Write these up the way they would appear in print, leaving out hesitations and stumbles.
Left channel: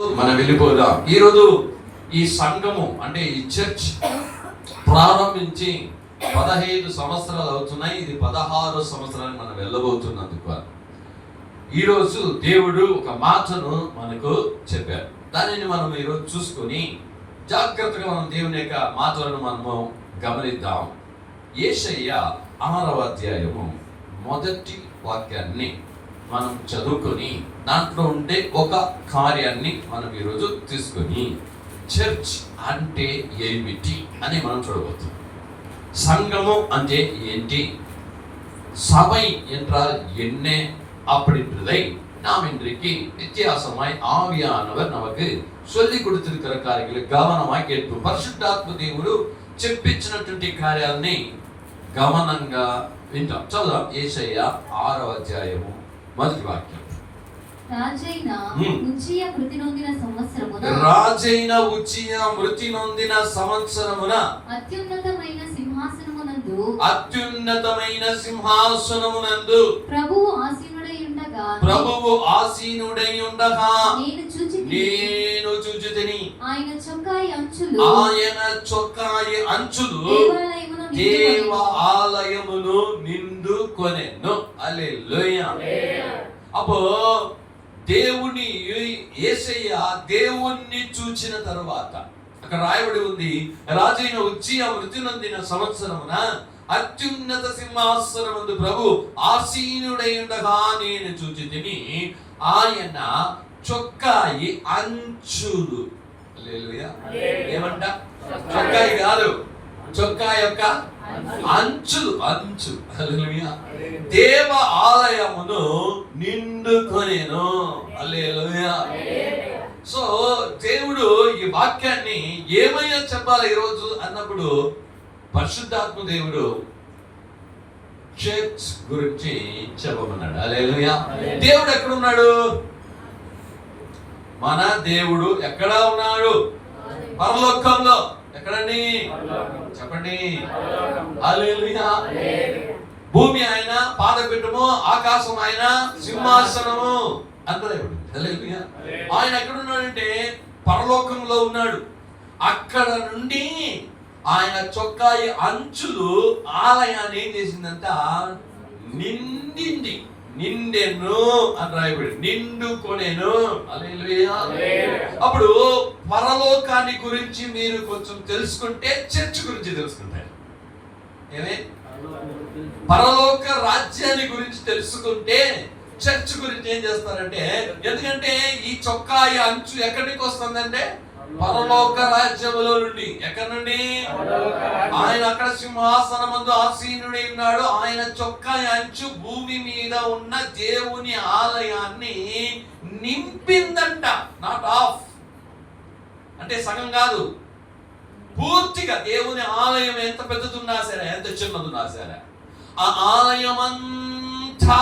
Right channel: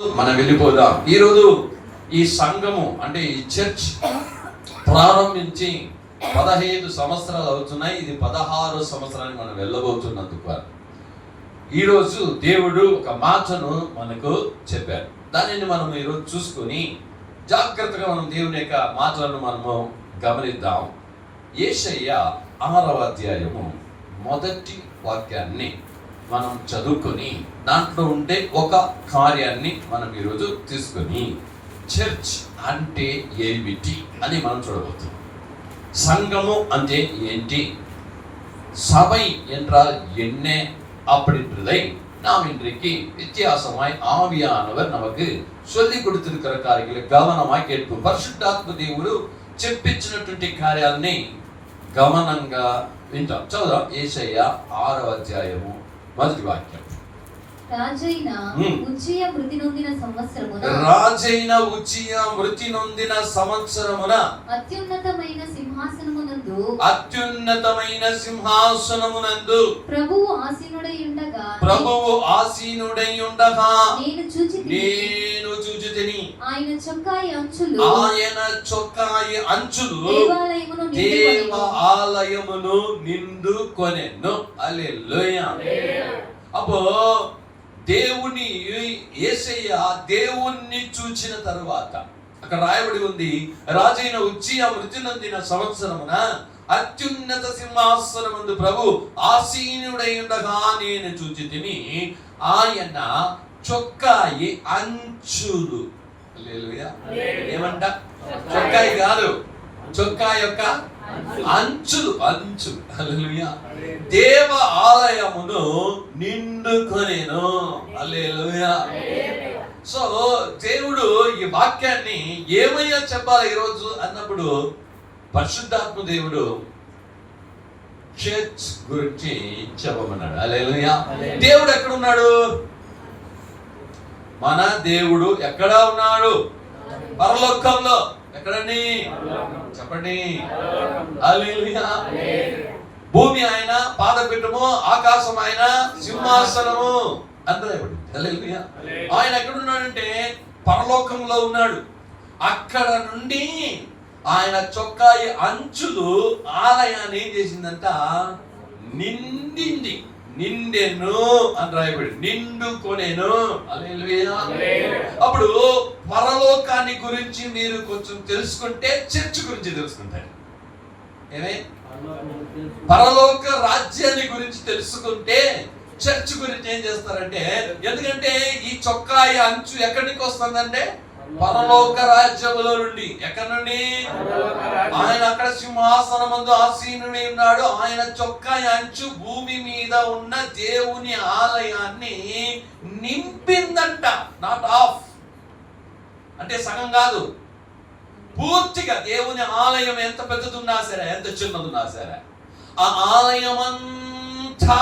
మనం వెళ్ళిపోదాం. ఈరోజు ఈ సంఘము అంటే ఈ చర్చ్ ప్రారంభించి 15 సంవత్సరాలు అవుతున్నాయి. ఇది 16 సంవత్సరానికి మనం వెళ్ళబోతున్నందుకు ఈరోజు దేవుడు ఒక మాటను మనకు చెప్పారు. దానిని మనం ఈరోజు చూసుకొని జాగ్రత్తగా మనం దేవుని యొక్క మాటలను మనము గమనిద్దాం. యేషయ్య 6వ అధ్యాయము మొదటి వాక్యాన్ని మనం చదువుకొని దాంట్లో ఉండే ఒక కార్యాన్ని మనం ఈరోజు తీసుకొని చర్చ్ అంటే ఏమిటి అని మనం చూడబోతున్నాం. సంఘము అంటే ఏంటి, சபை என்றால் என்ன அப்படின்றதை நாம் இன்றைக்கு வித்தியாசமாய் ஆவியானவர் நமக்கு சொல்லிக் கொடுத்திருக்கிற కార్యాలు గమనమాய் கேட்போம். పరిశుద్ధాత్మ దేవుడు చెప్పించినటువంటి కార్యాలని గమనంగా వింటాం. చదువుదాం. యేషయ్య 6వ అధ్యాయము మొదటి వాక్యం. రాజైన ఉజ్జియా మృతి నొందిన సంవత్సరమున అత్యున్నతమైన సింహాసనమునందు ప్రభువు ఆసీనుడై ఉండగా నేను చూచితిని. ఆయన చొక్కాయి అంచులు దేవాలయమును నిండుకొనెను. హల్లెలూయా. అప్పుడు దేవుని యేషయ్య దేవుణ్ణి చూచిన తరువాత అక్కడ రాయబడి ఉంది, రాజైన ఉజ్జియా మృతి నొందిన సంవత్సరమున అత్యున్నత సింహాసనముందు ప్రభు ఆసీనుడై ఉండగా నేను చూచితిని. ఆయన చొక్కాయి అంచులు. హల్లెలూయా. ఏమంట? చొక్కాయి కాదు, చొక్కా యొక్క అంచులు. హల్లెలూయా. దేవ ఆలయమును నిండుకొనెను. హల్లెలూయా. సో దేవుడు ఈ వాక్యాన్ని ఏమయ్యా చెప్పాలి ఈరోజు అన్నప్పుడు పరిశుద్ధాత్మ దేవుడు చర్చ్ గురించి చెప్పమన్నాడు. హల్లెలూయా. దేవుడు ఎక్కడ ఉన్నాడు? మన దేవుడు ఎక్కడ ఉన్నాడు? పరలోకంలో. ఎక్కడండి? చెప్పండి. హల్లెలూయా. భూమి ఆయన పాదపీఠము, ఆకాశం ఆయన సింహాసనము. అందరూ హల్లెలూయా. ఆయన ఎక్కడున్నాడంటే పరలోకంలో ఉన్నాడు. అక్కడ నుండి ఆయన చొక్కాయి అంచులు ఆలయాన్ని ఏం చేసిందంట? నిండెను అని రాయబడి, నిండుకొనెను. హల్లెలూయా. అప్పుడు పరలోకాన్ని గురించి మీరు కొంచెం తెలుసుకుంటే చర్చ్ గురించి తెలుసుకుంటారు. ఏమే? పరలోక రాజ్యాన్ని గురించి తెలుసుకుంటే చర్చ్ గురించి ఏం చేస్తారంటే, ఎందుకంటే ఈ చొక్కాయి అంచు ఎక్కడికి వస్తుందంటే పరలోక రాజ్యములో నుండి. ఎక్కడి నుండి? ఆయన అక్కడ సింహాసనమందు ఆసీనుడై ఉన్నాడు. ఆయన చొక్కాయి అంచు భూమి మీద ఉన్న దేవుని ఆలయాన్ని నింపిందంట. నాట్ ఆఫ్ అంటే సగం కాదు, పూర్తిగా. దేవుని ఆలయం ఎంత పెద్దదున్నా సరే, ఎంత చిన్నదున్నా సరే, ఆ ఆలయం అంతా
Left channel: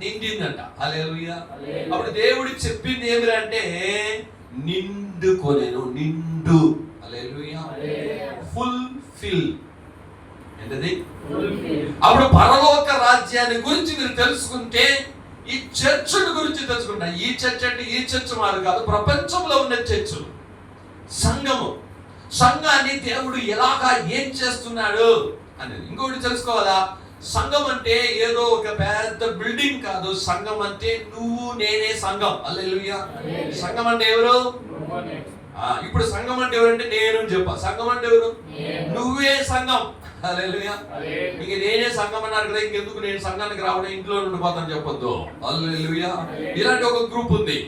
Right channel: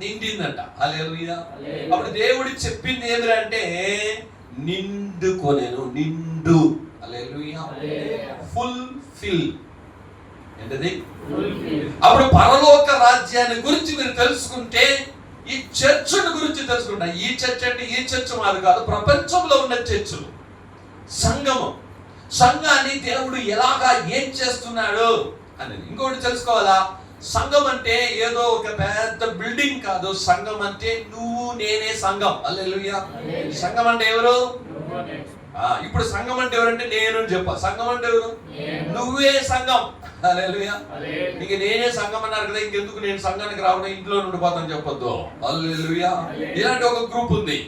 నిండిందంట. హల్లెలూయా. అప్పుడు దేవుడు చెప్పింది ఏమిటంటే నిండుకొనెను. నిండు. హల్లెలూయా. ఫుల్ఫిల్. ఏంటది? అప్పుడు పరలోక రాజ్యాన్ని గురించి మీరు తెలుసుకుంటే ఈ చర్చ్ గురించి తెలుసుకుంటారు. ఈ చర్చ్ అంటే ఈ చర్చ్ మాది కాదు, ప్రపంచంలో ఉన్న చర్చులు. సంఘము, సంఘాన్ని దేవుడు ఎలాగా ఏం చేస్తున్నాడు అనేది. ఇంకొకటి తెలుసుకోవాలా, సంఘం అంటే ఏదో ఒక పెద్ద బిల్డింగ్ కాదు. సంఘం అంటే నువ్వు నేనే సంఘం. హల్లెలూయా. సంఘం అంటే ఎవరు? ఇప్పుడు సంఘం అంటే ఎవరంటే నేను చెప్పా. సంఘం అంటే ఎవరు? నువ్వే సంఘం. హల్లెలూయా. నీకు నేనే సంఘం అన్నారు కదా, ఇంకెందుకు నేను సంఘానికి రావడం, ఇంట్లో ఉండిపోతాను చెప్పొద్దు. హల్లెలూయా. ఇలాంటి ఒక గ్రూప్ ఉంది.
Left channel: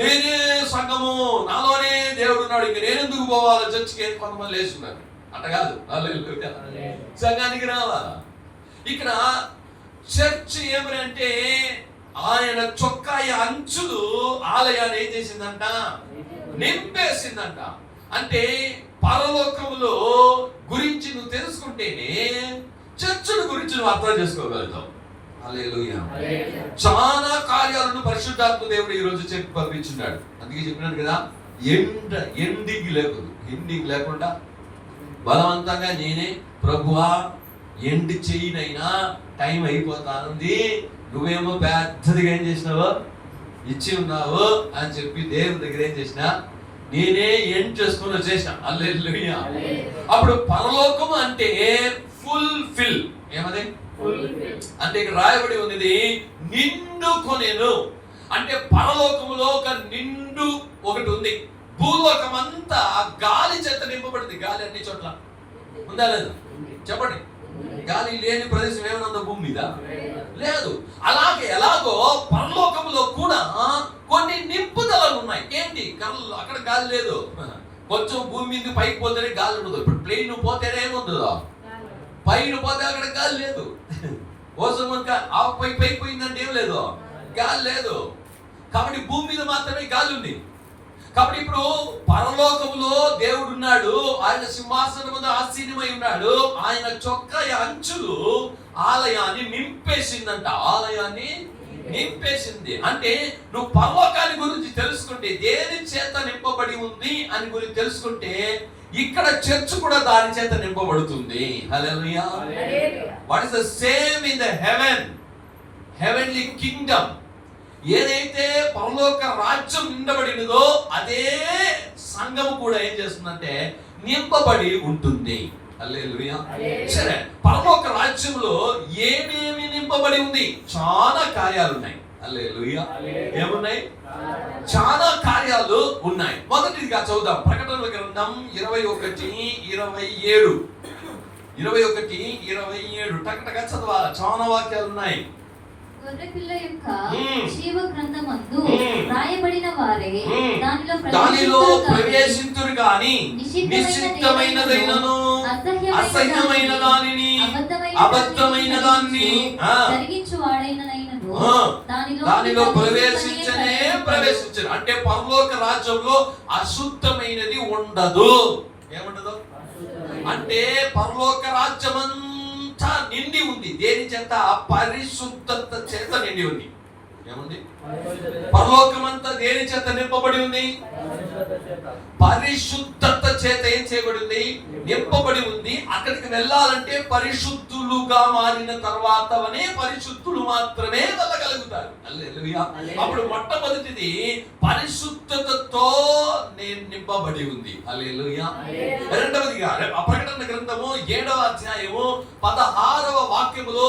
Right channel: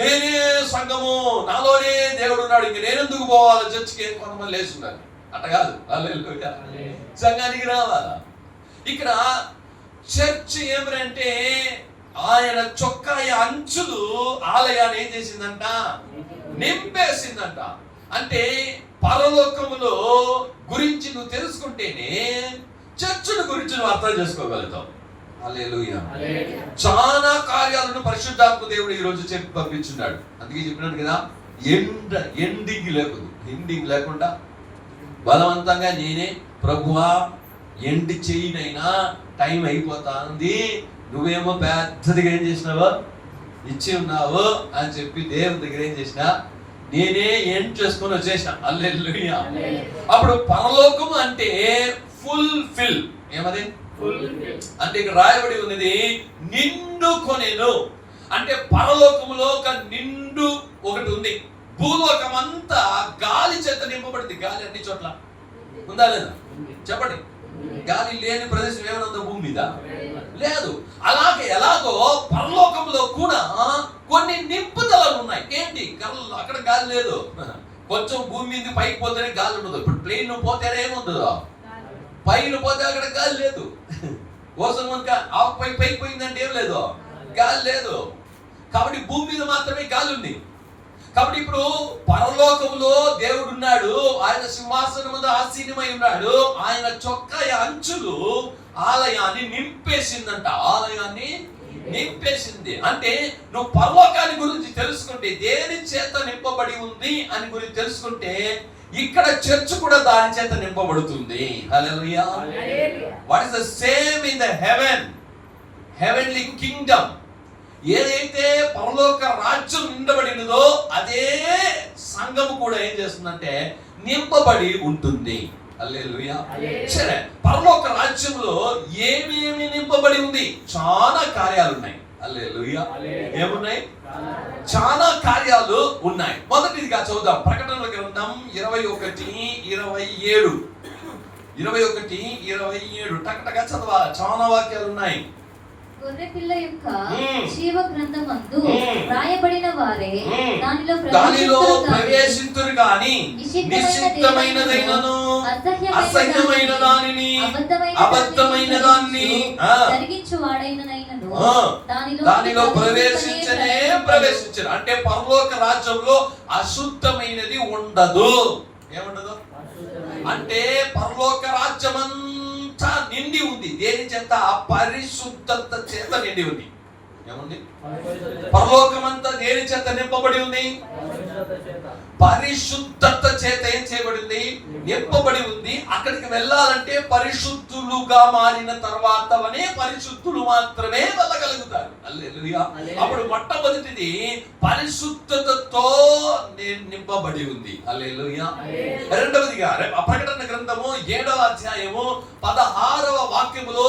నేనే సంఘము, నాలోనే దేవుడు ఉన్నాడు, ఇంక నేనెందుకు పోవాలి చర్చికి? కొంతమంది లేచున్నారు. అట్ట కాదు. హల్లెలూయా. సంఘానికి రావాలా. ఇక్కడ చర్చ్ ఏమిటంటే ఆయన చొక్కాయి అంచులు ఆలయాన్ని ఏం చేసిందంట? నింపేసిందంట. అంటే పరలోకములో గురించి నువ్వు తెలుసుకుంటేనే చర్చుల గురించి నువ్వు అర్థం చేసుకోగలుగుతావు. హల్లెలూయా. చాలా కార్యాలను పరిశుద్ధాత్మ దేవుడు ఈరోజు చెప్పి పంపించున్నాడు. అందుకే చెప్పినాడు కదా, ఎండింగ్ లేకుండా బలవంతంగా నేనే ప్రభువా ఎండ్ చేయనైనా టైం అయిపోతా ఉంది, నువ్వేమో పెద్దదిగా ఏం చేసినావా? ఇచ్చి ఉన్నావు అని చెప్పి దేవుని దగ్గర ఏం చేసిన, నేనే ఏం చేసుకుని వచ్చేసిన. హల్లెలూయా. అప్పుడు పరలోకము అంటే ఫుల్ఫిల్. ఏమది అంటే ఇక్కడ రాయబడి ఉన్నది నిండుకొనెను. అంటే పరలోకములో ఒక నిండు ఒకటి ఉంది. భూలోకం అంతా గాలి చేత నింపబడింది. గాలి అన్ని చోట్ల ఉందా లేదా చెప్పండి. గాలి లేని ప్రదేశం ఏమైనా ఉందా భూమి మీద? లేదు. అలాగే ఎలాగో పరలోకంలో కూడా కొన్ని నింపుదలలు ఉన్నాయి. ఏంటి? అక్కడ గాలి లేదు. కొంచెం భూమి మీద పైకి పోతేనే గాలి ఉండదు. ఇప్పుడు ప్లేన్ పోతేనే ఏముండదు, పైన పోతే అక్కడ గాలి లేదు. ఓజోన్ పైకి పోయిందంటే ఏం లేదు, గాలి లేదు. కాబట్టి భూమి మీద మాత్రమే గాలి ఉంది. కాబట్టి ఇప్పుడు పరలోకములో దేవుడు ఉన్నాడు. ఆయన సింహాసనం ముందు ఆసీనమై ఉన్నాడు. ఆయన చొక్కా అంచులు ఆలయాన్ని నింపేసిందంట. ఆలయాన్ని నింపేసింది. అంటే నువ్వు పరలోకాన్ని గురించి తెలుసుకుంటే, దేని చేత నింపబడి ఉంది అని గురించి తెలుసుకుంటే, ఇక్కడ చర్చ్ కూడా దాని చేత నింపబడుతుంది. Hallelujah. What is the same in the heaven, heavenly kingdom. ఏదైతే పరలోక రాజ్యం నిండబడినదో అదే సంఘం కూడా ఏం చేస్తుందంటే నింపబడి ఉంటుంది. హల్లెలూయా. సరే, పరలోక రాజ్యంలో ఏమేమి నింపబడి ఉంది? చాలా కార్యాలు ఉన్నాయి. హల్లెలూయా. ఏమున్నాయి? చాలా కార్యాలు ఉన్నాయి. మొదటిదిగా చదువుదాం. ప్రకటనల గ్రంథం 21:27. 21:27 టకటగా చదవాలి. చాలా వాక్యాలు ఉన్నాయి. గొర్రెపిల్ల యొక్క జీవ గ్రంథమందు రాయబడిన వారే దానిలో ప్రవేశింతురు గాని నిశ్చితమైనదైనను అసహ్యమైన దానిని అబద్ధమైన దానిని జరిగించువాడైనను దానిలో ప్రవేశించరు. అంటే పరలోక రాజ్యంలో అశుద్ధమైనది ఉండదు. ఏముండదు అంటే పరలోక రాజ్యమంతా నిండి ఉంది. దేని చేత? పరిశుద్ధత చేత నిండి ఉంది. ఏముంది? పరలోకమంతా దేని చేత నింపబడి ఉంది? పరిశుద్ధత చేత ఏం చేయబడింది? నింపబడి ఉంది. అక్కడికి వెళ్ళాలంటే పరిశుద్ధులుగా మారిన తర్వాతనే పరిశుద్ధులు మాత్రమే వెళ్ళగలుగుతారు. హల్లెలూయా. అప్పుడు మొట్టమొదటిది పరిశుద్ధతతో నింపబడి ఉంది. హల్లెలూయా. రెండవదిగా ప్రకటన గ్రంథము 7వ అధ్యాయము 16వ వాక్యములో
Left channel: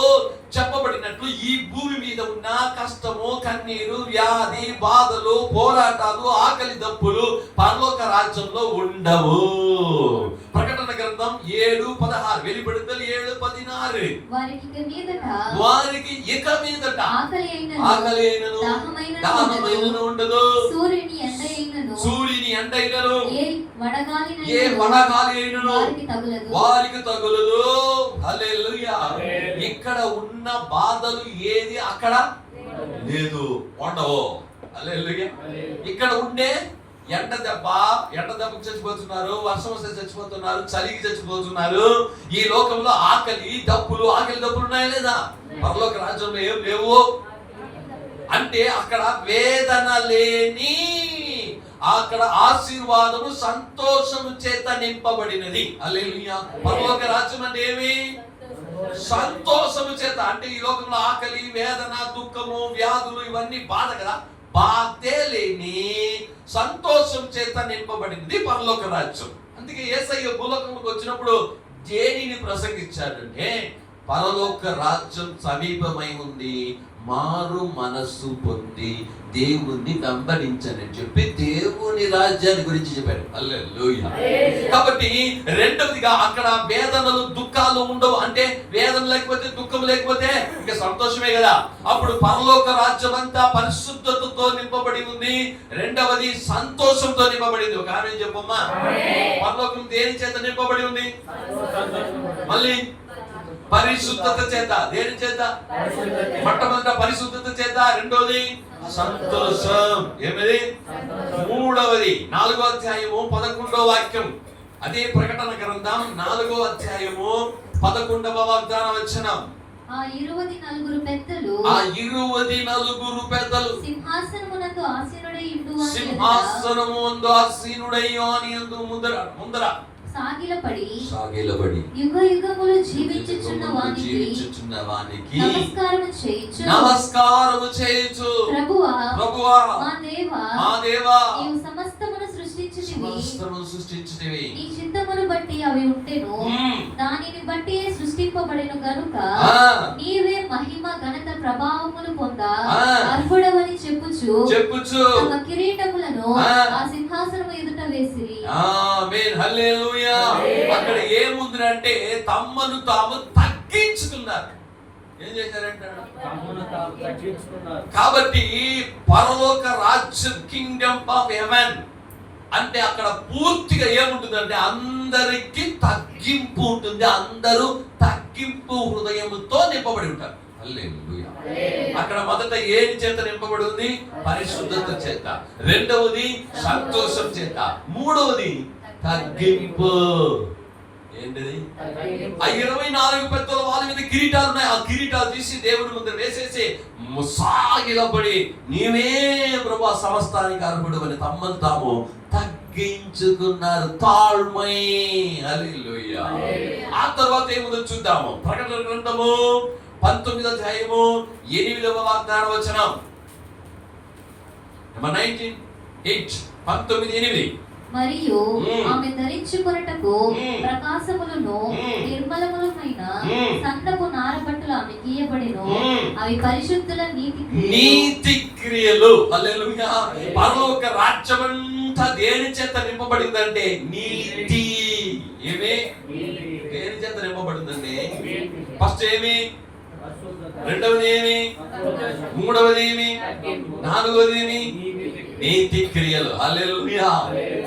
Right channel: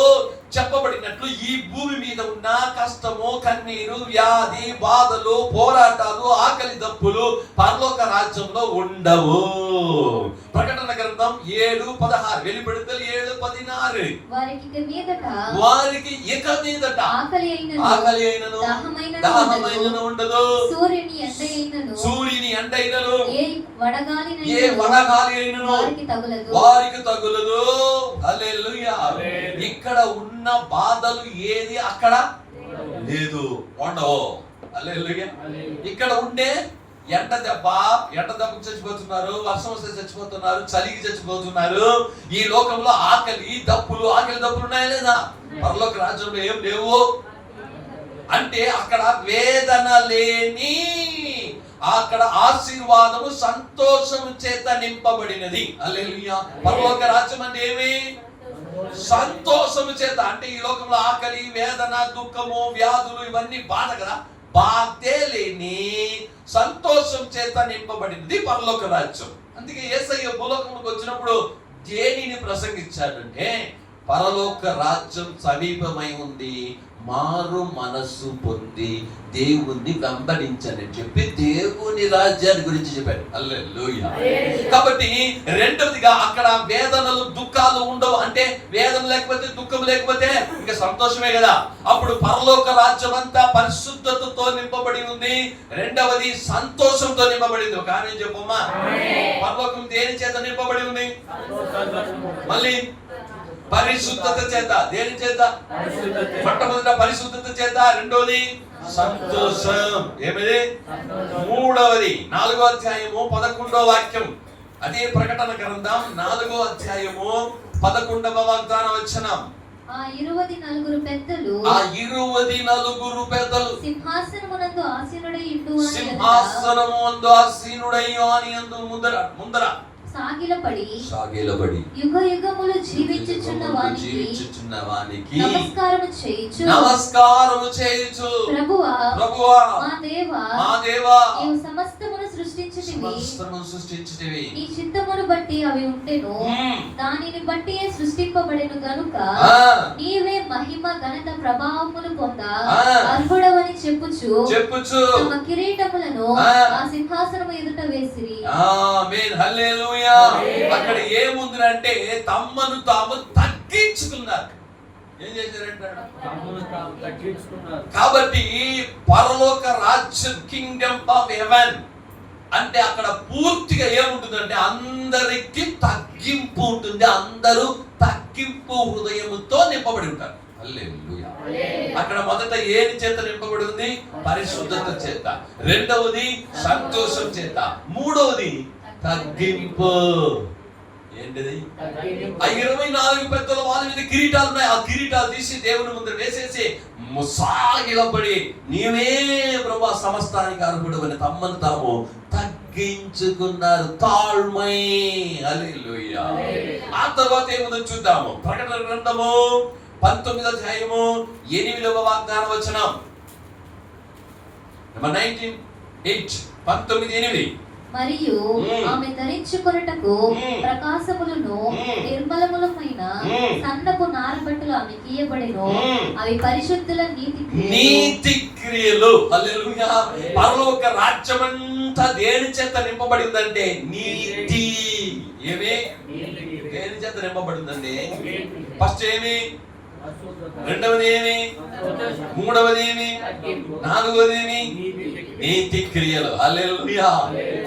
చెప్పబడినట్లు ఈ భూమి మీద ఉన్న కష్టము, కన్నీరు, వ్యాధి, బాధలు, పోరాటాలు, ఆకలి దప్పులు పరలోక రాజ్యంలో ఉండవు. ప్రకటన గ్రంథం 7:16, వెలువడుదల 7:16. వారికి ఇక మీదట ఆకలి అయినను దాహమైనను ఉండదు. సూర్యుని ఎండైనను ఏ వడగాలి అయినను వారికి తగులదు. హల్లెలూయా. ఇక్కడ ఉన్న బాధలు ఏది అక్కడ లేదు, ఉండవు. హల్లెలూయా. ఇక్కడ ఉండే ఎండ దెబ్బకు చచ్చిపోతున్నారు, వర్షం వస్తే చచ్చిపోతున్నారు, చలికి చచ్చిపోతున్నారు. ఈ లోకంలో ఆకలి దప్పులు ఉన్నాయా లేదా? పరలోక రాజ్యంలో ఏం లేవు. అంటే అక్కడ వేదన లేని, అక్కడ ఆశీర్వాదము, సంతోషము చేత నింపబడినది. హల్లెలూయా. పరలోక రాజ్యం అంటే ఏమి? సంతోషము చేత. అంటే ఈ లోకంలో ఆకలి, వేదన, దుఃఖము, వ్యాధులు ఇవన్నీ బాధ కదా. బాధే లేని సంతోషం చేత నింపబడినది పరలోక రాజ్యం. అందుకే యేసయ్య భూలోకంలోకి వచ్చినప్పుడు దేనిని ప్రసంగించాడంటే, పరలోక రాజ్యం సమీపమై ఉంది, మారు మనస్సు పొంది దేవుణ్ణి వెంబడించని చెప్పి దేవుని రాజ్యాన్ని గురించి చెప్పాడు. హల్లెలూయా. కాబట్టి రెండవదిగా అక్కడ వేదనలు, దుఃఖాలు ఉండవు. అంటే వేదన లేకపోతే, దుఃఖం లేకపోతే ఇంకా సంతోషమే కదా. అప్పుడు పరలోక రాజ్యం అంతా పరిశుద్ధతతో నింపబడి ఉంది. రెండవది సంతోషంతో నింపబడింది. ఒక ఆమె చెప్పమ్మా, పరలోకం దేని చేత నింపబడి ఉంది? మళ్ళీ పరిశుద్ధత చేత. దేని చేత? మొట్టమొదట పరిశుద్ధత చేత, రెండోది సంతోషం. ఏమిది? మూడవది 4వ అధ్యాయము 11వ వాక్యం. అదే ప్రకటన గ్రంథం 4వ అధ్యాయము 11వ వాగ్దాన వచనం. ఆ 24 పెద్దలు సింహాసనమునందు ఆసీనుడై యుందువాని ముందర సాగిలపడి యుగ యుగములు జీవించుచున్న వానికి నమస్కారము చేయుచు ప్రభువా మా దేవా నీవు సమస్తమును సృష్టించితివి నీ చిత్తమును బట్టి అవి ఉంటెను దానిని బట్టి సృష్టింపబడెను గనుక నీవే మహిమ ఘనత ప్రభావములు పొంద అర్హుడవని చెప్పుచు తమ కిరీటములను ఆ సింహాసనము ఎదుట వేసిరి. ఆమేన్ హల్లెలూయా. అక్కడ ఏముందంటే తమ్మను తాము తగ్గించుకున్నారు. ఏం చేశారంటే కాబట్టి పరలోక రాజ్యం కింగ్డమ్ ఆఫ్ హెవెన్ అంటే అక్కడ పూర్తిగా ఏముంటుందంటే అందరికి తగ్గింపు ఉంటుంది. అందరూ తగ్గింపు హృదయముతో నింపబడి ఉంటారు. హల్లెలూయా. అక్కడ మొదట ఏది చేత నింపబడి ఉంది? పరిశుద్ధత చేత. రెండవది సంతోషం చేత. మూడవది తగ్గింపు. ఏంటిది? ఆ 24 పెద్దల వాళ్ళ మీద కిరీటాలు ఉన్నాయి. ఆ కిరీటాలు తీసి దేవుని ముందు వేసేసి సాగిలపడి నీవే ప్రభువా సమస్తానికి అర్హుడు అని తమ్మను తాము తగ్గించుకున్నారు. తాళ్మై. హల్లెలూయా. ఆ తర్వాత ఏముందో చూద్దాము. ప్రకటన గ్రంథము 19వ అధ్యాయము 8వ వాగ్దాన వచనం. నెంబర్ 19:8 19:8 మరియు ఆమె ధరించుకొనుటకు ప్రకాశములను నిర్మలములమైన సన్నపు నారబట్టలు ఆమెకి ఇయ్యబడెను. అవి పరిశుద్ధుల నీతి క్రియలు. హల్లెలూయా. పరలోక రాజ్యమంతా దేని చేత నింపబడిందంటే నీతి. ఏమి దేని చేత నింపబడిందండి? ఫస్ట్ ఏమి? రెండవది ఏమి? మూడవది ఏమి? నాలుగవది ఏమి? నీతి క్రియలు. హల్లెలూయా.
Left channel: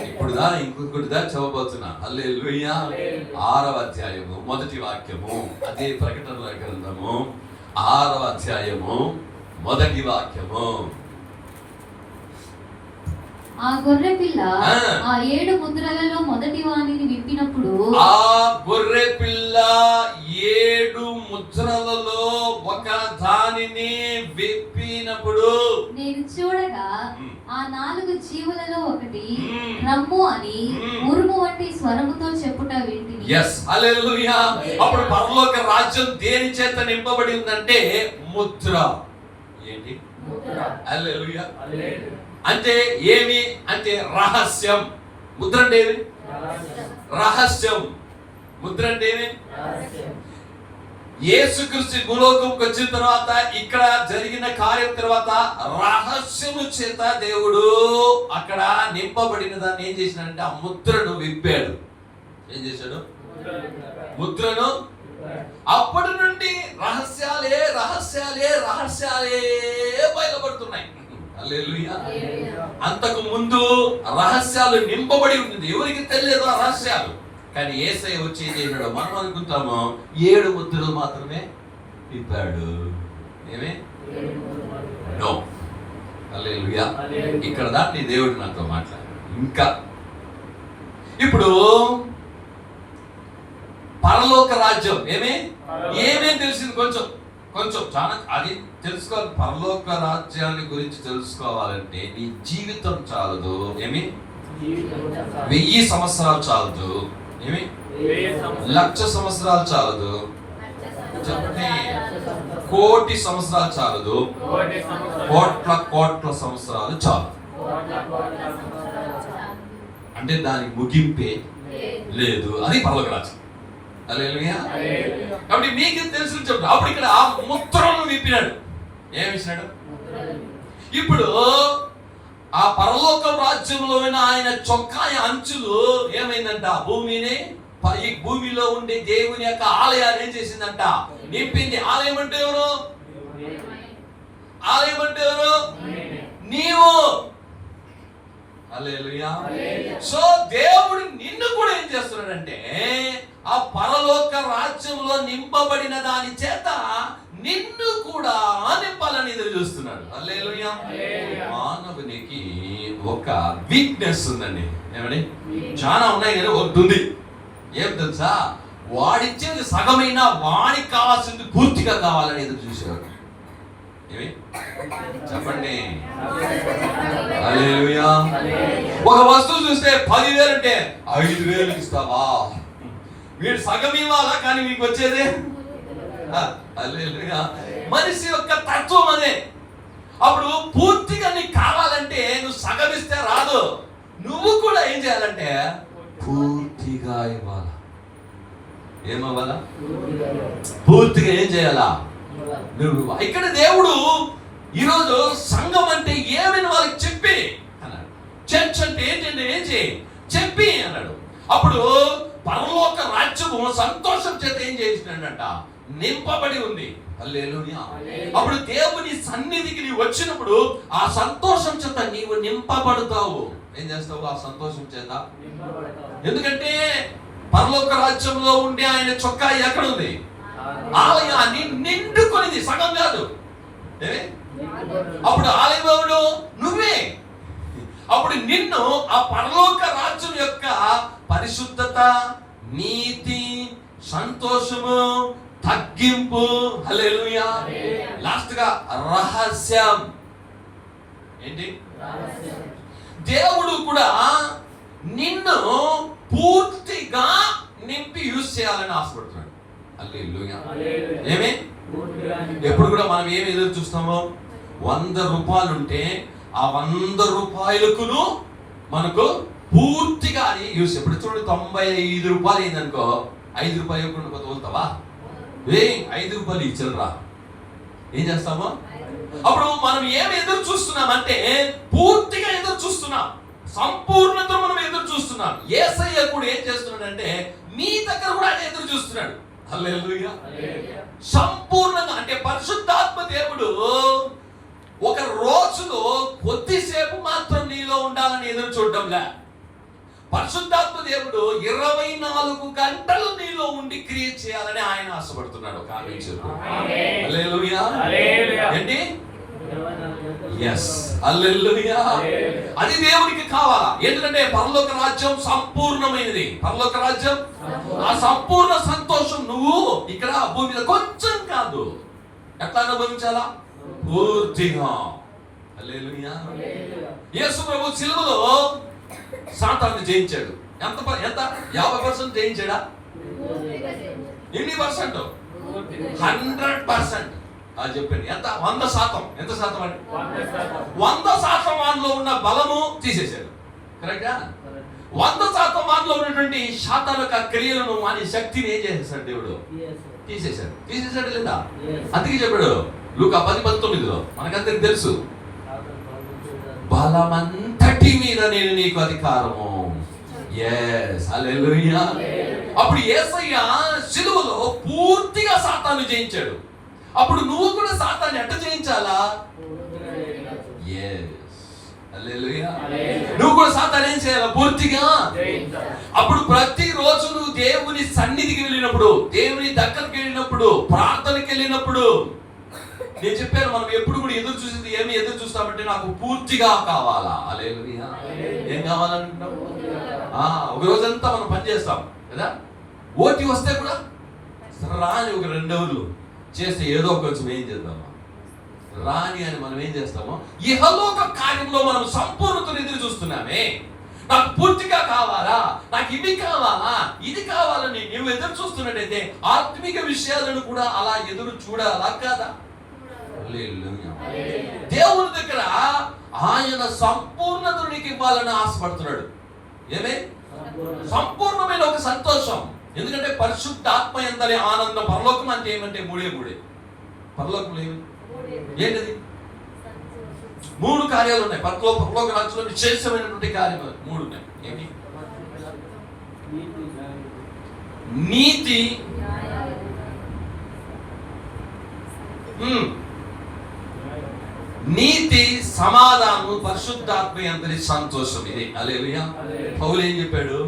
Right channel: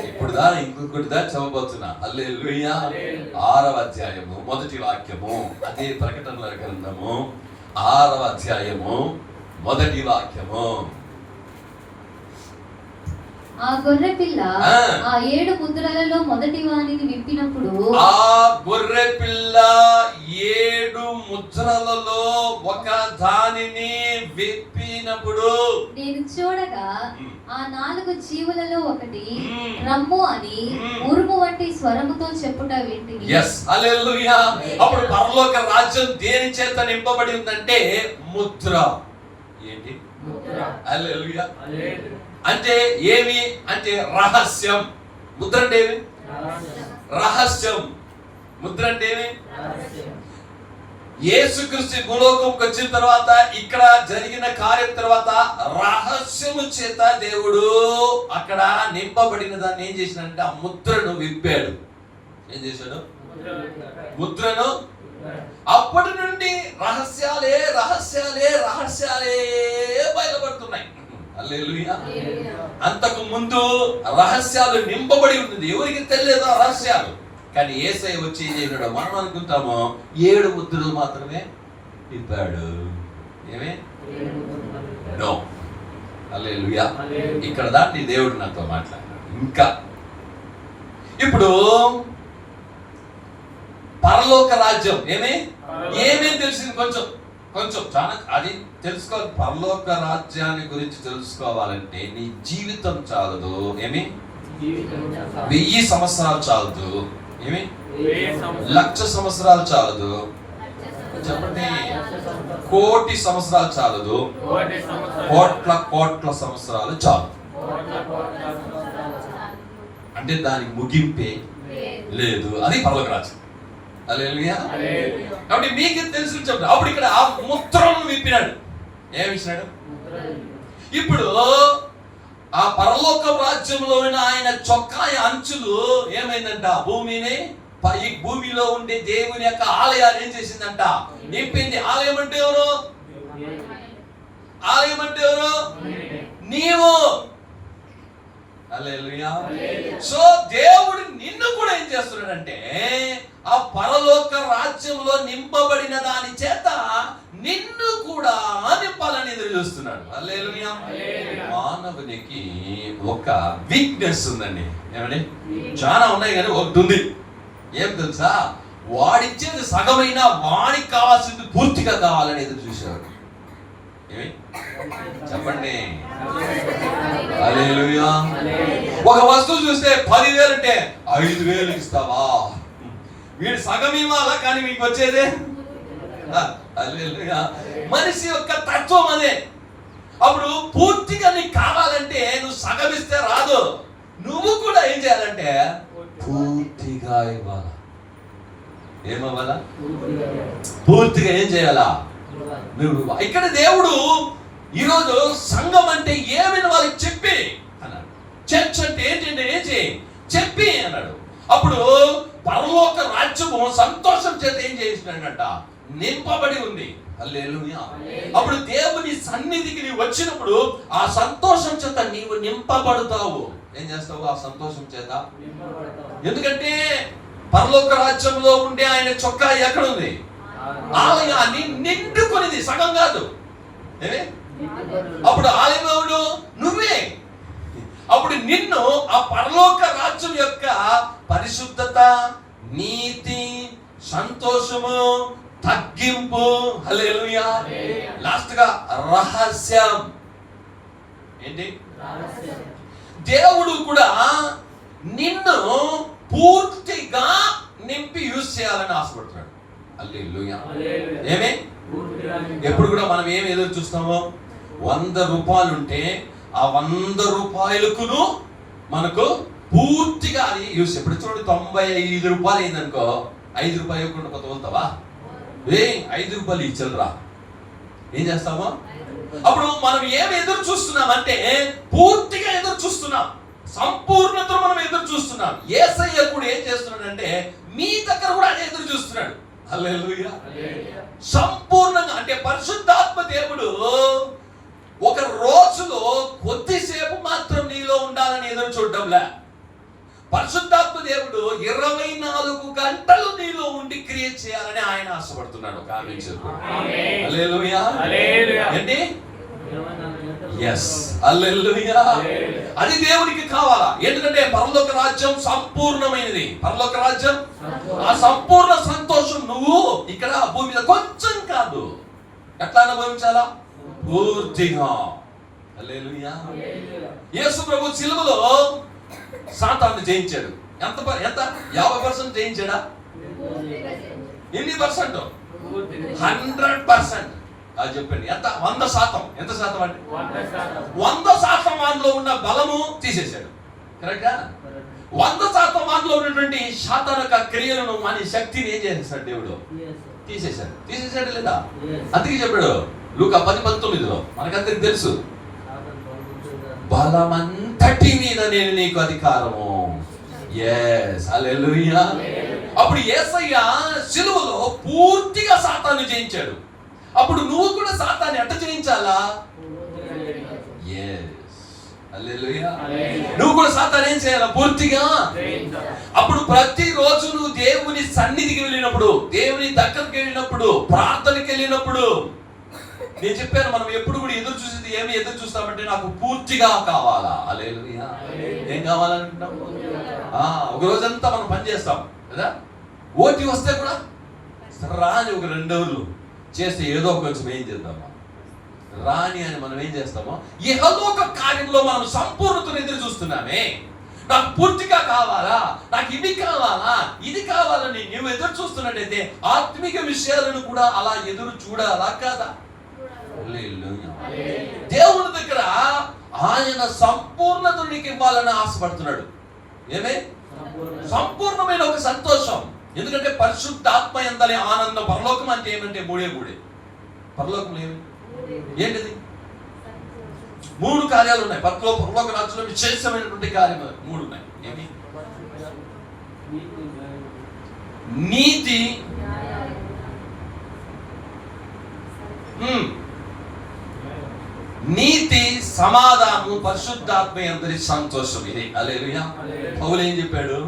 ఇప్పుడు ఇంకొకటి చదవబోతున్నా. హల్లెలూయా. 6వ అధ్యాయము 1వ వాక్యము. అదే ప్రకటనల గ్రంథము 6వ అధ్యాయము 1వ వాక్యము. ఆ గొర్రె పిల్ల ఆ 7 ముద్రలలో మొదటి వానిని విప్పినప్పుడు ఆ గొర్రె పిల్ల 7 ముద్రలలో ఒక దానిని విప్పినప్పుడు నేను చూడగా ఆ 4 జీవులలో ఒకటి రమ్ము అని ఉరుము వంటి స్వరముతో చెప్పుట వింటిని. yes హల్లెలూయా. అప్పుడు పరలోక రాజ్యం దేని చేత నింపబడి ఉందంటే ముద్ర. ఏంటి? ముద్ర. హల్లెలూయా. అంటే ఏమి అంటే రహస్యం. ముద్ర అంటే ఏమి? రహస్యం. ముద్ర అంటే ఏమి? యేసుక్రీస్తు భూలోకంకి వచ్చిన తర్వాత ఇక్కడ జరిగిన కార్యం తర్వాత రహస్యము చేత దేవుడు అక్కడ నింపబడిన దాన్ని ఏం చేసినాడంటే ఆ ముద్రను విప్పాడు. ఏం చేశాడు? ముద్రను. అప్పటి నుండి రహస్యాలే రహస్యాలే రహస్యాలే బయలుపడుతున్నాయి. హల్లెలూయా. అంతకు ముందు రహస్యాలు నింపబడి ఉంది. ఎవరికి తెలియదు ఆ రహస్యాలు. కానీ యేసయ్య వచ్చి ఏం చేశాడు? మనం అనుకుంటాము 7 ముద్రలు మాత్రమే విప్పాడు. ఏమే? నో. హల్లెలూయా. ఇక్కడ దాన్ని దేవుడు నాతో మాట్లాడాడు. ఇంకా ఇప్పుడు పరలోక రాజ్యం ఏమేం తెలిసింది? కొంచెం చాలా అది తెలుసుకోవాలి. పరలోక రాజ్యాన్ని గురించి తెలుసుకోవాలంటే నీ జీవితం చాలదు. 1000 సంవత్సరాలు చాలదు. 1,00,000 సంవత్సరాలు చాలదు. చెప్పండి. 1,00,00,000 సంవత్సరాలు చాలదు. కోట్ల సంవత్సరాలు చాలు. అంటే దానికి ముగింపే లేదు. అది పరలోక రాజ్యం. హల్లెలూయా. కాబట్టి మీకు తెలుసు చెప్పండి. అప్పుడు ఇక్కడ ఆ ముద్రలను విప్పినాడు. ఏమి ఇచ్చినాడు? ఇప్పుడు ఆ పరలోక రాజ్యంలోని ఆయన చొక్కాయ అంచులు ఏమైందంట? ఈ భూమిలో ఉండే దేవుని యొక్క ఆలయాన్ని ఏం చేసిందంట? నింపింది. ఆలయం అంటే ఎవరు? ఆలయం అంటే ఎవరు? నీవు. హల్లెలూయా. సో దేవుడు నిన్ను కూడా ఏం చేస్తున్నాడంటే ఆ పరలోక రాజ్యంలో నింపబడిన దాని చేత నిన్ను కూడా నింపాలని ఎదురు చూస్తున్నాడు. హల్లెలూయా. మానవునికి ఒక వీక్నెస్ ఉందండి. ఏమండి? చాలా ఉన్నాయి కానీ ఒకటి ఉంది. ఏం తెలుసా? వాడిచ్చేది సగమైనా వాడికి కావాల్సింది పూర్తిగా కావాలని ఎదురు చూసేవాడు. ఏమి చెప్పండి? హల్లెలూయా. ఒక వస్తువు చూస్తే 10,000 అంటే 5,000 ఇస్తావా? వీడు సగం ఇవ్వాలా, కానీ మీకు వచ్చేదే. హల్లెలూయా. మనిషి యొక్క తత్వం అదే. అప్పుడు పూర్తిగా నీకు కావాలంటే నువ్వు సగం ఇస్తే రాదు. నువ్వు కూడా ఏం చేయాలంటే పూర్తిగా ఇవ్వాలా. ఏమవ్వాలా? పూర్తిగా ఏం చేయాలా? నువ్వు. ఇక్కడ దేవుడు ఈరోజు సంఘం అంటే ఏమైనా వాళ్ళకి చెప్పి అన్నాడు. చర్చ్ అంటే ఏంటంటే ఏం చేయి చెప్పి అన్నాడు. అప్పుడు పరలోక రాజ్యము సంతోషం చేత ఏం చేసినాడంట? నింపబడి ఉంది. హల్లెలూయా. అప్పుడు దేవుని సన్నిధికి నీవు వచ్చినప్పుడు ఆ సంతోషం చేత నీవు నింపబడతావు. ఏం చేస్తావు? ఆ సంతోషం చేత. ఎందుకంటే పరలోక రాజ్యంలో ఉండే ఆయన చొక్కా ఎక్కడ ఉంది? ఆలయాన్ని నిండుకొనిది, సగం కాదు. అప్పుడు ఆలయంలో నువ్వే. అప్పుడు నిన్ను ఆ పరలోక రాజ్యం యొక్క పరిశుద్ధత, నీతి, సంతోషము, తగ్గింపు, హల్లెలూయా, లాస్ట్ గా రహస్యం. ఏంటి? దేవుడు కూడా నిన్ను పూర్తిగా నింపి యూజ్ చేయాలని ఆశపడుతున్నాడు. హల్లెలూయా. ఏమే? ఎప్పుడు కూడా మనం ఏమి ఎదురు చూస్తామో, 100 రూపాయలు ఉంటే ఆ 100 రూపాయలకును మనకు పూర్తిగా అది యూస్. ఎప్పుడు చూడండి, 95 రూపాయలు అయిందనుకో, 5 రూపాయలు ఎప్పుడు కొత్త వెళ్తావా? 5 రూపాయలు ఇచ్చరా, ఏం చేస్తామో? అప్పుడు మనం ఏమి ఎదురు చూస్తున్నాం అంటే పూర్తిగా ఎదురు చూస్తున్నాం, సంపూర్ణతను మనం ఎదురు చూస్తున్నాం. యేసయ్య కూడా ఏం చేస్తున్నాడంటే మీ దగ్గర కూడా ఆయన ఎదురు చూస్తున్నాడు. హల్లెలూయా. సంపూర్ణంగా అంటే పరిశుద్ధాత్మ దేవుడు ఒక రోజులో కొద్దిసేపు మాత్రం నీలో ఉండాలని ఎదురు చూడటంలే. పరిశుద్ధాత్మ దేవుడు 24 గంటలు నీలో ఉండి క్రియేట్ చేయాలని ఆయన ఆశపడుతున్నాడు. హల్లెలూయా. ఏంటి? yes, హల్లెలూయా. అది దేవునికి కావాలా? ఎందుకంటే పరలోక రాజ్యం సంపూర్ణమైనది. పరలోక రాజ్యం, ఆ సంపూర్ణ సంతోషం నువ్వు ఇక్కడ భూమి మీద కొంచెం కాదు, ఎట్లా అనుభవించాలా? పూర్తిగా. హల్లెలూయా. యేసు ప్రభు సిలువలో సాతాను జయించాడు. ఎంత 50% జయించాడా? ఎన్ని పర్సెంట్? 100%. అది చెప్పండి. ఎంత? 100%. ఎంత శాతం అండి? 100% వారిలో ఉన్న బలము తీసేశాడు. కరెక్టా? 100% వారిలో ఉన్నటువంటి సాతాను యొక్క క్రియలను, వాని శక్తిని ఏం చేసేసాడు? దేవుడు తీసేశాడు. తీసేశాడు లేదా? అందుకే చెప్పాడు లూకా 10:19 మనకందరికి తెలుసు, బలమంతటి మీద నేను నీకు అధికారము. yes, హల్లెలూయా. అప్పుడు యేసయ్య సిలువలో పూర్తిగా సాతాను జయించాడు. అప్పుడు నువ్వు కూడా సాతాన్ని ఎట్ట జయించాలా? yes, హల్లెలూయా. నువ్వు కూడా సాతాన్ని ఏం చేయాలా? పూర్తిగా. అప్పుడు ప్రతిరోజు నువ్వు దేవుని సన్నిధికి వెళ్ళినప్పుడు, దేవుని దగ్గరికి వెళ్ళినప్పుడు, ప్రార్థనకి వెళ్ళినప్పుడు, నేను చెప్పాను మనం ఎప్పుడు కూడా ఎదురు చూసేది ఏమి ఎదురు చూస్తామంటే నాకు పూర్తిగా కావాలా. హల్లెలూయా. ఏం కావాలనుకుంటాం? ఒక రోజంతా మనం పని చేస్తాం కదా, ఓటీ వస్తే కూడా రాని ఒక 2 రోజులు చేస్తే ఏదో కొంచెం ఏం చేద్దామా, రాని అని మనం ఏం చేస్తామో ఇహలోక కార్యంలో మనం సంపూర్ణతను ఎదురు చూస్తున్నామే. నాకు పూర్తిగా కావాలా, నాకు ఇది కావాలా, ఇది కావాలని నువ్వు ఎదురు చూస్తున్నట్టయితే ఆత్మిక విషయాలను కూడా అలా ఎదురు చూడాలా కాదా? దేవుని దగ్గర ఆయన సంపూర్ణత నీకు ఇవ్వాలని ఆశపడుతున్నాడు. ఏమే? సంపూర్ణమైన ఒక సంతోషం. ఎందుకంటే పరిశుద్ధాత్మ యందలి ఆనందం. పరలోకం అంటే ఏమంటే మూడే. పరలోకంలో ఏంటిది? 3 కార్యాలు ఉన్నాయి. పరలోక రాజ్యంలో విశేషమైనటువంటి కార్యాలు 3 ఉన్నాయి. ఏమి? నీతి, నీతి, సమాధానం, పరిశుద్ధాత్మ యందలి సంతోషం. ఇది హల్లెలూయా. పౌలు ఏం చెప్పాడు?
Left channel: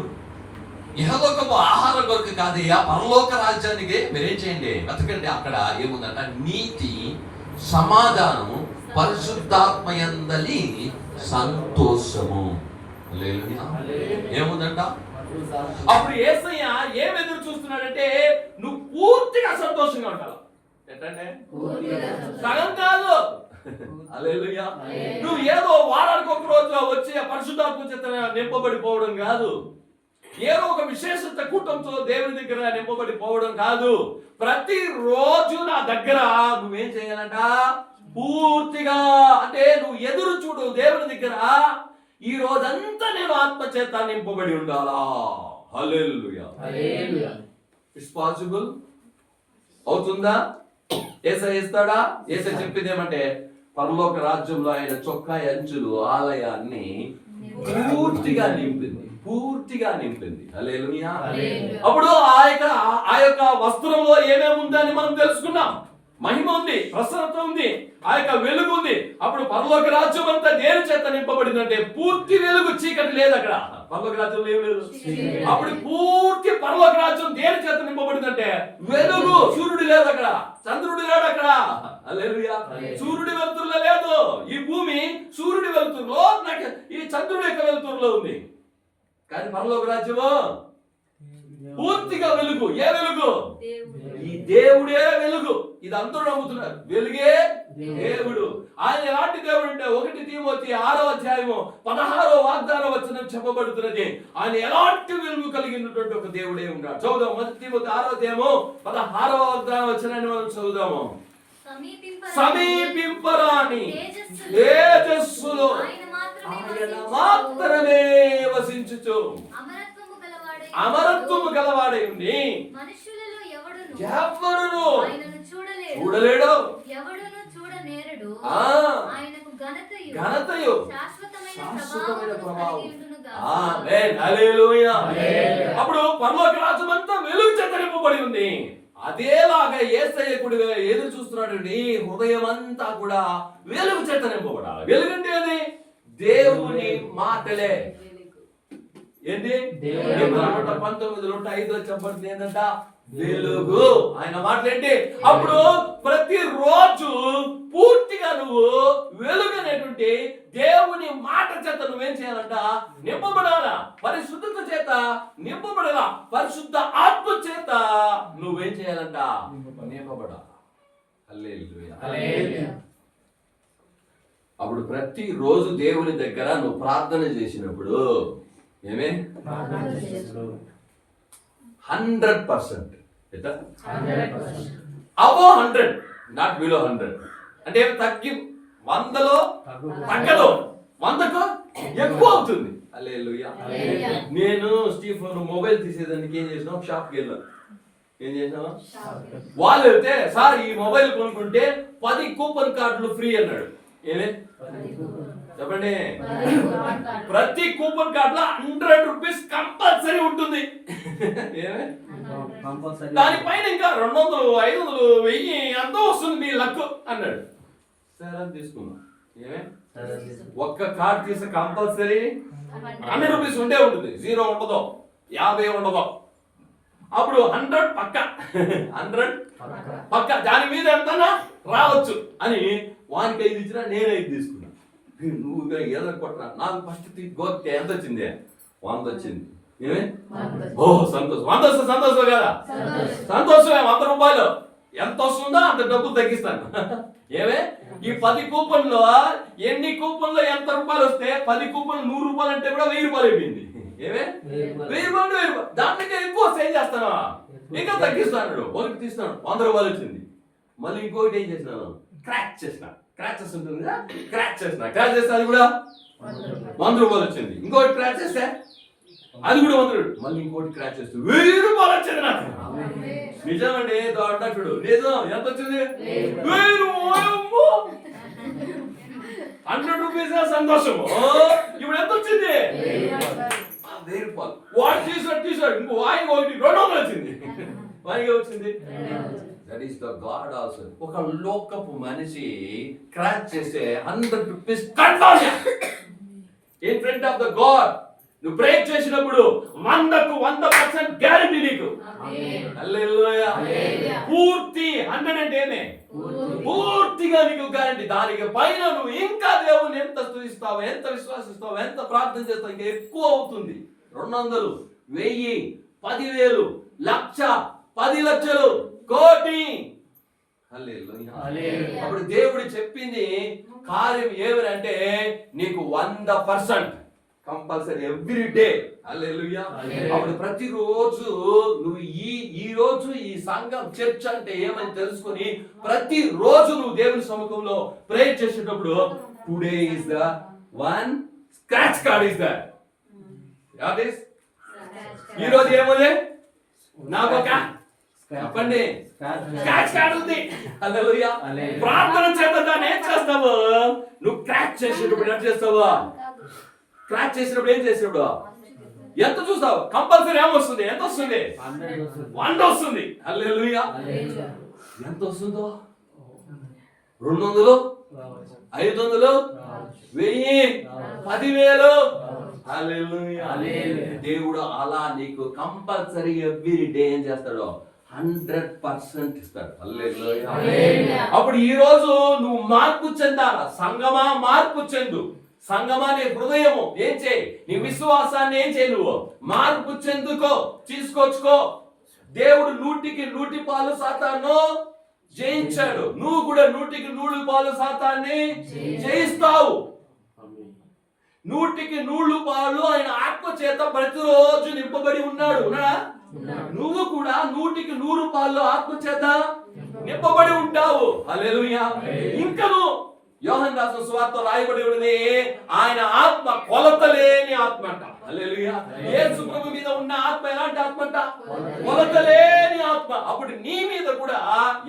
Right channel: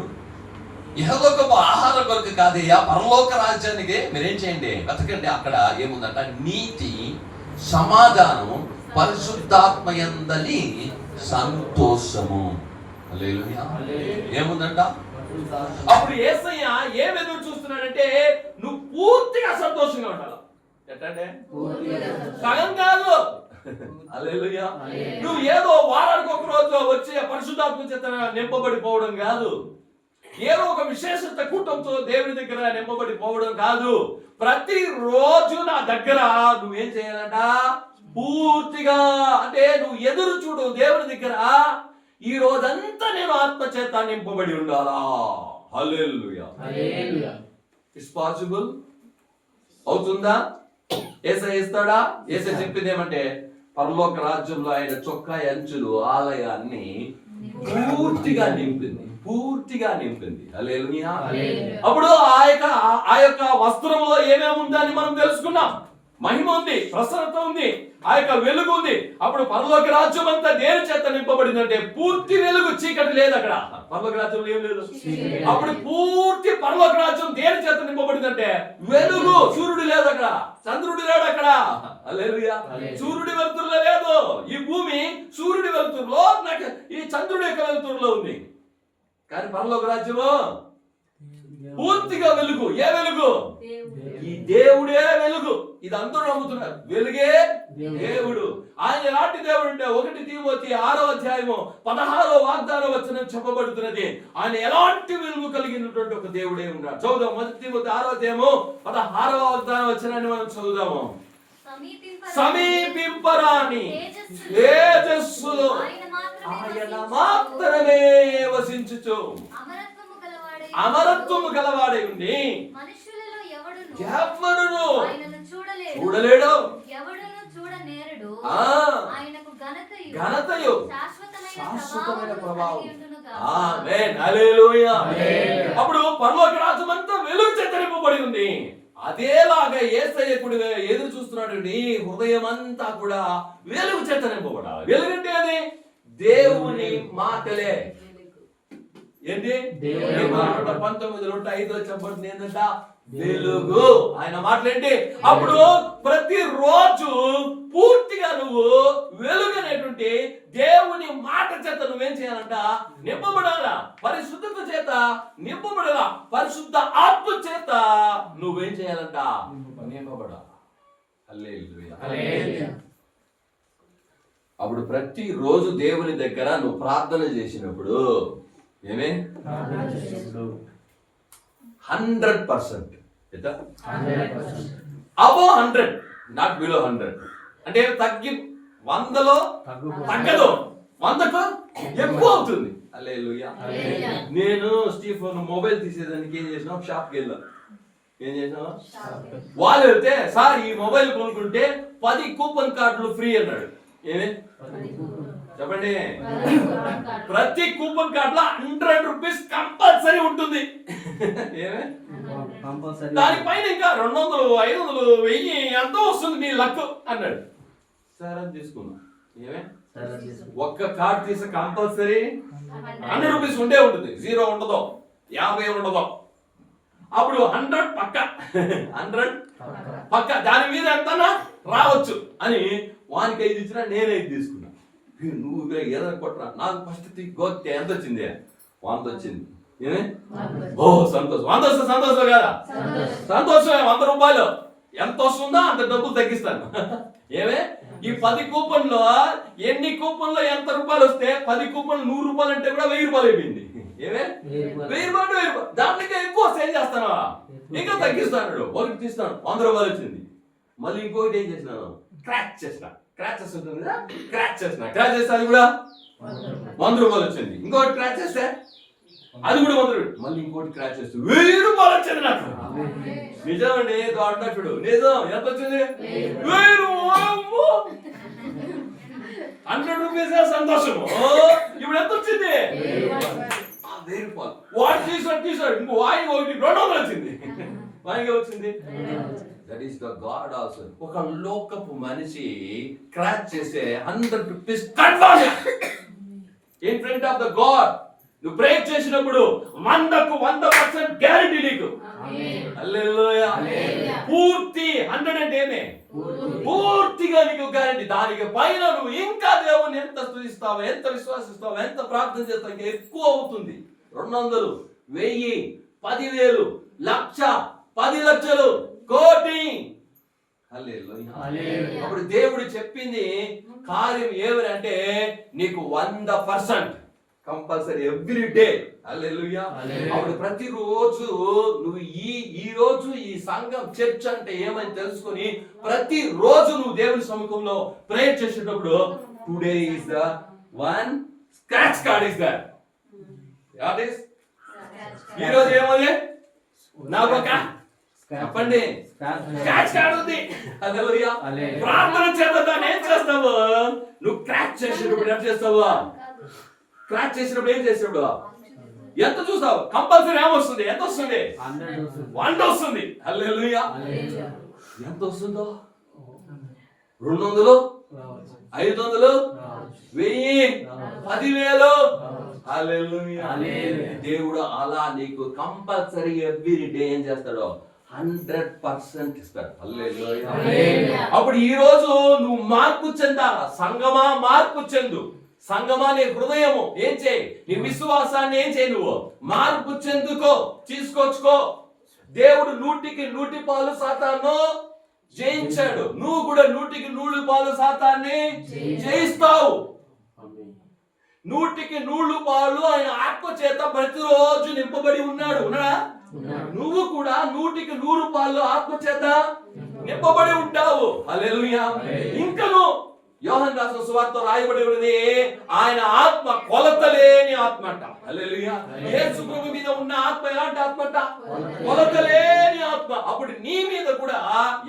ఇహలోకపు ఆహారం కొరకు కాదయ్యా, పరలోక రాజ్యానికి మీరేం చేయండి, బతకండి. అక్కడ ఏముందంట? నీతి, సమాధానము, పరిశుద్ధాత్మ యందలి సంతోషము. హల్లెలూయా. ఏముందంట? అప్పుడు యేసయ్య ఏం ఎదురు చూస్తున్నాడంటే నువ్వు పూర్తిగా సంతోషంగా ఉండాలి. ఎట్టండి సగం కాదు. హల్లెలూయా. నువ్వు ఏదో వారానికి ఒక రోజు వచ్చి పరిశుద్ధాత్మ చేత నింపబడిపోవడం కాదు, ఏదో ఒక విశేషత కూటంతో దేవుని దగ్గర నింపబడిపోవడం కాదు. ప్రతిరోజు నా దగ్గర నువ్వేం చేయాలంట? పూర్తిగా, అంటే నువ్వు ఎదురు చూడు దేవుని దగ్గర, ఈ రోజంతా నేను ఆత్మ చేత నింపబడి ఉండాలా. హల్లెలూయా. It's possible. అవుతుందా? యేసయ్య ఇస్తాడా? యేసయ్య చెప్పింది ఏమంటే, పరలోక రాజ్యంలో ఆయన చొక్కా అంచులు ఆలయాన్ని పూర్తిగా నింపింది, పూర్తిగా నింపింది. హల్లెలూయా. అప్పుడు ఆ యొక్క వస్త్రంలో ఏమేమి ఉందని మనం తెలుసుకున్నాం. మహిమ ఉంది, ప్రసన్నత ఉంది, ఆ యొక్క వెలుగు ఉంది. అప్పుడు పరలోక రాజ్యం అంతా దేని చేత నింపబడిందంటే పూర్తి వెలుగు, చీకటి లేదు అక్కడ. పరలోక రాజ్యంలో ఏం లేదు. అప్పుడు పూర్తి పరలోక రాజ్యం దేని చేత నింపబడిందంటే వెలుగు. సూర్యుడు లేదు అక్కడ, చంద్రుడు లేడు అక్కడ. హల్లెలూయా. సూర్యుడి వెలుతురులో లేదు. ఈ భూమి సూర్యుడి వెలుతురులో, నాకు ఈ చంద్రుడి యొక్క వెలుతురులో ఉంది. కానీ పరలోక రాజ్యము పూర్తిగా వెలుగు. ఏ వెలుగు? ఈ దేవుడే వెలుగు. ఇది అందరూ నమ్ముతున్నారు. వెలుగే దేవుడు. ఆయన ఎలాంటి దేవుడు అంటే 1 తిమోతి 6వ అధ్యాయము 16వ వాగ్దాన వచనం చెప్పబడుతున్నది. ఆయన ఎలాంటి వెలుగు కలిగినటువంటి ఒక దేవుడే ఉన్నాడు. చదువుదాం. 1 తిమోతి 6వ అధ్యాయము 16వ వాగ్దాన వచనాన్ని మనం చదువుదాము. సమీపింపరాని తేజస్సులో ఆయన మాత్రమే వసించుచు అమరత్వము గలవాడై ఉండి ఎవడును చూడలేడు, ఘనతయు శాశ్వతమైన ప్రభావం. ఆమేన్. హల్లెలూయా. అప్పుడు పరలోక రాజ్యం అంతా వెలుగు చేత నింపబడి ఉంది. అదేలాగా యేసయ్య కూడా ఎదురు చూస్తున్నాడు. నీ హృదయం అంతా కూడా వెలుగు చేత నింపబడాలి. వెలుగంటే అది దేవుని మాటలే. ఏంటి? 19:5 చెప్పబడుతుంది ఏంటంట? వెలుగు. ఆయన మాటలేంటి? అప్పుడు ప్రతిరోజు పూర్తిగా నువ్వు వెలుగు అనేటువంటి దేవుని మాట చేత నువ్వేం చేయాలంట? నింపబడాలా. పరిశుద్ధత చేత నింపబడాలా. పరిశుద్ధ ఆత్మ చేత నువ్వేం చేయాలంట? నింపబడాలా. హల్లెలూయా. అప్పుడు ప్రతిరోజు దేవుని దగ్గర నువ్వు ప్రార్థన చేసినప్పుడు ఏమే 100% above 100, నాట్ బిలో 100. అంటే తగ్గి 100లో తగ్గదు, 100కు ఎక్కువ అవుతుంది. హల్లెలూయా. నేను స్టీఫెన్ మొబైల్ తీసేదానికి ఏం చేసినా షాప్కి వెళ్ళాను. ఏం చేసినా వాళ్ళు వెళ్తే, సార్ ఈ మొబైల్ కొనుక్కుంటే 10 కూపన్ కార్డులు ఫ్రీ అన్నాడు. ఏమే చెప్పండి? ప్రతి కూపన్ కార్డ్ లో 100 రూపీస్ కంపల్సరీ ఉంటుంది. దానిపైన ఇంకా 200, 500, 1000 ఎంతో వస్తుంది మీ లక్ అన్నాడు. సరే అని తీసుకున్నా. ఏమే ఒక్క కార్డ్ తీసే కంపల్సరీ 100 రూపీస్ ఉండే ఉంటుంది. 0 ఉండదు, 50 ఉండదు. అప్పుడు 100 పక్క, 100 పక్క. దాని మీద ఎంత రావచ్చు అని వానికి 5 ఇచ్చినా నేను 5 తీసుకున్నా. నువ్వు ఏదైనా కొట్టరా, నాకు ఫస్ట్ గోక్తే ఎంత వచ్చింది? 100 వచ్చింది. ఏమే? ఓ సంతోషం. 100 వస్తే సంతోషం కదా? సంతోషమే. 100 రూపాయలు ఎంత వస్తుందో అంత డబ్బులు తగ్గిస్తాను. ఏమే? ఈ 10 కూపన్లో ఎన్ని కూపన్లో ఎంత రూపాయలు వస్తే 10 కూపన్లు 100 రూపాయలు అంటే కూడా 1000 రూపాయలు అయిపోయింది. ఏమే? 1000 రూపాయలు. దాంట్లో ఎక్కువ సేల్ చేస్తాను, ఇంకా తగ్గిస్తాడు. ఒకటి తీస్తాను, 100 రూపాయలు వచ్చింది. మళ్ళీ ఇంకొకటి ఏం చేసినాను? క్రాచ్ చేసిన. క్రాచెస్ ఉంటుంది కదా, క్రాచ్ చేసిన. క్రాచ్ చేస్తే అది కూడా 100 రూపాయలు వచ్చింది. ఇంకోటి క్రాచ్ చేస్తే అది కూడా 100 రూపాయలు. మళ్ళీ ఇంకోటి క్రాచ్ చేస్తే 1000 రూపాయలు వచ్చింది నాకు. నిజమండి, అంటాడు. నిజం. ఎంత వచ్చింది? 1000 రూపాయలు. 100 రూపీస్ సంతోషము. ఇప్పుడు ఎంత వచ్చింది? 1000 రూపాయలు. వాడు తీసాడు ఇంకో వాయి ఒకటి 200 వచ్చింది. వాయిగా వచ్చింది. That is the God also. ఒక లోకపు మనిషి క్రాచ్ చేస్తే 100 rupees confirm in front of the God. నువ్వు ప్రే చేసినప్పుడు 100కు 100% గ్యారెంటీ నీకు. హల్లెలూయా. పూర్తి 100 అంటే ఏమే? పూర్తిగా నీకు గ్యారెంటీ. దానికి పైన నువ్వు ఇంకా దేవుని ఎంత స్తుతిస్తావో, ఎంత విశ్వాసిస్తావో, ఎంత ప్రార్థన చేస్తావో ఇంకా ఎక్కువ అవుతుంది. 200, 1000, 10,000, 1,00,000, 10 లక్షలు, కోటి. హల్లెలూయా. హల్లెలూయా. అప్పుడు దేవుడు చెప్పింది కార్యం ఏమనంటే నీకు 100% కంపల్సరీ ఎవ్రీ డే. హల్లెలూయా. హల్లెలూయా. అప్పుడు ప్రతిరోజు నువ్వు ఈ రోజు ఈ సంఘం చర్చ్ అంటే ఏమని తెలుసుకొని ప్రతిరోజు నువ్వు దేవుని సముఖంలో ప్రేయర్ చేసేటప్పుడు today is the one scratch card is that. What is ఈ రోజు ఏమోలే నాకు ఒక చెప్పండి స్క్రాచ్ కార్డ్ ఉంది. హల్లెలూయా. హల్లెలూయా. ప్రార్థన చేత దాన్ని ఏం చేస్తావు? నువ్వు క్రాచ్ చేసేటప్పుడు ఏం చేస్తావు? క్రాచ్ చేసినప్పుడు ఏం చేసినప్పుడు ఎంత చూస్తావు? కంపల్సరీ ఏమొస్తుంది? ఎంత వస్తుంది? 100 వస్తుంది. హల్లెలూయా. ఎంత వస్తుందో? 200, 500, 1000, 10,000. హల్లెలూయా. దేవుడు అలా నీకు కంపల్సరీ ఎవ్రీ డే ఏం చేస్తాడు? 100% ఇస్తాడు. హల్లెలూయా. అప్పుడు ఈ రోజు నువ్వు మార్పు చెందాలా? సంగమా మార్పు చెందు. సంగమా నీ హృదయము ఏం చేయి? నీ విశ్వాసాన్ని ఏం చేయి? నువ్వు మార్పు చెందుకో, తీసుకొచ్చుకో. దేవుడు 100% సాతాను జయించాడు. నువ్వు కూడా 100% సాతాన్ని జయిస్తావు. 100% ఆయన ఆత్మ చేత ప్రతిరోజు నింపబడి ఉన్నాడు. ఉన్నాడా? నువ్వు కూడా 100% ఆత్మ చేత నింపబడి ఉంటావు. హల్లెలూయా. ఇంకను యోహాను రాసిన సువార్తలో రాయబడి ఉన్నది ఆయన ఆత్మ కొలతలేని ఆత్మ అంట. హల్లెలూయా. యేసు ప్రభు మీద ఉన్న ఆత్మ ఎలాంటి ఆత్మ అంట? కొలతలేని ఆత్మ. అప్పుడు నీ మీద కూడా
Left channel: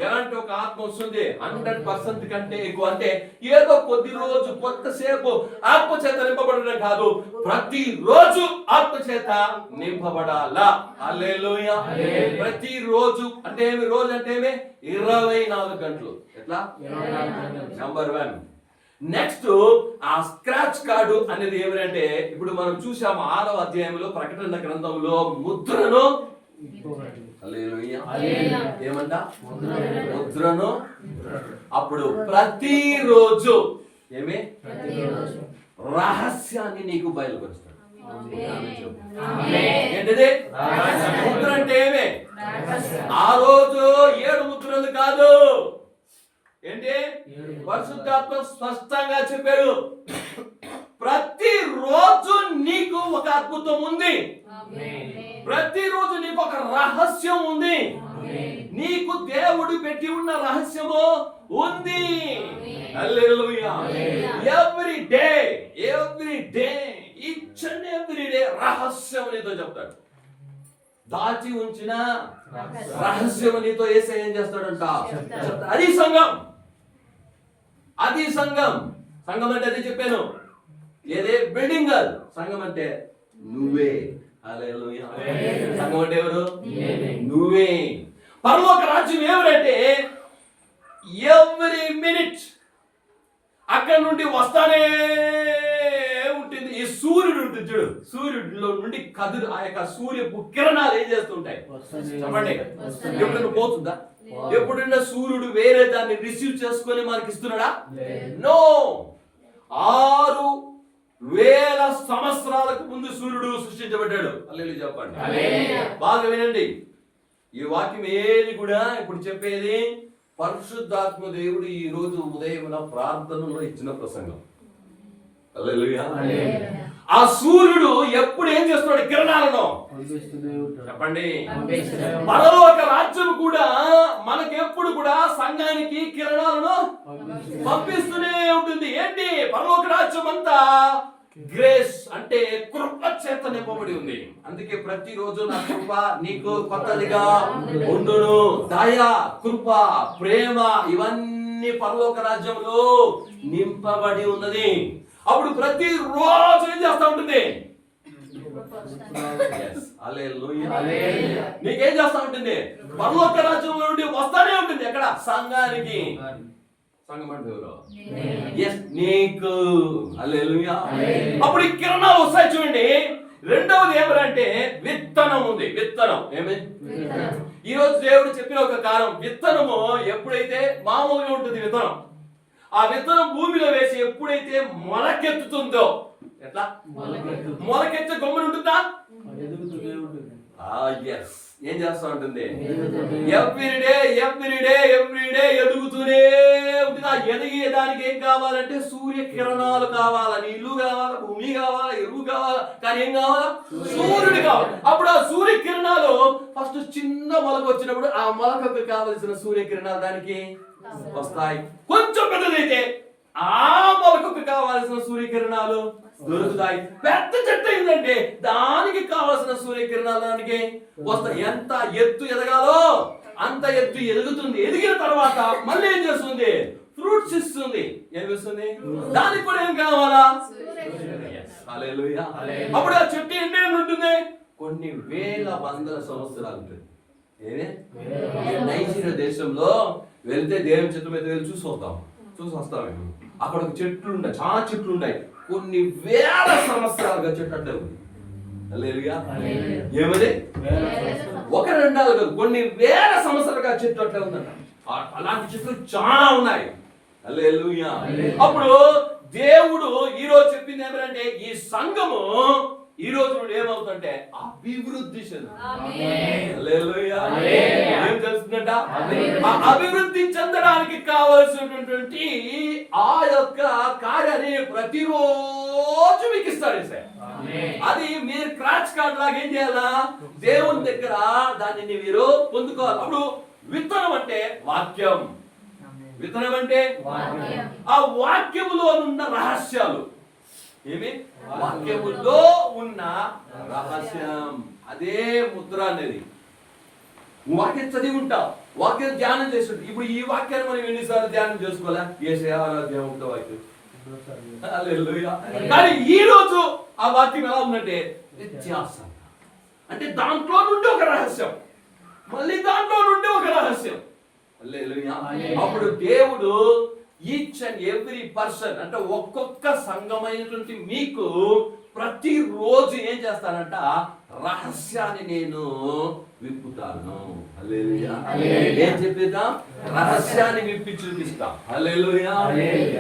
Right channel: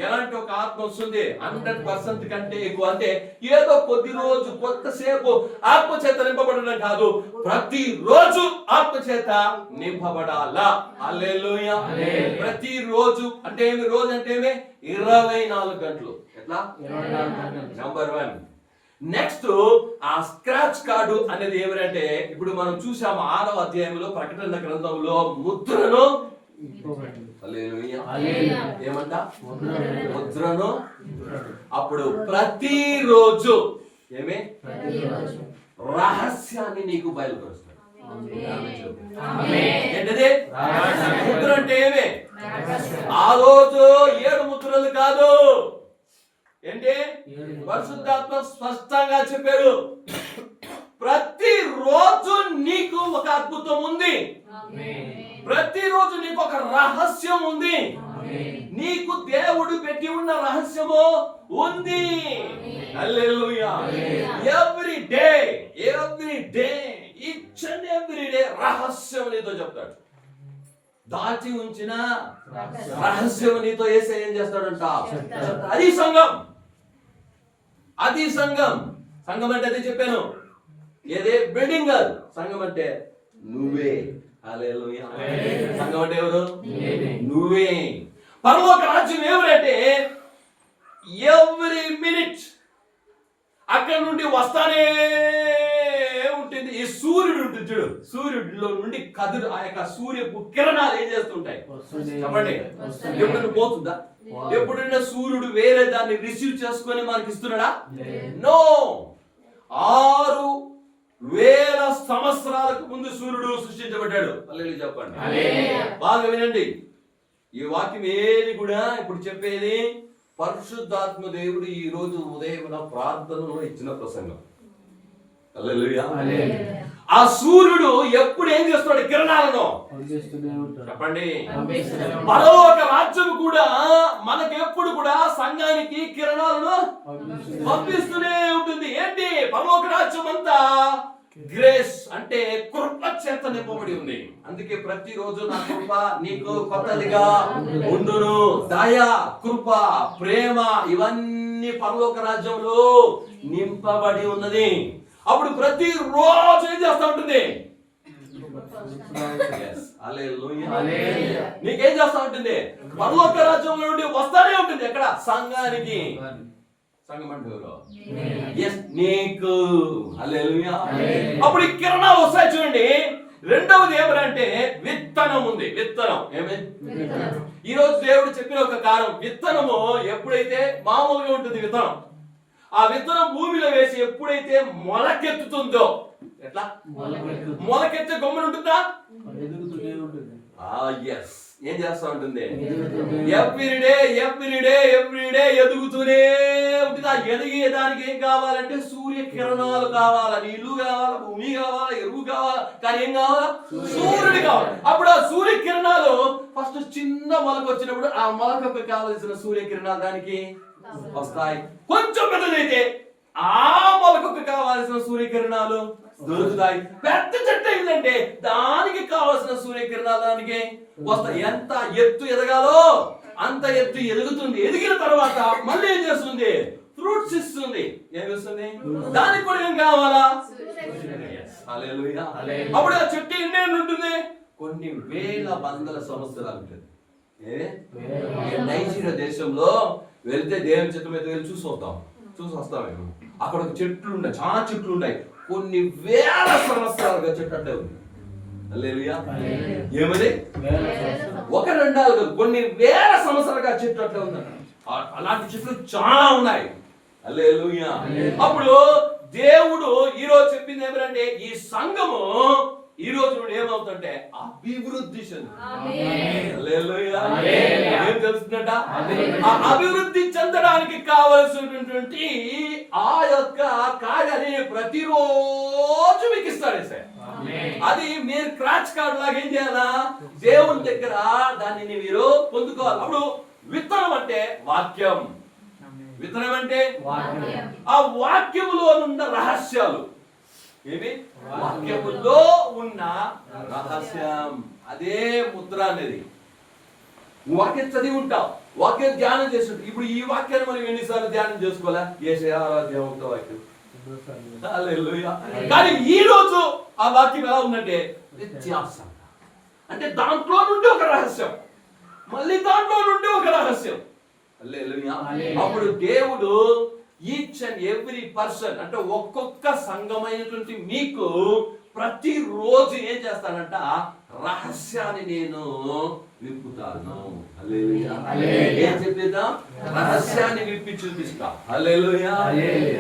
ఎలాంటి ఒక ఆత్మ వస్తుంది? 100% కంటే ఎక్కువ. అంటే ఏదో కొద్ది రోజు కొత్తసేపు ఆత్మ చేత నింపబడడం కాదు, ప్రతిరోజు ఆత్మ చేత నింపబడాలా. హల్లెలూయా. ప్రతిరోజు అంటే ఏమి? రోజు అంటే ఏమి? 24 గంటలు. ఎట్లా? నంబర్ 1. నెక్స్ట్ ఆ స్క్రాచ్ కార్డు అనేది ఏమిటంటే ఇప్పుడు మనం చూసాము 6వ అధ్యాయంలో ప్రకటన గ్రంథంలో ముద్రను. హల్లెలూయా. ఏమంట? ముద్రను. అప్పుడు ప్రతిరోజు ఏమి? రహస్యాన్ని నీకు బయలుపరుస్తాడు. ఏంటిది? ముద్ర అంటే ఏమి? ఆ రోజు 7 ముద్రలు కాదు. ఏంటి? పరిశుద్ధాత్మ స్పష్టంగా చెప్పాడు ప్రతిరోజు నీకు ఒక అద్భుతం ఉంది. ప్రతిరోజు నీకు ఒక రహస్యం ఉంది. నీకు దేవుడు పెట్టి ఉన్న రహస్యము ఉంది. Hallelujah. Every day each and every day రహస్యం నీతో చెప్తాడు. దాచి ఉంచిన రహస్యం నీతో యేసయ్య ఏం చేస్తాడంట? అది సంఘం. అది సంఘం. సంఘం అంటే అదే చెప్పాను. ఏదే? బిల్డింగ్ కాదు. సంఘం అంటే నువ్వే. హల్లెలూయా. సంఘం అంటే ఎవరు? నువ్వే. పరలోక రాజ్యం ఎవరంటే ఎవ్రీ మినిట్ అక్కడ నుండి వస్తానే ఉంటుంది. ఈ సూర్యుడు ఉంటుంది చూడు, సూర్యుడిలో నుండి కదురు ఆ యొక్క సూర్యపు కిరణాలు ఏం చేస్తుంటాయి? చెప్పండి. ఎప్పుడైనా పోతుందా? ఎప్పుడైనా సూర్యుడు వేరే దాన్ని రిసీవ్ చేసుకొని మనకి ఇస్తున్నాడా? నో. 6,000 సంవత్సరాలకు ముందు సూర్యుడు సృష్టించబడ్డాడు. హల్లెలూయా చెప్పండి. బాగా వినండి. ఈ వాక్యం ఏది కూడా ఇప్పుడు చెప్పేది పరిశుద్ధాత్మ దేవుడు ఈ రోజు ఉదయం ప్రార్థనలో ఇచ్చిన ప్రసంగం. హల్లెలూయా. ఆ సూర్యుడు ఎప్పుడు ఏం చేస్తున్నాడు? కిరణాలను చెప్పండి. పరలోక రాజ్యం కూడా మనకెప్పుడు కూడా సంఘానికి కిరణాలను పంపిస్తూనే ఉంటుంది. ఏంటి? పరలోక రాజ్యం అంతా గ్రేస్ అంటే కృప చేత నింపబడి ఉంది. అందుకే ప్రతిరోజు నా కృప నీకు కొత్తదిగా ఉండును. దయ, కృప, ప్రేమ ఇవన్నీ పరలోక రాజ్యంలో నింపబడి ఉన్నది. అప్పుడు ప్రతిరోజు ఏం చేస్తా ఉంటుంది? నీకేం చేస్తా ఉంటుంది? పరలోక రాజ్యంలో నుండి వస్తానే ఉంటుంది. ఎక్కడ? సంఘానికి. సంఘం అంటే ఎవరు? నీకు. హల్లెలూయా. అప్పుడు ఈ కిరణాలు వస్తాయి చూడండి. రెండవది ఏమంటే విత్తనం ఉంది. విత్తనం ఏమి? ఈ రోజు దేవుడు చెప్పిన ఒక కారణం, విత్తనము ఎప్పుడైతే మామూలుగా ఉంటుంది విత్తనం, ఆ విత్తనం భూమిలో వేసి ఎప్పుడైతే మొలకెత్తుతుందో, ఎట్లా మొలకెత్తే గమ్మున ఉంటుందా? ఏం చేస్తా ఉంటుంది? ఎవ్రీడే ఎదుగుతూనే ఉంటుంది. ఆ ఎదిగేదానికి ఏం కావాలంటే సూర్యకిరణాలు కావాలా, నీళ్లు కావాలా, భూమి కావాలా, ఎరువు కావాలా, కానీ ఏం కావాలా? సూర్యుడు కావాలి. అప్పుడు ఆ సూర్యకిరణాలు ఫస్ట్ చిన్న మొలక వచ్చినప్పుడు ఆ మొలకకు కావలసిన సూర్యకిరణాలు దానికి వస్తాయి. కొంచెం పెద్దదైతే ఆ మొలకకు కావాల్సిన సూర్యకిరణాలు దొరుకుతాయి. పెద్ద చెట్టు అయిందంటే దానికి కావాల్సిన సూర్యకిరణాలు దానికి వస్తాయి. ఎంత ఎత్తు ఎదగాలో అంత ఎత్తు ఎదుగుతుంది. ఎదిగిన తర్వాత మళ్ళీ ఏం చేస్తుంది? ఫ్రూట్స్ ఇస్తుంది. ఏమి ఇస్తుంది? దానికి కూడా ఏం కావాలా? హల్లెలూయా. అప్పుడు ఆ చెట్టు ఎన్నేళ్ళు ఉంటుంది? కొన్ని వేల వందల సంవత్సరాలు ఉంటుంది. నైజీరియా దేశంలో వెళ్తే దేవుని చెట్టు మీద వెళ్ళి చూసి వస్తాం. అక్కడ ఒక చెట్లు ఉన్నాయి, చాలా చెట్లు ఉన్నాయి. కొన్ని వేల సంవత్సరాలుగా చెట్టు అంటే ఉంది. హల్లెలూయా. ఏమది? ఒక రెండాలు కాదు, కొన్ని వేల సంవత్సరాలుగా చెట్టు అట్లా ఉందన్న. అలాంటి చెట్లు చాలా ఉన్నాయి. హల్లెలూయా. అప్పుడు దేవుడు ఈ రోజు చెప్పింది ఏమంటే ఈ సంఘము ఈ రోజు నుండి ఏమవుతుంటే అభివృద్ధి చెందుతుంది. ఏం తెలుస్తుందంట? అభివృద్ధి చెందడానికి కావలసినటువంటి ఆ యొక్క కార్యాన్ని ప్రతిరోజు మీకు ఇస్తాడు సార్. అది మీరు క్రాచ్ కార్డ్ లాగా ఏం చేయాలా? దేవుని దగ్గర దానిని మీరు పొందుకోవాలి. అప్పుడు విత్తనం అంటే వాక్యం. విత్తనం అంటే ఆ వాక్యములో ఉన్న రహస్యాలు. ఏమి? వాక్యములో ఉన్న రహస్యం. అదే ముద్ర అనేది. వాక్యం చదివి ఉంటావు, వాక్యం ధ్యానం చేస్తుంటావు. ఇప్పుడు ఈ వాక్యాన్ని మనం ఎన్నిసార్లు ధ్యానం చేసుకోవాలా? వాక్యం. కానీ ఈ రోజు ఆ వాక్యం ఎలా ఉందంటే వ్యత్యాసం. అంటే దాంట్లో నుండి ఒక రహస్యం, మళ్ళీ దాంట్లో నుండి ఒక రహస్యం. అప్పుడు దేవుడు ఈచ్ అండ్ ఎవ్రీ పర్సన్ అంటే ఒక్కొక్క సంఘమైనటువంటి మీకు ప్రతిరోజు ఏం చేస్తానంట? రహస్యాన్ని నేను విప్పుతాను. హల్లెలూయా. ఏం చెప్పేదా? రహస్యాన్ని విప్పి చూపిస్తా. హల్లెలూయా.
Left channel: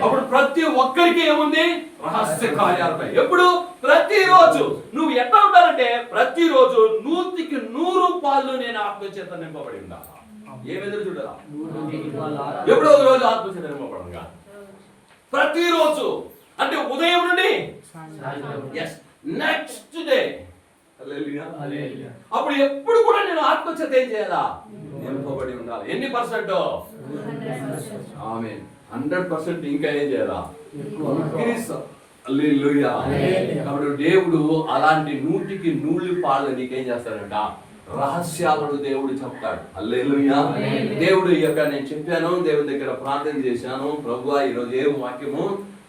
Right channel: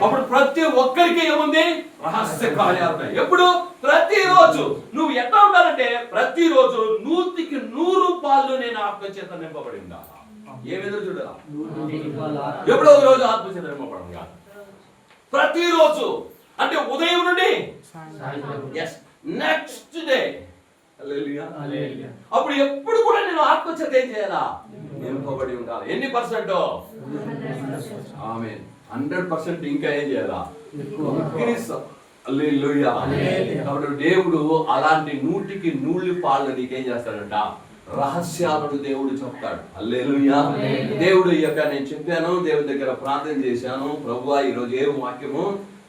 అప్పుడు ప్రతి ఒక్కరికి ఏముంది? రహస్య కార్యాలు. ఎప్పుడు? ప్రతిరోజు. నువ్వు ఎట్లా ఉండాలంటే ప్రతిరోజు 100% పాలు నేను ఆత్మచేత నింపబడి ఉండాలి. ఏమెదురు చూడరా? ఎప్పుడో ఒక రోజు ఆత్మచేత నింపబడంగా ప్రతిరోజు అంటే ఉదయం నుండి నెక్స్ట్ డే. అప్పుడు ఎప్పుడు కూడా నేను ఆత్మచేత ఏం చేయాలా? నింపబడి ఉండాలి. ఎన్ని పర్సెంట్? ఆమేన్. 100%. ఇంకా ఏం చేయాలా? హల్లెలూయా. కాబట్టి దేవుడు అలాంటి 100% పాలు నీకేం చేస్తాడంట? రహస్యాలను దేవుడు చెప్తాడు. హల్లెలూయా. దేవుడు ఈ యొక్క నేను చెప్పాను, దేవుడి దగ్గర ప్రార్థన చేశాను, ప్రభువా ఈరోజు ఏ వాక్యము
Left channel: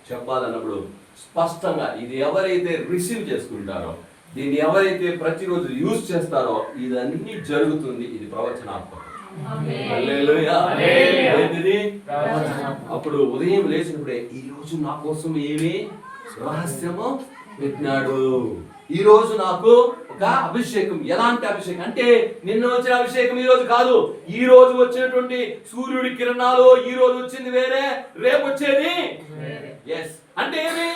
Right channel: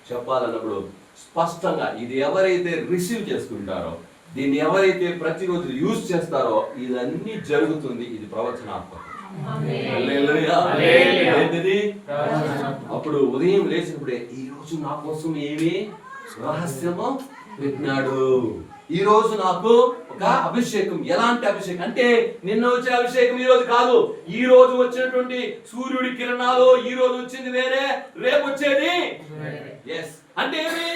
చెప్పాలన్నప్పుడు స్పష్టంగా ఇది ఎవరైతే రిసీవ్ చేసుకుంటారో, దీన్ని ఎవరైతే ప్రతిరోజు యూజ్ చేస్తారో ఇదన్నీ జరుగుతుంది. ఇది ప్రవచనాత్మకం. హల్లెలూయా. ఏంటిది? అప్పుడు ఉదయం లేచినప్పుడే ఈ రోజు నా కోసం ఏమి రహస్యము పెట్టినాడు. ఈ రోజు నాకు ఒక అభిషేకం. ఎలాంటి అభిషేకం అంటే నిన్న వచ్చిన అభిషేకం ఈ రోజు కాదు. ఈ రోజు వచ్చినటువంటి సూర్యుడి కిరణాలు ఈ రోజు వచ్చింది వేరే, రేపు వచ్చేది అంటే ఏమి?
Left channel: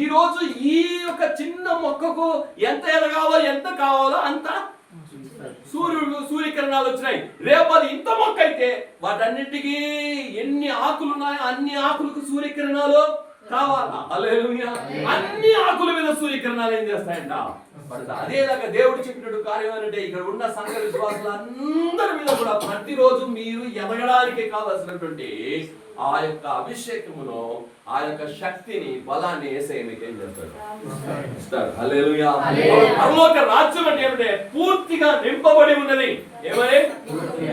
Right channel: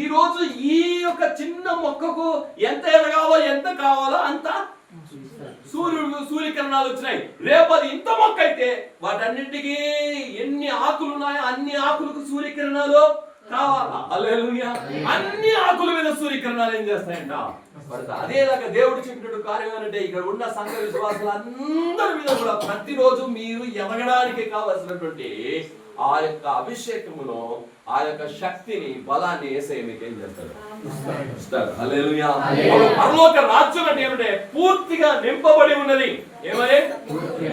ఈ రోజు ఈ యొక్క చిన్న మొక్కకు ఎంత ఎదగాలో ఎంత కావాలో అంత సూర్యకిరణాలు వచ్చినాయి. రేపు అది ఇంత మొక్క అయితే వాటన్నింటికి ఎన్ని ఆకులు ఉన్నాయో అన్ని ఆకులకు సూర్యకిరణాలు కావాలా? హల్లెలూయా. అన్ని ఆకుల మీద సూర్యకిరణాలు ఏం చేస్తాయంట? అదేలాగా దేవుడు చెప్పినట్టు కార్యం ఏంటంటే ఇక్కడ ఉన్న సంఘ విశ్వాసులందరి మీద కూడా ప్రతిరోజు మీరు ఎదగడానికి కావాల్సినటువంటి ఆ యొక్క అభిషేకమును, ఆ యొక్క శక్తిని, బలాన్ని యేసయ్య మీకు ఏం చేస్తాడు? ఇస్తాడు. హల్లెలూయా. పరలోక రాజ్యం అంటే ఏమంటే పూర్తిగా నింపబడి ఉన్నది. ఏమని?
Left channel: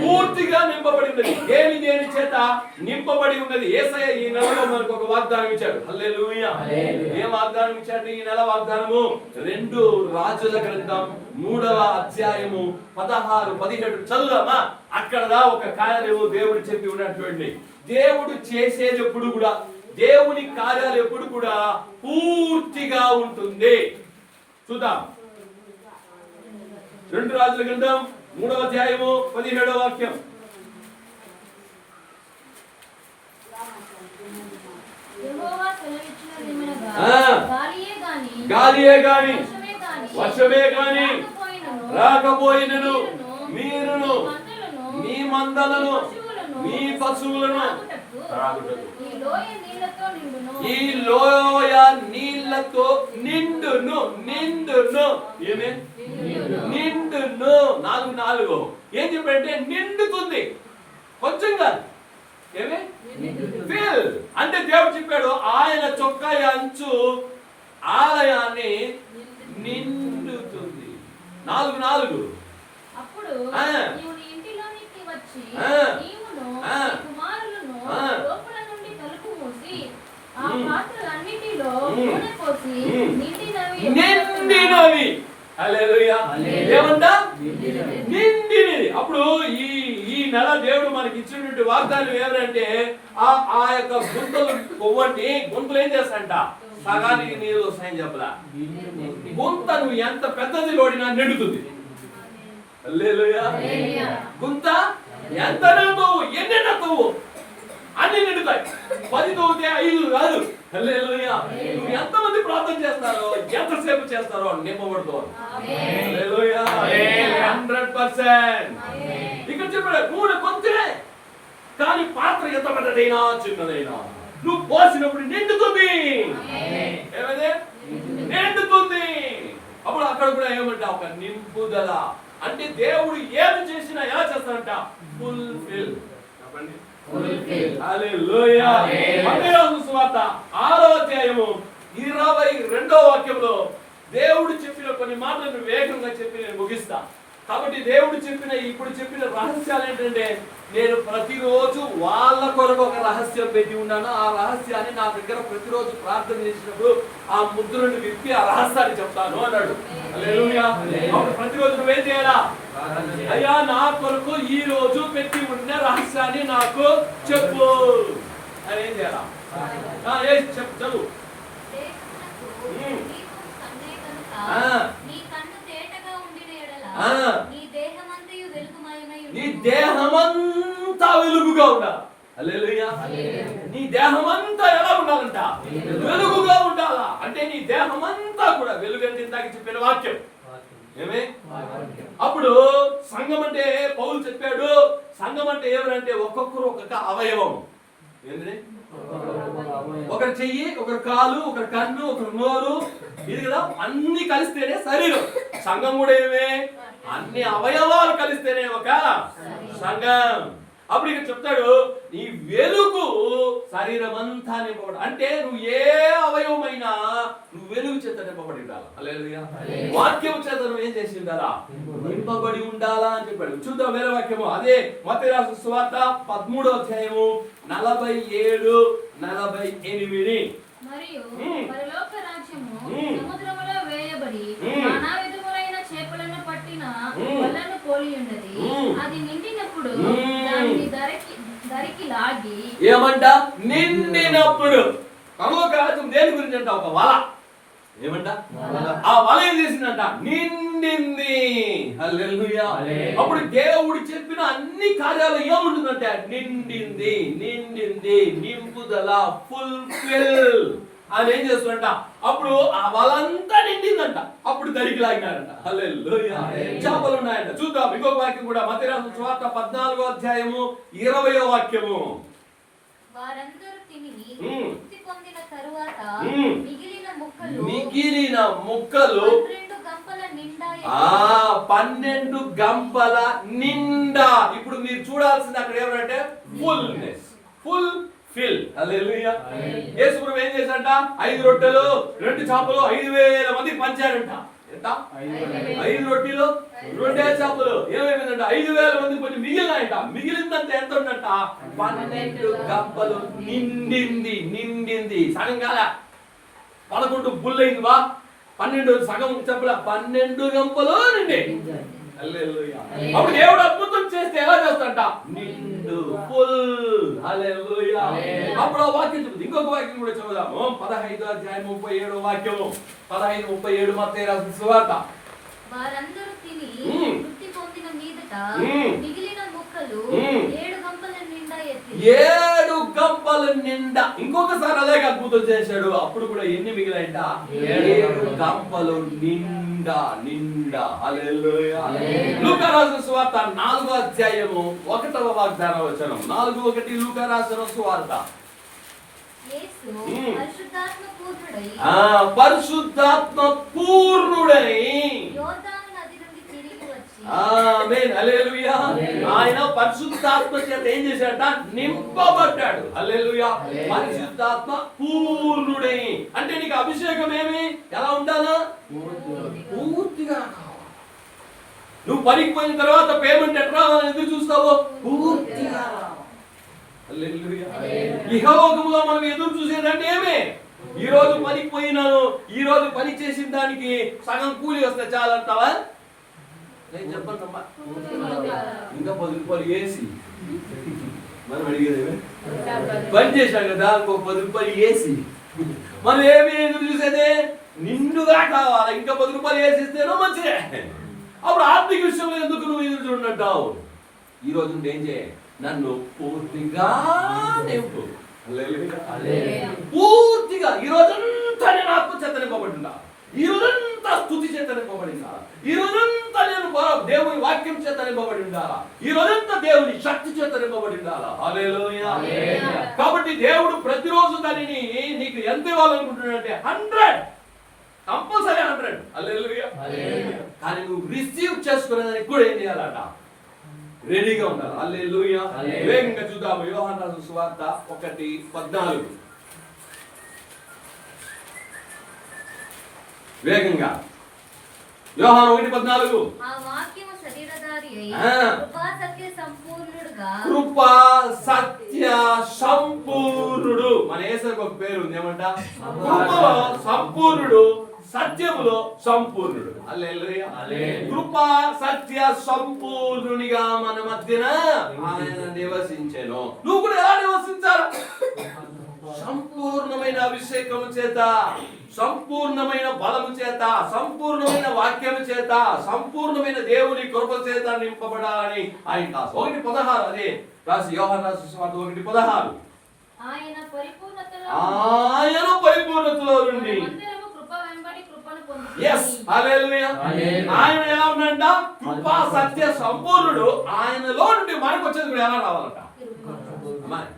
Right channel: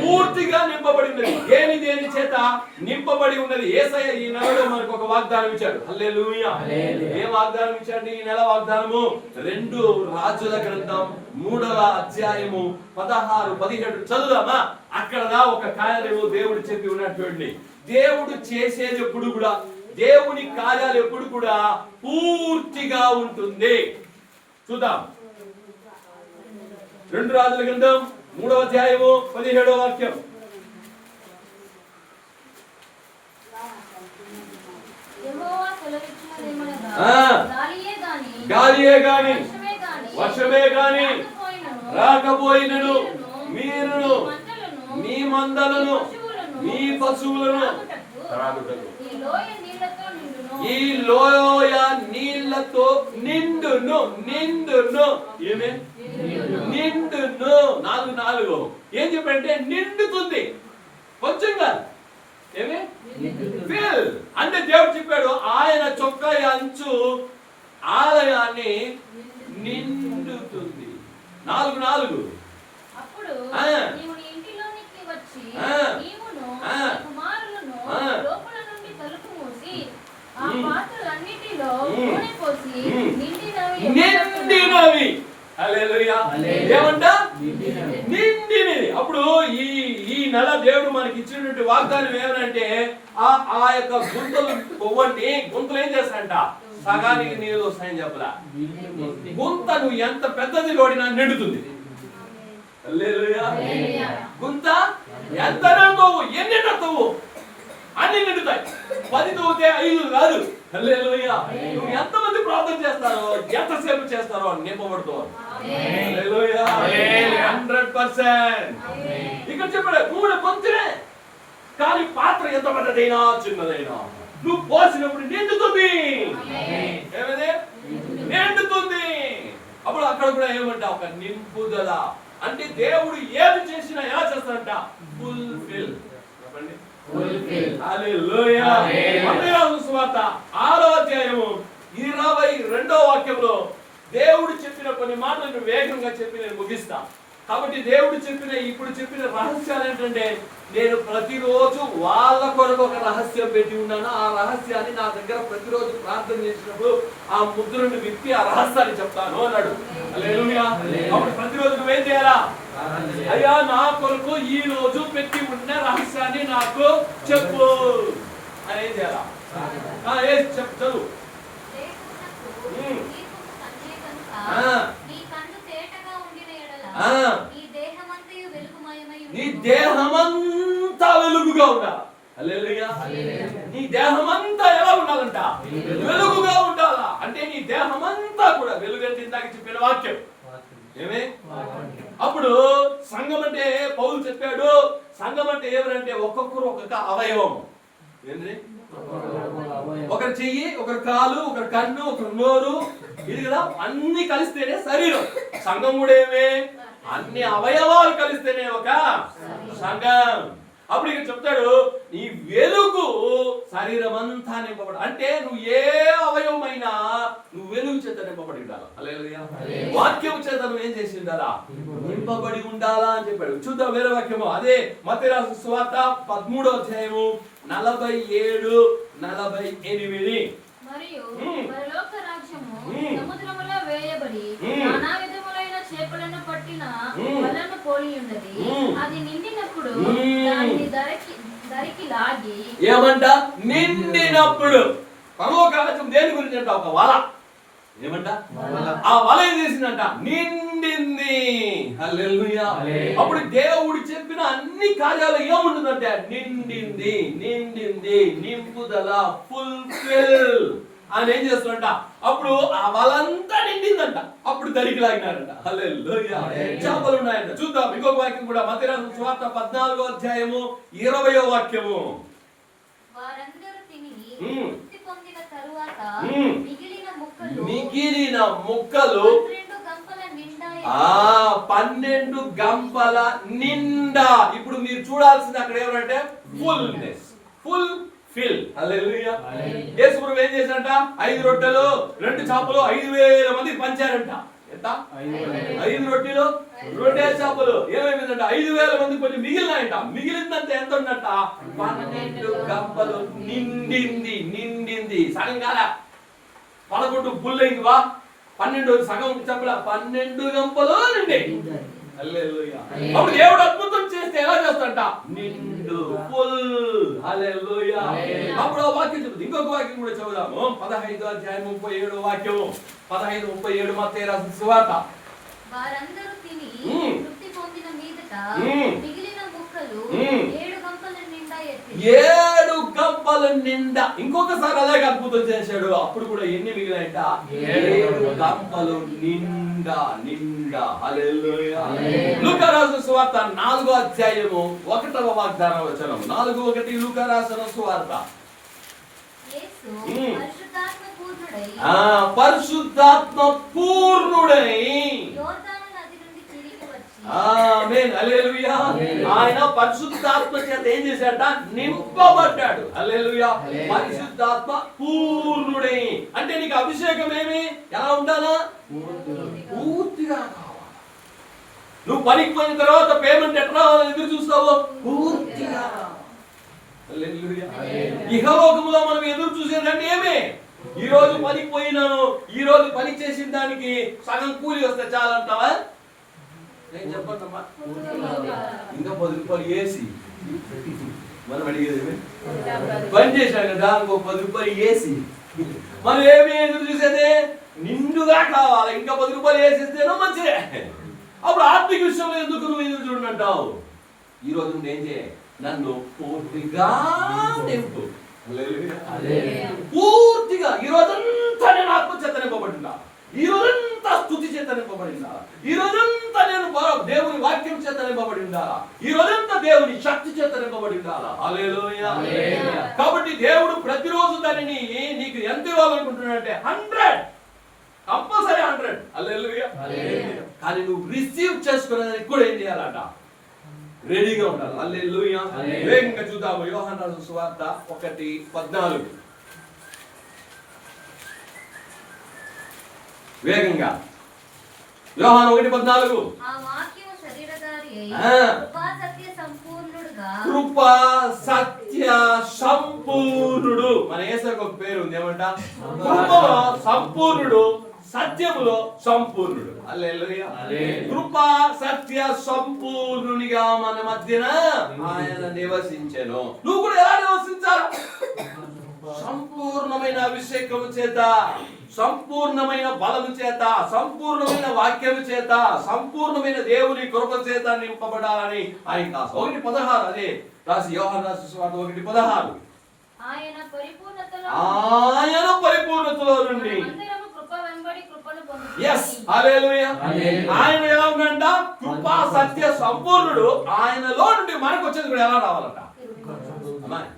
పూర్తిగా నింపబడి ఉన్నది. దేని చేత నింపబడి ఉన్నది? యేసయ్య ఈ నెలలో మనకు ఒక వాగ్దానం ఇచ్చాడు. హల్లెలూయా. ఏం వాగ్దానం ఇచ్చాడు ఈ నెల? వాగ్దానము 2 రాజుల గ్రంథం 3వ అధ్యాయము 16, 17 చదువుదామా? అక్కడదా ఒక కార్యము దేవుడు చెప్పి ఉన్నటువంటి, దేవుడు చేసేది ఎప్పుడు కూడా, దేవుని కార్యాలు ఎప్పుడు కూడా పూర్తిగా ఉంటుంది. చూద్దాం. 2 రాజుల గ్రంథం 3వ అధ్యాయము 17వ వాక్యం. గాలియే గాని వర్షమే గాని రాకపోయినను మీరును మీ మందలను మీ పశువులను త్రాగుటకు ఈ లోయ నీళ్లతో నిండును నిండును ఏమే నిండును 4 ఏం చెప్పంటే నిండుతుంది కొంచెం కాదు ఏమే ఫిల్ అంటే దేవుడు చెప్పాడు ఆయన చొక్కా అంచు ఆలయాన్ని నిండుతుంది 4 అప్పుడు నీవు నీ ఇంటిలోనికి వచ్చి నీవును కుమారులను లోపల నుండి తలుపు మూసి ఆ పాత్రలన్నిటిలో నూనె పోసి నిండినవి హల్లెలూయా ఏమంట నిండినది. అప్పుడు ఈ నెల దేవుడు మనకి ఇచ్చినటువంటి వాగ్దానం ఏమనంటే ఆ యొక్క గుంతలు కొవ్వండి గుంతలు ఏం చేస్తాయంట సగానికి నీళ్ళు వస్తాయని చెప్పలా. గుంత నువ్వు ఎంత పెద్దది లోడినా నిండుతుంది. హల్లెలూయా గుంత ఎంత నిండుతావు ఎన్ని నిండుతావు అన్ని నిండుతాయి. 10 తవ్వితే 5 కాదు. హల్లెలూయా నువ్వు ఎంతమంది ప్రార్థన చేస్తారో ఎంతసేపు చేస్తారో నింపబడుతావు. హల్లెలూయా 100%. ఇక్కడ చెప్పాడు నూనె కొంచెమే కానీ పాత్ర ఎంత పెద్దదైనా చిన్నదైనా నువ్వు పోసినప్పుడు నిండుతుంది. ఏమదే నిండుతుంది. అప్పుడు అక్కడ కూడా ఏమంటా ఒక నింపుదల అంటే దేవుడు ఏమి చేసినా ఎలా చేస్తాడంట ఫుల్ఫిల్. చెప్పండి హల్లెలూయా. మత్తయి సువార్త 6వ అధ్యాయము 22వ వాక్యంలో దేవుడు చెప్పిన కొన్ని మాటలను వేగంగా చెప్పి నేను ముగిస్తా. కాబట్టి దేవుడు ఇప్పుడు చెప్పిన రహస్యాలు ఏంటంటే నేను ప్రతిరోజు వాళ్ళ కొరకు ఒక రహస్యం పెట్టి ఉన్నాను. ఆ రహస్యాన్ని నా దగ్గర ప్రతిరోజు ప్రార్థన చేసినప్పుడు ఆ ముద్రను విప్పి ఆ రహస్యాన్ని చెప్తాను అన్నాడు. హల్లెలూయా. అప్పుడు ప్రతిరోజు నువ్వేం చేయాలా? అయ్యా నా కొరకు ఈ రోజు పెట్టి ఉన్న రహస్యాన్ని నాకు చెప్పు అని ఏం చేయాలా? చెప్పు చదువు. నీ దేహమంతా వెలుగుగా ఉండాలి. హల్లెలూయా. నీ దేహమంతా ఎలా ఉండాలంట? వెలుగుగా ఉండాలా. అంటే నీ దేహమంతా కూడా వెలుగంటే ఇందాక చెప్పిన వాక్యం ఏమే. అప్పుడు సంఘం అంటే పౌలు చెప్పాడు సంఘం అంటే ఎవరంటే ఒక్కొక్కరు ఒక్కొక్క అవయవం. ఏంటి? ఒకరి చెయ్యి, ఒకరి కాలు, ఒకరి కన్ను, ఒకరి నోరు, ఇది కదా అన్ని కలిస్తేనే శరీరం. సంఘం కూడా ఏమే అన్ని అవయవాలు కలిస్తేనే ఒక సంఘం. అప్పుడు ఇక చెప్తాడు నీ వెలుగు శరీరం అంతా నింపబడి అంటే నువ్వు ఏ అవయవమైనా నువ్వు వెలుగు చేత నింపబడి ఉండాలా. హల్లెలూయా. వాక్యం చేత నువ్వు ఏం చేసి ఉండాలా? నింపబడి ఉండాలా అని చెప్పాడు. చూద్దాం వేరే వాక్యము. అదే మత్తయి రాసిన సువార్త 13వ అధ్యాయము 47, 48. మరియు పరలోక రాజ్యము సముద్రములో వేయబడి నానా విధములైన చేపలను పట్టిన వలను పోలి ఉన్నది. అది నిండినప్పుడు దానిని దరికి లాగి ఏమంట? నిండినప్పుడు. పరలోక రాజ్యం దేని గురించి అంట? ఒక వల. ఏమంట? ఆ వల ఏం చేసిందంట? నిండింది. హల్లెలూయా. అప్పుడు దేవుడు చెప్పిన అన్ని కార్యాలు ఏముంటుందంటే నిండింది నిండింది నింపుదల ఫుల్ఫిల్ అని ఏం చేస్తుందంట. అప్పుడు ఆ వలంతా నిండిందంట. అప్పుడు దరికి లాగినారంట. హల్లెలూయా. చేపలు ఉన్నాయంట. చూద్దాం ఇంకొక వాక్యం కూడా మత్తయి రాసిన సువార్త 14వ అధ్యాయము 20వ వాక్యము. వారందరూ తిని తృప్తి పొందిన తరువాత మిగిలిన ముక్కలు 12 గంపల నిండా. ఇప్పుడు మీరు చూడాల్సింది అక్కడ ఏమంటే ఫుల్నెస్ ఫుల్ ఫిల్. హల్లెలూయా. యేసు ప్రభువు ఏం చేశారంట? 5 రొట్టెలు 2 చేపలు 5,000 మందికి పంచారంట. ఎంత? 5 రొట్టెలు 2 చేపలు ఏమైందంట? 5,000 మందికి కొంచెం మిగిలినాయంట. మిగిలిందంటే ఎంత ఉందంట? 12 గంపలు నిండింది నిండింది. సగం కాల 11 బుల్లైంది వా 12 సగం చెప్పల 12 గంపలు నిండి. హల్లెలూయా. అప్పుడు దేవుడు అద్భుతం చేస్తే ఎలా చేస్తాడంట? నిండు ఫుల్. హల్లెలూయా. అప్పుడు ఆ వాక్యం చెప్తుంది. ఇంకొక వాక్యం కూడా చదువుదాము. 15వ అధ్యాయం 37వ వాక్యము. 15:37 మత్తయి రాసిన సువార్త. వారందరూ తిని తృప్తి పొందిన మీదట మిగిలిన ముక్కలు 7 గంపల నిండా ఎత్తి 7 గంపల నిండా. ఇంకొకసారి అలాగే అద్భుతం చేశాడు. అప్పుడు కూడా ఎన్ని మిగిలాయంట? 7 గంపలు నిండా నిండా. హల్లెలూయా. లూకా రాసిన సువార్త 4వ అధ్యాయము 1వ వాగ్దాన వచనం. 4:1 లూకా రాసిన సువార్త. యేసు పరిశుద్ధాత్మ పూర్ణుడై పరిశుద్ధాత్మ పూర్ణుడై యోర్దాను నది నుండి తిరిగి వచ్చి ఆమేన్. హల్లెలూయా. ఆయన పరిశుద్ధాత్మ చేత ఏం చేశాడట? నింపబడ్డాడు. హల్లెలూయా. పరిశుద్ధాత్మ పూర్ణుడై అంటే నీకు అభిషేకం ఏమి ఎలా ఉండాలా? పూర్తిగా కావాలి. నువ్వు పనికి పోయిన తర్వాత పేమెంట్ ఎట్లా రావాలని ఎదురు చూస్తావు? పూర్తిగా. హల్లెలూయా. ఇహలోకములో మనం ఎదురు చూసేదంటే ఏమే? ఈ రోజు పనికి పోయినాను, ఈ రోజు పని చేసిన దానికి సగం కూలి వస్తే చాలంటావా? నేను చెప్పండమ్మా, ఇంకా 10 రూపాయలు వేసి మనం అడిగేది పని చేశాం కదా, ఇంకో 10 రూపాయలు వేసి మనం ఏమి ఎదురు చూసేది? నిండుగా కావాలి. ఇంకా 10 రూపాయలు వేసిస్తేనో మంచిదే. అప్పుడు ఆర్థిక విషయంలో ఎందుకు నువ్వు ఎదురు చూడంటావు? ఈ రోజు ఏం చేయ? నన్ను పూర్తిగా నింపు. పూర్తిగా ఈ రోజంతా నేను ఆత్మ చేత నింపబడిందా? ఈ రోజంతా స్తుతి చేత నింపబడిందా? ఈ రోజంతా నేను దేవుని వాక్యం చేత నింపబడిందా? ఈ రోజంతా దేవుని శక్తి చేత నింపబడిందా? హల్లెలూయా. కాబట్టి దేవుడు ప్రతిరోజు దానిని నీకు ఎంత ఇవ్వాలనుకుంటున్నాడంటే 100, కంపల్సరీ 100. హల్లెలూయా. కానీ నువ్వు రిసీవ్ చేసుకునేదానికి కూడా ఏం చేయాలంట? రెడీగా ఉండాలి. హల్లెలూయా. వేగంగా చూద్దాము. యోహాను రాసిన సువార్త 1:14. వేగంగా. యోహాను 1:14. ఆ వాక్యము శరీరధారి అయి కృపా సత్య సంపూర్ణుడుగా. కృపా సత్య సంపూర్ణుడు. మన యేసుకు ఒక పేరు ఉంది, ఏమంట? కృపలో సంపూర్ణుడు, సత్యములో సంపూర్ణుడు. హల్లెలూయా. కృపా సత్య సంపూర్ణునిగా మన మధ్యన ఆయన నివసించెను. నువ్వు కూడా ఎలా నివసించాలి? సంపూర్ణమైన అభిషేకము చేత, సంపూర్ణమైన బలము చేత, సంపూర్ణమైన వాక్యము చేత, సంపూర్ణమైన దేవుని కృప చేత నింపబడాలని ఆయన కాదు. 1:16 అదే రాసి యోహాను రాసిన సువార్త 1:16. ఆయన పరిపూర్ణతలో నుండి. Yes, hallelujah. ఆయన ఎలా ఉన్నాడంట? కృపా సత్య సంపూర్ణుడు. ఆయనలో నుండి మనకు వచ్చేది కూడా ఎలా రావాలంట?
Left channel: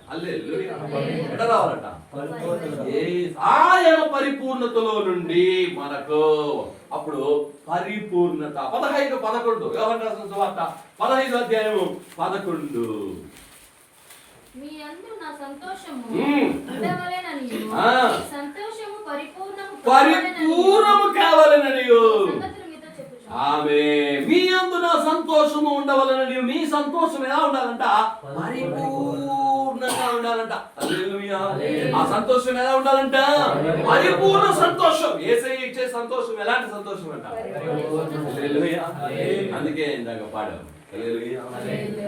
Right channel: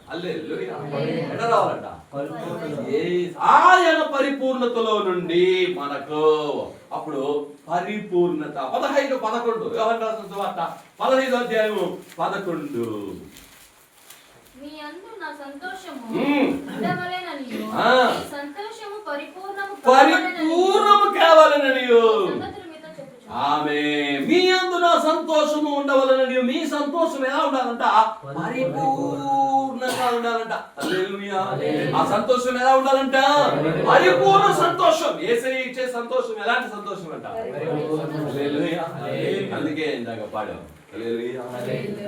హల్లెలూయా. ఎలా రావాలంట? ఆయన పరిపూర్ణతలో నుండి మనకు అప్పుడు పరిపూర్ణత. 15:11 యోహాను రాసిన సువార్త 15వ అధ్యాయము 11. మీ యందు నా సంతోషము ఉండవలెననియు ఈ సంతోషము పరిపూర్ణము కావాలననియు. ఆమేన్. మీ యందు నా సంతోషము ఉండవలననియు. మీ సంతోషం ఎలా ఉండాలంట? పరిపూర్ణంగా ఉండాలంట. హల్లెలూయా. ఆ సంతోషం ఎలా ఉండాలంట? పరిపూర్ణ సంతోషం. యేసయ్య ఇచ్చే సంతోషం ఎలాంటి సంతోషం అంట? హల్లెలూయా. అందుకే ఇందాక పాడాం. హల్లెలూయా.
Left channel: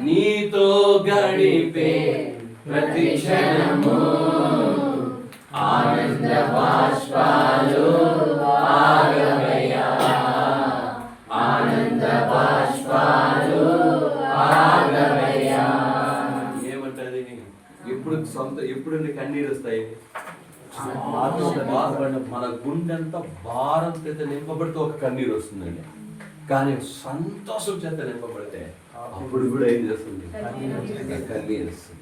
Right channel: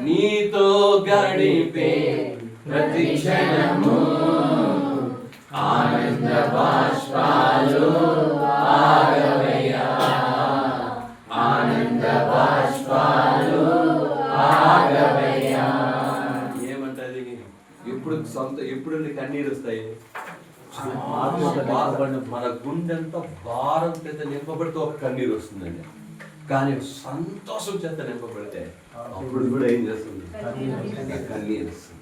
నీతో గడిపే ప్రతి క్షణము ఆనంద బాష్పాలు ఆగవయ్యా, ఆనంద బాష్పాలు ఆగవయ్యా. ఏమంటది? ఎప్పుడు కన్నీరు వస్తాయి? మన గుండెంతా భారం చేత నింపబడితే ఒక కన్నీరు వస్తుందండి. కానీ సంతోషం చేత నింపబడితే అప్పుడు కూడా ఏం చేస్తుంది? కన్నీరు వస్తుంది.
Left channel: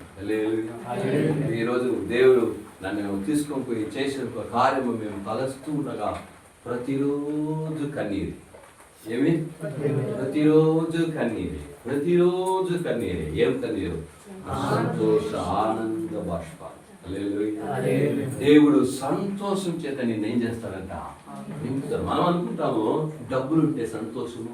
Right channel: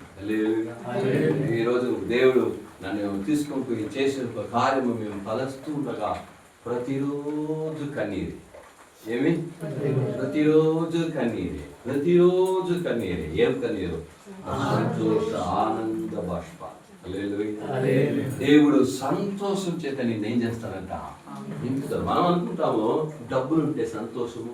ఈరోజు దేవుడు నన్ను తీసుకొని పోయి చేసిన కార్యము మేము తలస్తూ ఉండగా ప్రతిరోజు కన్నీరు. ఏమి? ప్రతిరోజు కన్నీరే, ప్రతిరోజు కన్నీరే. ఏం కన్నీరు? సంతోష ఆనంద బాష్ప. దేవుడు సంతోషం చేత నిన్ను ఏం చేస్తాడంట? నింపుతాడు. మనం అనుకుంటాము డబ్బులు ఉంటే సంతోషము,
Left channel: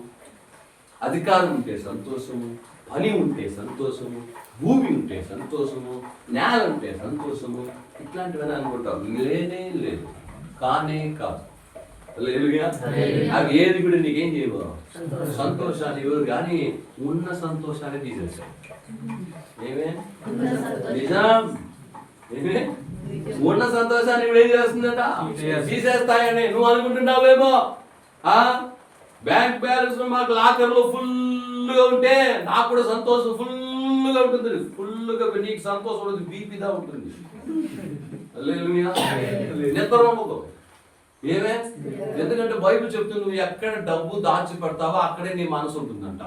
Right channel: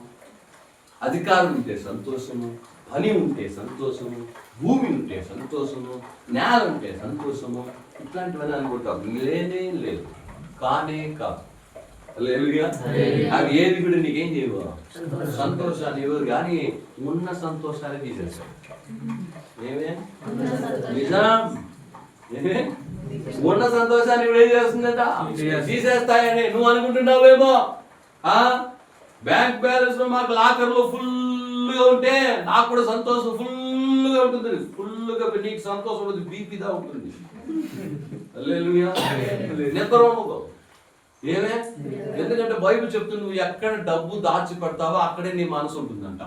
అధికారం ఉంటే సంతోషము, పని ఉంటే సంతోషము, భూమి ఉంటే సంతోషము, నేల ఉంటే సంతోషము, ఇట్లాంటివన్నీ అనుకుంటాం. లేనే లేదు, కానే కాదు. అవి ఏది కూడా నీకేం చేయవు, సంతోషాన్ని ఇవ్వరు. కానీ ఉన్న సంతోషాన్ని తీసేస్తాడు. ఏమే నిజం? ఏమే ఉన్న సంతోషాన్ని ఇప్పుడు ఏం చేస్తుందట? తీసేస్తాయని నువ్వు అనుకుంటున్నావేమో. బ్యాంక్ బ్యాలెన్స్ లో మాకు లాకర్లో ఫుల్ గా ఉంటే నాకు కూడా సంతోషం ఫుల్ ఫుల్గా ఉంటుంది, ఫుల్గా నీకు సంతోషం ఉంటుంది, బీపీదా ఉంటుంది. హల్లెలూయా. నిద్ర ఉండదు. ఏమే? ఎందుకంటే బైబిల్ చెప్తుంది, నువ్వు ఎక్కడ డబ్బు దాచి పెడతావో అక్కడే నీ మనసు ఉంటుందంట.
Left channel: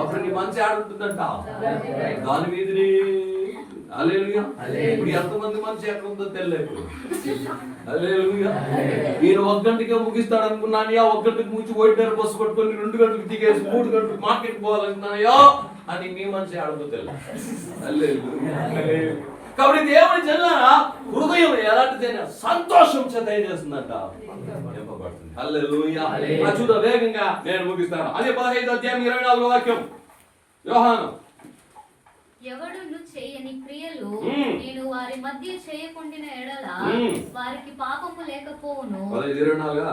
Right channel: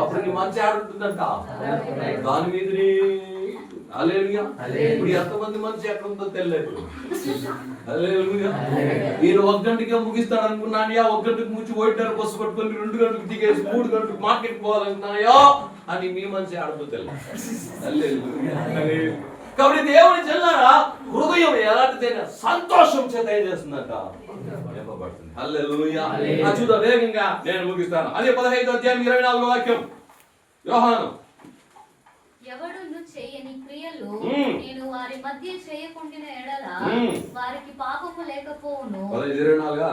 అప్పుడు నీ మనసు ఆడ ఉంటుందంట, దాని మీద. హల్లెలూయా. ఇప్పుడు ఎంతమంది మనసు ఎక్కడ ఉందో తెలియదు. హల్లెలూయా. నేను 1 గంటకే ముగిస్తాను అనుకున్నానయా, 1 గంటకు ముచ్చి 1:30 బస్సు పట్టుకొని 2 గంటలకు దిగేసి 3 గంటలకు మార్కెట్ పోవాలనుకున్నాయో అని మీ మనసు ఆడదో తెలియదు. హల్లెలూయా. కాబట్టి దేవుని చెల్లారా, హృదయం ఎలాంటిదైనా సంతోషం చేత ఏం చేస్తుందంట, నింపబడుతుంది. హల్లెలూయా. చూద్దాం వేగంగా, నేను ముగిస్తాను. అదే 15వ అధ్యాయం 24వ వాక్యం. యోహాను, ఎవడును చేయని క్రియలు నేను వారి మధ్య చేయకుండిన ఎడల వారికి పాపము లేకపోవును. 24.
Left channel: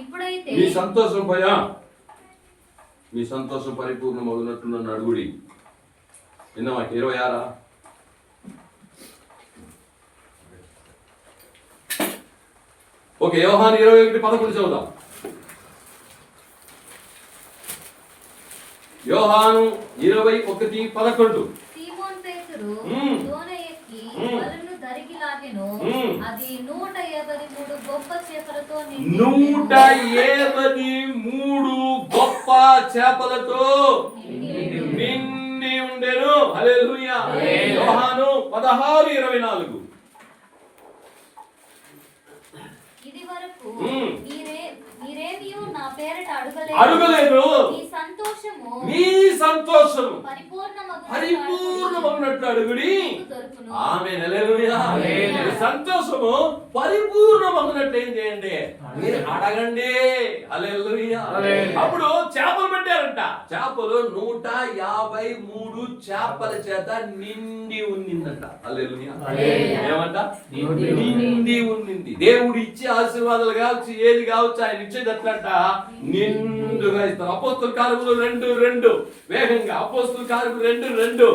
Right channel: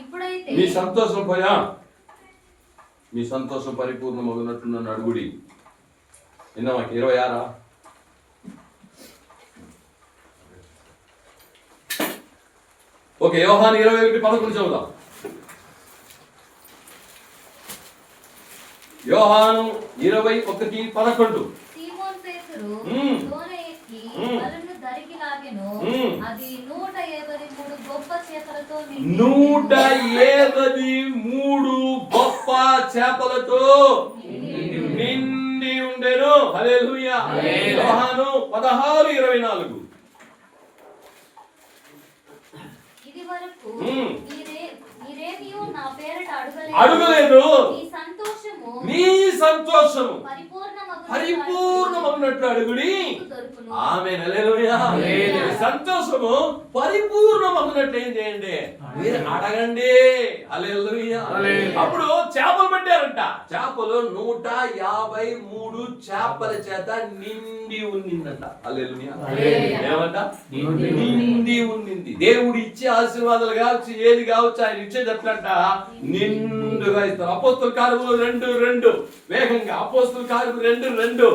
ఇప్పుడైతే మీ సంతోషం పరిపూర్ణమగునట్లు నన్ను అడుగుడి. విన్నామా? 26. ఓకే, యోహాను 21:11 చదువుదాం. యోహాను 21:11. సీమోన్ పేతురు దోణ ఎక్కి వలను దరికి లాగెను. అది 183 గొప్ప చేపలతో 183 గొప్ప చేపలతో నిండి ఉండెను. హల్లెలూయా. యోహాను 16:24. ఇది వరకు మీరేమియో నా పేరట అడగలేదు. మీ సంతోషము పరిపూర్ణమగునట్లు అడుగుడి. ఆమేన్. హల్లెలూయా. సంతోషము పరిపూర్ణమగునట్లు ఏం చేయండి? మీరు అడగండి. హల్లెలూయా. అప్పుడు చేపలు పెట్టారంట. చేపలు 153 చేపల చేత నిండి ఉన్నిందంట. హల్లెలూయా. ఏమంట? నిండి ఉన్నింది. దేవుడు ఇచ్చే ఆశీర్వాదాలు కావచ్చు, ఏది కావచ్చు, ఆయన ఇచ్చేది ఎట్లంట, నిండుగా ఇస్తారు. అపోస్తుల కార్యములు 2:2 వేగంగా. అపోస్తుల కార్యములు 2:2.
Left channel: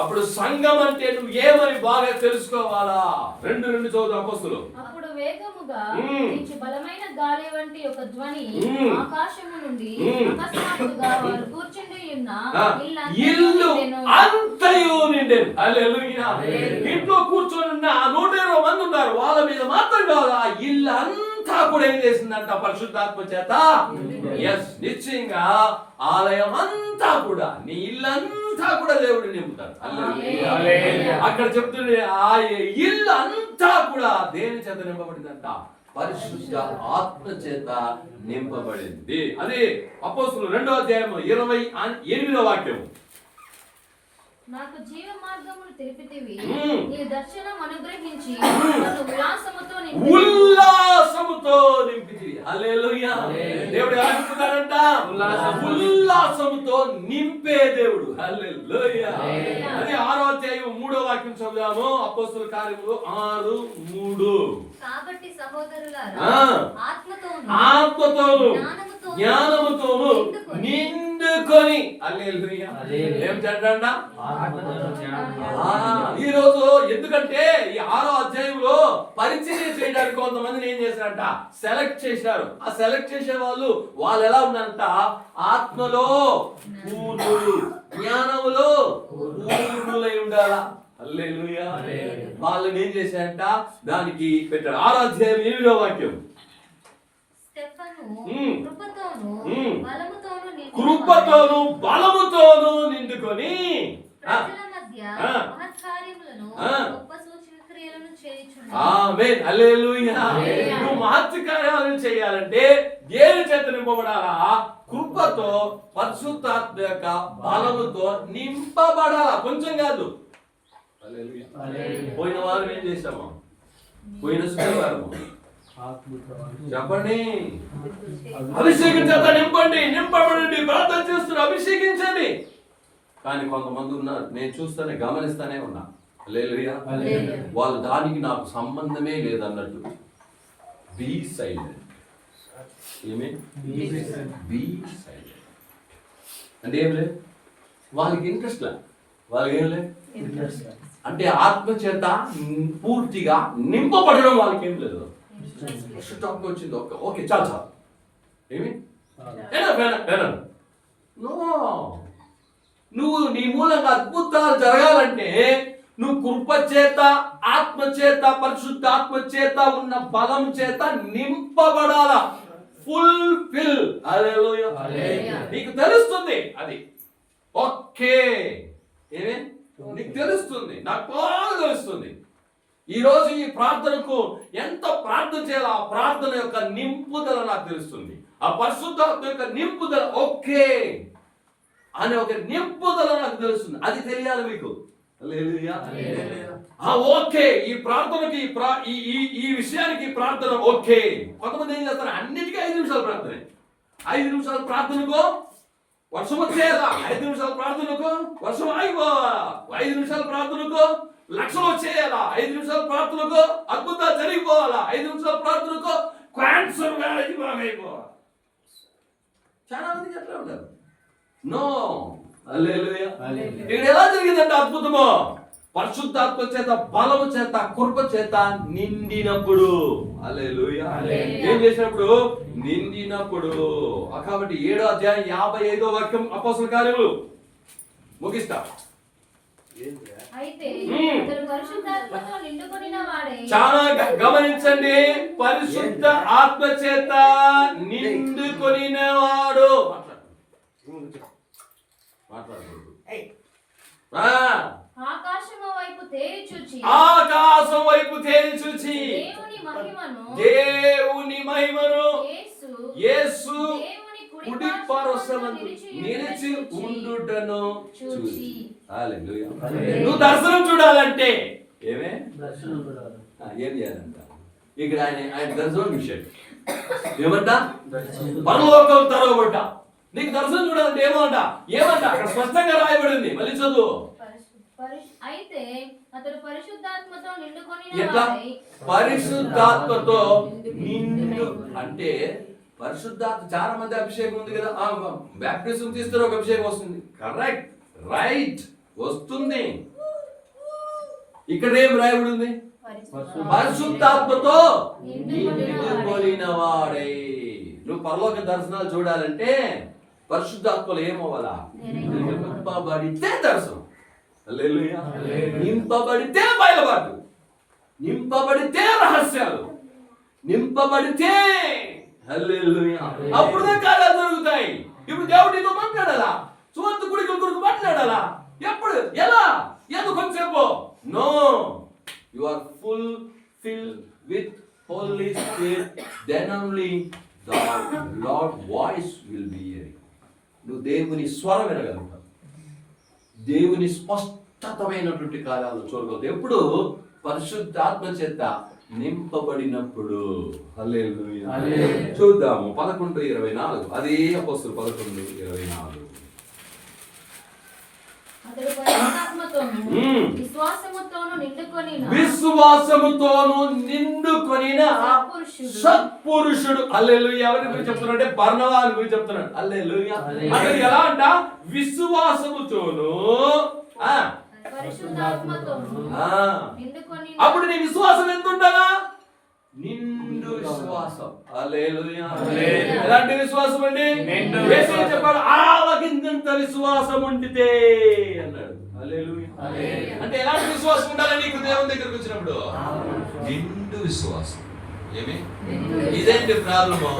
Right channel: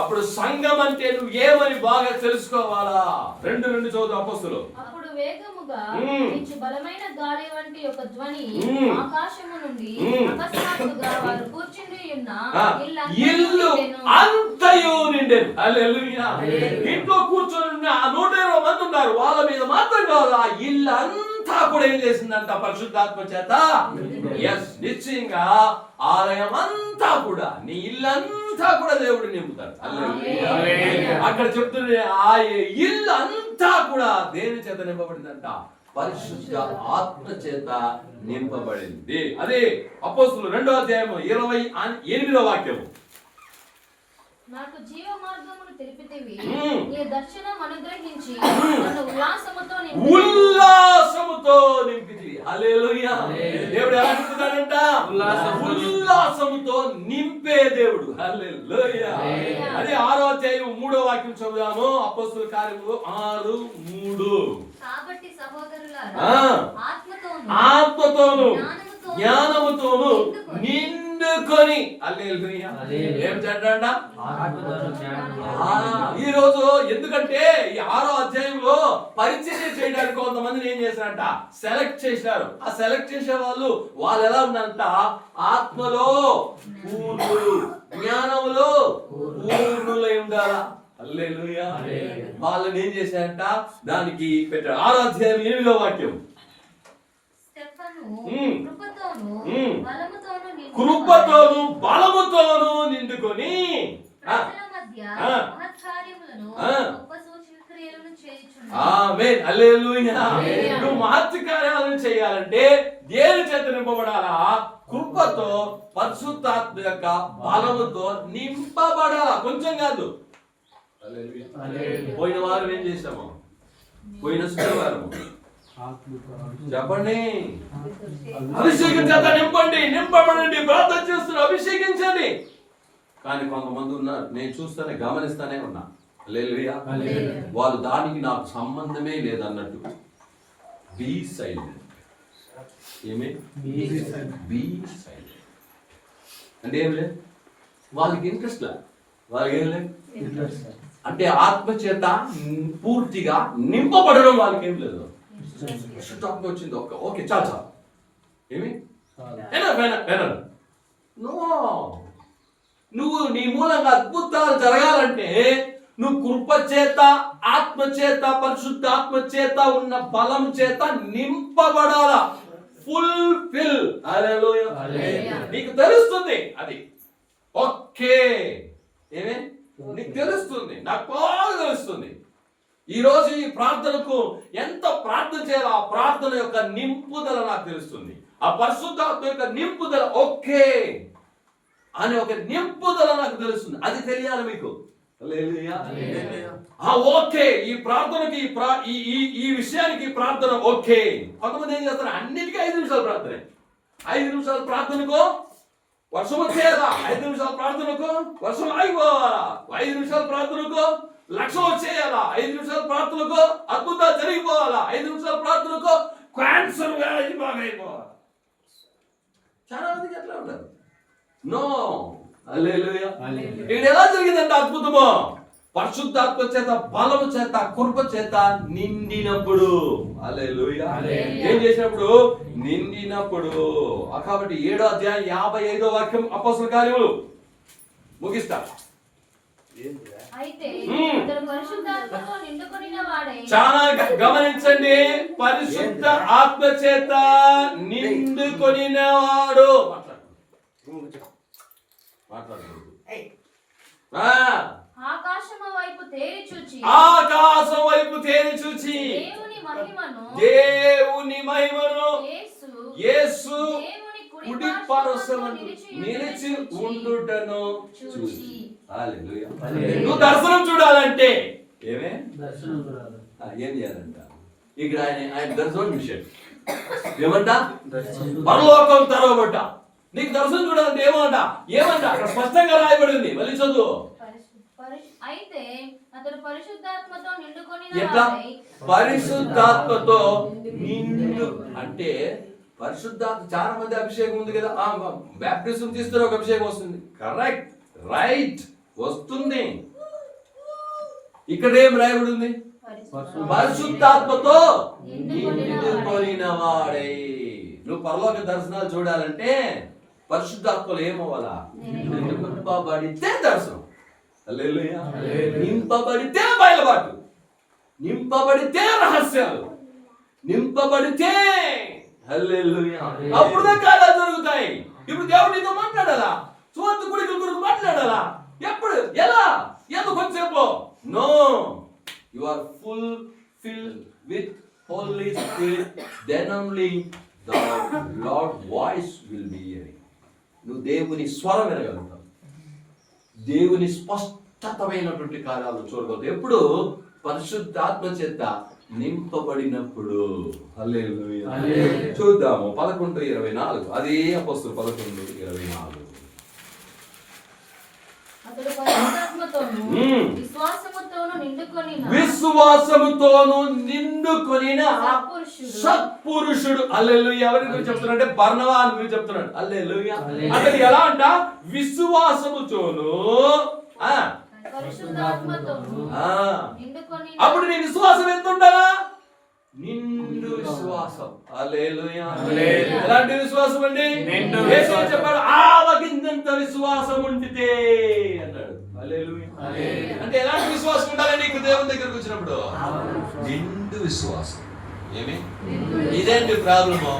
అప్పుడు సంఘం అంటే నువ్వు ఏమని బాగా తెలుసుకోవాలా? 2:2 చదువు అపోస్తులు. అప్పుడు వేగముగా వీచు బలమైన గాలి వంటి ఒక ధ్వని ఆకాశము నుండి అకస్మాత్తుగా వారు కూర్చుని ఉన్న ఇల్లు అంతయు నిండెను. హల్లెలూయా. ఇంట్లో కూర్చొని ఉన్న 120 మంది ఉన్నారు. వాళ్ళ మీద మాత్రం కాదు, ఆ ఇల్లు అంతా కూడా ఏం చేసిందంట? పరిశుద్ధాత్మ చేత. ఎస్, నిశ్చయంగా ఆలయం అంతా కూడా, నీ ఇల్లంతా కూడా దేవుడు నింపుతాడు. హల్లెలూయా. అక్కడ చెప్తుంది, ఆ ఇల్లు అంతా కూడా దేని చేత నింపబడిందంట? పరిశుద్ధ ఆత్మ చేత నింపబడింది. అదే అపోస్తులు 2వ అధ్యాయం 28వ వాక్యం. నాకు జీవ మార్గమును తెలిపితివి, నీ దర్శనం అనుగ్రహించి నన్ను ఉల్లాసముతో నింపితివి. హల్లెలూయా. దేవుడు ఎలా నింపుతాడంట? ఉల్లాసముతో నింపే దేవుడు. హల్లెలూయా. అదే 6వ అధ్యాయం 3వ వాక్యం చదువుదాము. అపోస్తుల కార్యములు 6:3. కాబట్టి సహోదరులారా, ఆత్మతోను జ్ఞానముతోను నిండుకొని. హల్లెలూయా. ఏం చేద్దాంట? ఈ రోజు ఎందుకంటే ఈ 6వ అధ్యాయంలో పరిచర్య చేయడానికి కొంతమందిని ఏం చేశారంట? సెలెక్ట్ చేశారు. ఆ సెలెక్ట్ చేసే వాళ్ళు ఎలా ఉన్నారంట? ఆత్మలో పూర్ణులు, జ్ఞానములో పూర్ణులై ఉండాలా. హల్లెలూయా. వాళ్ళని ఏం చేశారంట? దానికి పెట్టారు. 6వ అధ్యాయం 8వ వాక్యం. కృపతోను బలముతోను నిండుకొని ఆమేన్. హల్లెలూయా. నువ్వు మహత్కార్యాలను కార్యాలను చేయాలంటే దేని చేత నింపబడాలా? కృపతో, పరిశుద్ధాత్మ యొక్క బలముతో నింపబడాలా. కొంచెం కాదు. హల్లెలూయా. పోయిన వారం ఏం చేశాము? పోయిన శుక్రవారం చెప్పండి, అభిషేకం చేత నింపండి, నింపబడండి, ప్రార్థన చేస్తున్నారు, అభిషేకించండి. కానీ కొంతమంది ఉన్నారు, నేను చూస్తానే గమనిస్తానే ఉన్నా, హల్లెలూయా, వాళ్ళు దానికి నాకు సంబంధమే లేదన్నట్టు. Be silent. ఏమే? బీ సైలెంట్ అంటే ఏం లేదు, వాళ్ళకి ఇంట్రెస్ట్ లే, వాళ్ళకి ఏం లేదు అంటే ఆత్మ చేత పూర్తిగా నింపబడడం వాళ్ళకి ఏం లేదు. వచ్చింది ఓకే చాలు చాలు, ఏమి నో, నువ్వు నీ మూలంగా అద్భుతాలు జరగాలంటే నువ్వు కృప చేత, ఆత్మ చేత, పరిశుద్ధ ఆత్మ చేత ఉన్న బలం చేత నింపబడాలా. ఫుల్ఫిల్. నీకు తెలుస్తుంది అది. ఓకే, ఏమే నీకు తెలుస్తుంది, నాకు బాగా తెలుస్తుంది. ఈ రోజు ఈ ప్రార్థనకు ఎంత ప్రార్థన చేయాలో ఆ ప్రార్థన యొక్క నింపుదల నాకు తెలుస్తుంది. ఆ పరిశుద్ధాత్మ యొక్క నింపుదల ఓకే అనే ఒక నింపుదల నాకు తెలుస్తుంది. అది తెలియాలి మీకు. ఓకే, ఈ ప్రార్థనకి ఈ విషయానికి ప్రార్థన ఓకే. కొంతమంది ఏం చేస్తారు, అన్నిటికీ 5 నిమిషాలు ప్రార్థన. 5 నిమిషాల ప్రార్థనకు వర్షం వచ్చేదా, 5 నిమిషాల ప్రార్థనకు వర్షం ఆగిపోవాలా, 5 నిమిషాల ప్రార్థనకు లక్షలు వచ్చేయాలా, 5 నిమిషాల ప్రార్థనకు అద్భుతాలు జరిగిపోవాలా, 5 నిమిషాల ప్రార్థనకు క్యాన్సర్ వ్యాధి బాగైపోవాలి. చాలా మందికి ఎట్లా ఉంటారు. నో, హల్లెలూయా. ఇక్కడ ఎలా జరిగిందంటే అద్భుతము, పరిశుద్ధాత్మ చేత, బలము చేత, కృప చేత నిండినప్పుడు. హల్లెలూయా. ఏం చేసినప్పుడు? నిండినప్పుడు. కాబట్టి 7వ అధ్యాయం 55వ వాక్యం అపోస్తలుల కార్యములు ముగిస్తా. అయితే అతడు పరిశుద్ధాత్మతో నిండుకొనిన వాడై. చాలా గమనించండి, పరిశుద్ధ ఆత్మ చేత నిండుకొనిన వాడు. ఆకాశము వైపు తేరి చూచి, ఆకాశం వైపు తేరి చూచి దేవుని మహిమను యేసు కుడి పార్శ్వమందు నిలిచి ఉండుటను చూసి. హల్లెలూయా. నువ్వు దర్శనం చూడాలంటే ఏమే ఏం చేయాలంట? ఇక్కడ ఆయన దర్శనం చూశాడు. ఏమంట? పరలోకం తెరవబడ్డ. నీకు దర్శనం చూడాలంటే ఏమంట? అక్కడ స్పష్టంగా రాయబడింది. మళ్ళీ చదువు. అయితే అతడు పరిశుద్ధాత్మతో నిండుకొనిన ఎట్లా? పరిశుద్ధాత్మతో నిండు అంటే పరిశుద్ధాత్మ. చాలా మంది అభిషేకం ఉంది కదా, బాప్టిజం తీస్తారు, ఒక అభిషేకం వస్తుంది. కరెక్ట్, రైట్, వస్తుంది. ఇక్కడ ఏం రాయబడి ఉంది? పరిశుద్ధాత్మతో నిండుకొనిన వాడై. నువ్వు పరలోక దర్శనాలు చూడాలంటే పరిశుద్ధాత్మలో ఏమవ్వాలా? నింపబడితే దర్శనం. హల్లెలూయా. నింపబడితే బయలుబాటు, నింపబడితే రహస్యాలు, నింపబడితే హల్లెలూయా అప్పుడే కార్యాలు జరుగుతాయి. ఇప్పుడు దేవుడు నీతో మాట్లాడాలా? సువార్త గుడికి గురికి మాట్లాడాలా? ఎప్పుడు? ఎలా? ఎందుకు కొంచెంసేపు? No, you are full fill with holy spirit, then only the lord voice will be hearing. నువ్వు దేవుని స్వరం వినగలుగుతావు, దేవుని స్పష్టతమైనటువంటి కార్యాలు చూడగలుగుతావు. ఎప్పుడు? పరిశుద్ధాత్మ చేత నింపబడినప్పుడు. హల్లెలూయా. చూద్దాము 11:24. అది అపోస్తలులు 11:24. అతడు పరిశుద్ధాత్మతోను విశ్వాసముతోను నిండుకొనిన సత్పురుషుడు. హల్లెలూయా. ఎవరి గురించి చెప్తున్నాడు అంటే బర్నబా గురించి చెప్తున్నాడు. హల్లెలూయా. అతడు ఎలా అంట? విశ్వాసముతోను అప్పుడు నీ విశ్వాసం ఎంత ఉండాలా? నిండు విశ్వాసం. హల్లెలూయా. ఎలాంటి విశ్వాసం అండి? యేసు చెప్పాడు, ఆవగింజంత విశ్వాసం ఉండితే అన్నాడు. హల్లెలూయా. అంటే ఎలాంటి విశ్వాసం ఉండాలి నీకు దేవుని దగ్గరికి వచ్చినప్పుడు? నిండు విశ్వాసం. ఏమి? ఇదేంటి ప్రాబ్లము?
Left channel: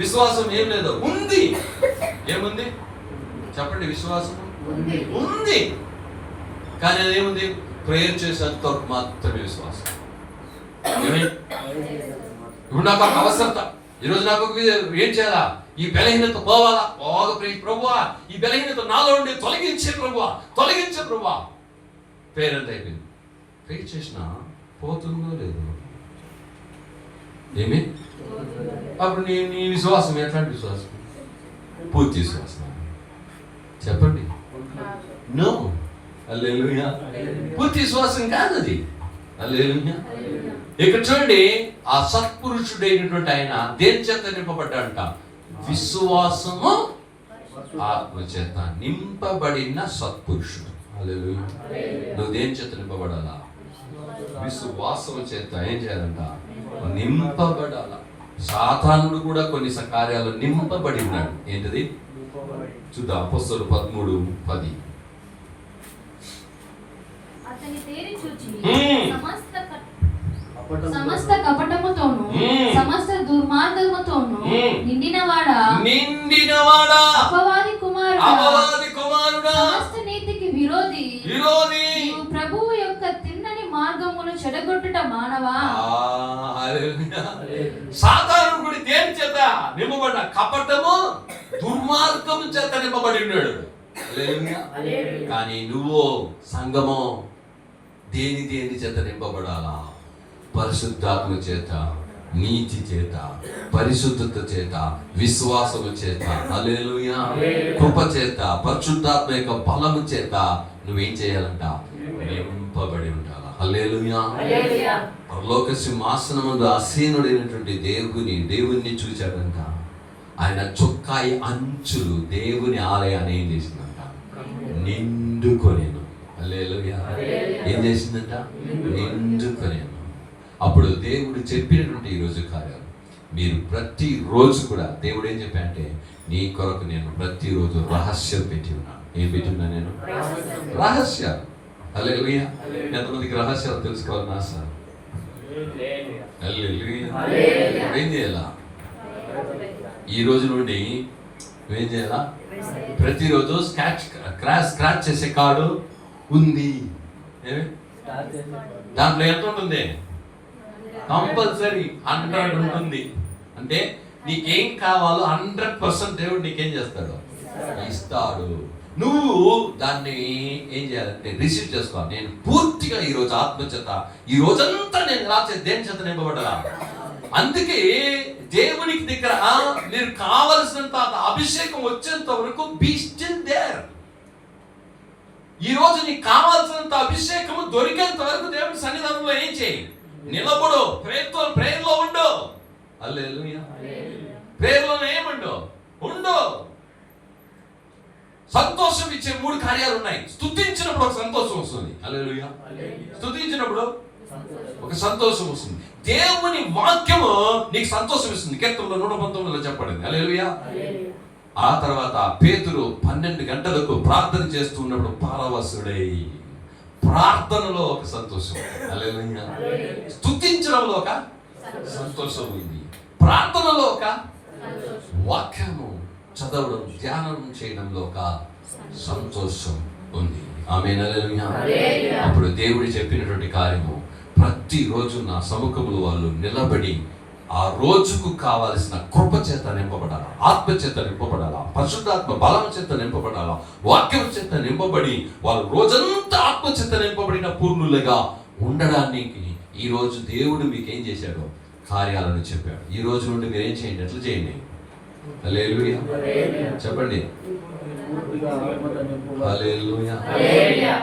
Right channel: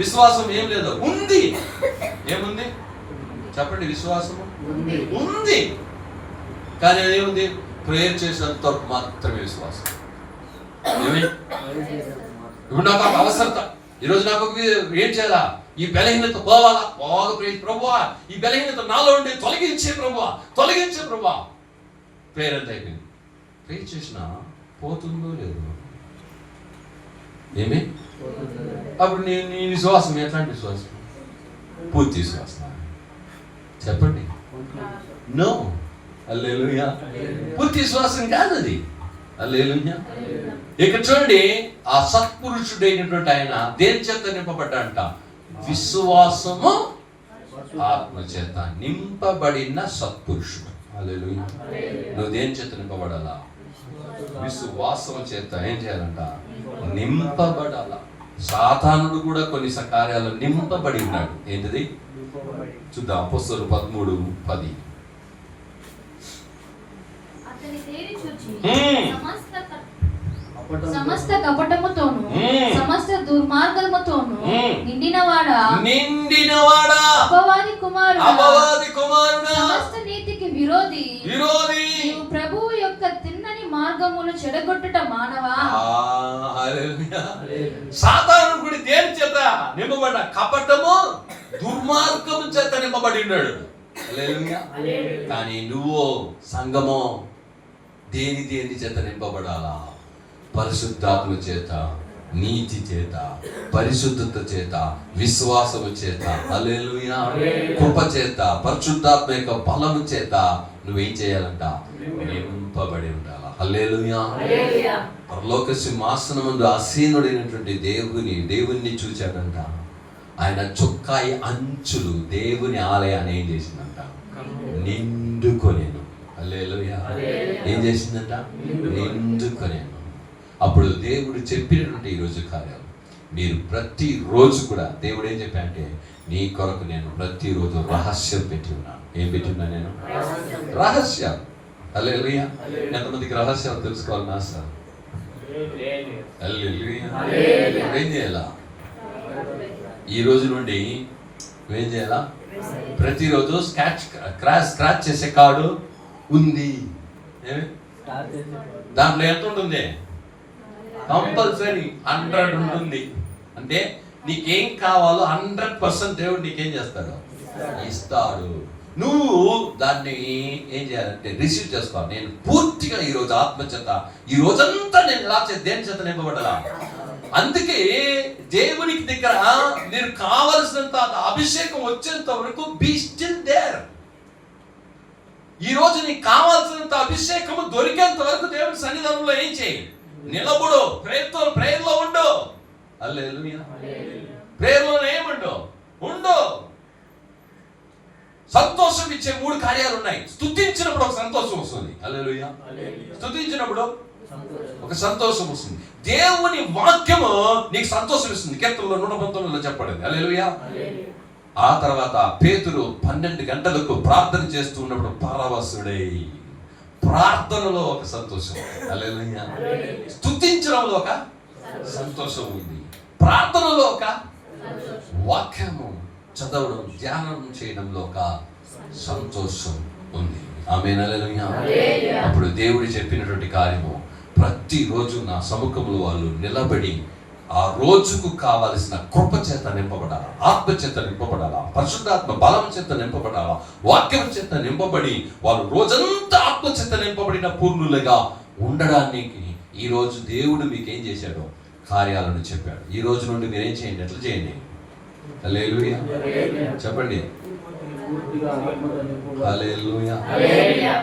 విశ్వాసం ఏం లేదు, ఉంది. ఏముంది చెప్పండి? విశ్వాసం ఉంది, కానీ అదేముంది? ప్రేయర్ చేసేంత వరకు మాత్రమే విశ్వాసం. ఇప్పుడు నాకు ఒక అవసరత, ఈరోజు నాకు ఏం చేయాలా? ఈ బలహీనత పోవాలా? బాగా ప్రభువా, ఈ బలహీనత నాలో ఉండి తొలగించే ప్రభువా, తొలగించే ప్రభువా. ప్రేయర్ అంతా అయిపోయింది. ప్రేయర్ చేసినా పోతుందో లేదు? ఏమి? అప్పుడు నీ విశ్వాసం ఎట్లాంటి విశ్వాసం? పూర్తి విశ్వాసం. చెప్పండి. నో. హల్లెలూయా. పూర్తి విశ్వాసం కాదు అది. హల్లెలూయా. ఇక్కడ చూడండి, ఆ సత్పురుషుడైనటువంటి ఆయన దేని చేత నింపబడ్డాడంట? విశ్వాసము ఆత్మ చేత నింపబడిన సత్పురుషుడు. హల్లెలూయా. నువ్వు దేని చేత నింపబడాలా? విశ్వాసము చేత ఏం చేయాలంట? నింపబడాలా. సాతానుడు కూడా కొన్ని కార్యాలు నింపబడి ఉన్నాడు. ఏంటిది చూద్దాం, అపోస్తలులు 13:10. అతని తేరి చూచి సమస్త కపటముతోను సమస్త దుర్మార్గముతోను నిండినవాడా అపవాది కుమారుడా సమస్త నీతికి విరోధి నీవు ప్రభువు యొక్క తిన్నని మార్గమును చెడగొట్టుట మానవా. సాతానుడు కూడా దేని చేత నింపబడ్డ? కపటము దుర్మార్గము చేత నింపబడి ఉన్నాడు. కానీ నువ్వు సంగమో దేని చేత నింపబడాలా? పరిశుద్ధాత్మ చేత, నీతి చేత, పరిశుద్ధత చేత, విశ్వాసము చేత, హల్లెలూయా, కృప చేత, పరిశుద్ధాత్మ యొక్క బలము చేత నువ్వేం చేయాలంట? నింపబడి ఉండాలా. హల్లెలూయా. పరలోక సింహాసనమందు ఆసీనుడైనటువంటి దేవుణ్ణి చూచాడంట. ఆయన చొక్కాయి అంచులు దేవుని ఆలయాన్ని ఏం చేసిందంట? నిండుకొనేను. హల్లెలూయా. ఏం చేసిందంట? నిండుకొనేను. అప్పుడు దేవుడు చెప్పినటువంటి ఈరోజు కార్యాలు మీరు ప్రతిరోజు కూడా దేవుడు ఏం చెప్పాడంటే, నీ కొరకు నేను ప్రతిరోజు రహస్యం పెట్టి ఉన్నాను. ఏం పెట్టి ఉన్నా నేను? రహస్యాలు. హల్లెలూయా. ఎంతమందికి రహస్యాలు తెలుసుకోవాలని ఆశ? హల్లెలూయా. ఏం చేయాలా? ఈ రోజు నుండి నువ్వేం చేయాలా? ప్రతిరోజు స్క్రాచ్ చేసే కార్డు ఉంది. దాంట్లో ఎంత ఉంటుంది? కంపల్సరీ 100 ఉంటుంది. అంటే నీకేం కావాలో 100% దేవుడు నీకేం చేస్తాడు? ఇస్తాడు. నువ్వు దాన్ని ఏం చేయాలంటే రిసీవ్ చేసుకోవాలి. నేను పూర్తిగా ఈరోజు ఆత్మచేత ఈ రోజంతా నేను ఇలా దేని చేత నింపబడ్డా. అందుకే దేవునికి దగ్గర మీరు కావలసినంత అభిషేకం వచ్చేంత వరకు బీ స్టిల్ దేర్. ఈ రోజు నీకు కావాల్సినంత అభిషేకము దొరికేంత వరకు దేవుని సన్నిధానంలో ఏం చేయి? నిలబడు. ప్రేయర్లో ఉండు. హల్లెలూయా. ప్రేయర్లో ఏముండు? ఉండు. సంతోషం ఇచ్చే 3 కార్యాలు ఉన్నాయి. స్తుతించినప్పుడు ఒక సంతోషం వస్తుంది. హల్లెలూయా. స్తుతించినప్పుడు ఒక సంతోషం వస్తుంది. దేవుని వాక్యము నీకు సంతోషం ఇస్తుంది. కీర్తనలో 119 చెప్పబడింది. హల్లెలూయా. ఆ తర్వాత పేతురు 12 గంటలకు ప్రార్థన చేస్తూ ఉన్నప్పుడు పరవశుడై, ప్రార్థనలో ఒక సంతోషం. హల్లెలూయా. స్తుతించడంలో ఒక సంతోషం ఉంది. ప్రార్థనలో ఒక వాక్యము చదవడం, ధ్యానం చేయడంలో ఒక సంతోషం ఉంది. ఆమేన్. హల్లెలూయా. అప్పుడు దేవుడు చెప్పినటువంటి కార్యము ప్రతిరోజు నా సముఖంలో వాళ్ళు నిలబడి ఆ రోజుకు కావలసిన కృప చేత నింపబడాలా, ఆత్మ చేత నింపబడాలా, పరిశుద్ధాత్మ బలం చేత నింపబడాలా, వాక్యం చేత నింపబడి వాళ్ళు రోజంతా ఆత్మ చేత నింపబడిన పూర్ణులుగా ఉండడానికి ఈ రోజు దేవుడు మీకు ఏం చేశాడు? కార్యాలను చెప్పాడు. ఈ రోజు నుండి మీరేం చేయండి? ఎట్లా చేయండి? హల్లెలూయా. చెప్పండి. హల్లెలూయా.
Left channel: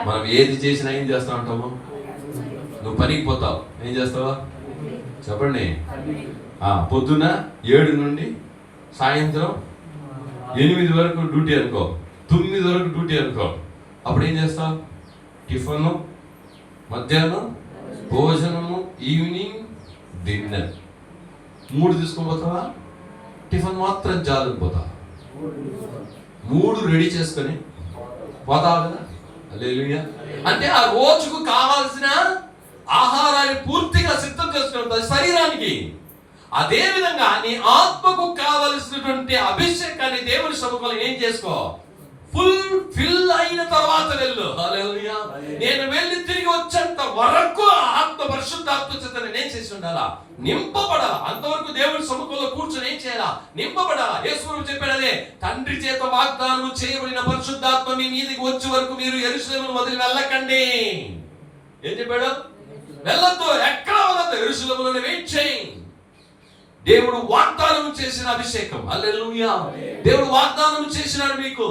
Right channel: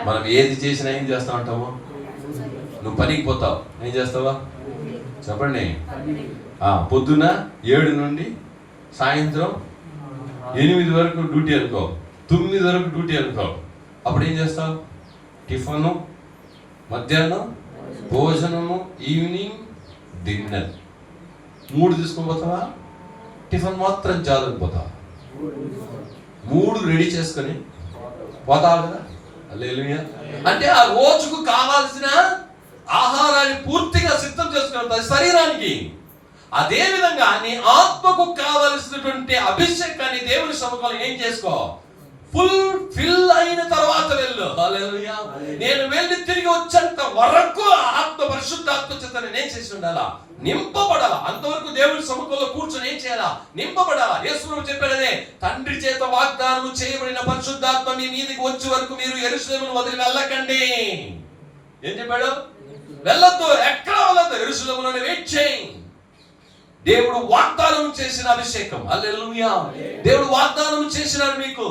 మనం ఏది చేసినా ఏం చేస్తా ఉంటాము? నువ్వు పనికి పోతావు, ఏం చేస్తావా? చెప్పండి. పొద్దున 7 నుండి సాయంత్రం 8 వరకు డ్యూటీ అనుకో, 9 వరకు డ్యూటీ అనుకో. అప్పుడు ఏం చేస్తావు? టిఫను, మధ్యాహ్నం భోజనము, ఈవినింగ్ డిన్నర్. 3 తీసుకొని పోతావా? టిఫిన్ మాత్రం చాలు పోతావా? 3 రెడీ చేసుకొని పోతావు కదా. హల్లెలూయా. అంటే ఆ రోజుకు కావాల్సిన ఆహారాన్ని పూర్తిగా సిద్ధం చేసుకున్న శరీరానికి, అదే విధంగా నీ ఆత్మకు కావలసినటువంటి అభిషేకాన్ని దేవుని సముఖంలో ఏం చేసుకో? ఫుల్ అయిన తర్వాత వెళ్ళు. హల్లెలూయా. నేను వెళ్ళి తిరిగి వచ్చేంత వరకు ఆత్మ పరిశుద్ధాత్మ చేత నేను ఏం చేసి ఉండాలా? నింపబడాలా. అంతవరకు దేవుని సముఖంలో కూర్చొని ఏం చేయాలా? నింపబడాలా. యేసు ప్రభువు చెప్పాడే, తండ్రి చేత వాగ్దానం చేయబడిన పరిశుద్ధాత్మ మీ మీదకి వచ్చే వరకు మీరు యెరూషలేమును వదిలి వెళ్ళకండి. ఏం చెప్పాడు? వెళ్ళొద్దు, ఎక్కడ వెళ్ళొద్దు, యెరూషలేములోనే వెయిట్ చేయి. దేవుడు వాగ్దానం చేసిన అభిషేకం. హల్లెలూయా. దేవుడు వాగ్దానం చేసినాడు. మీకు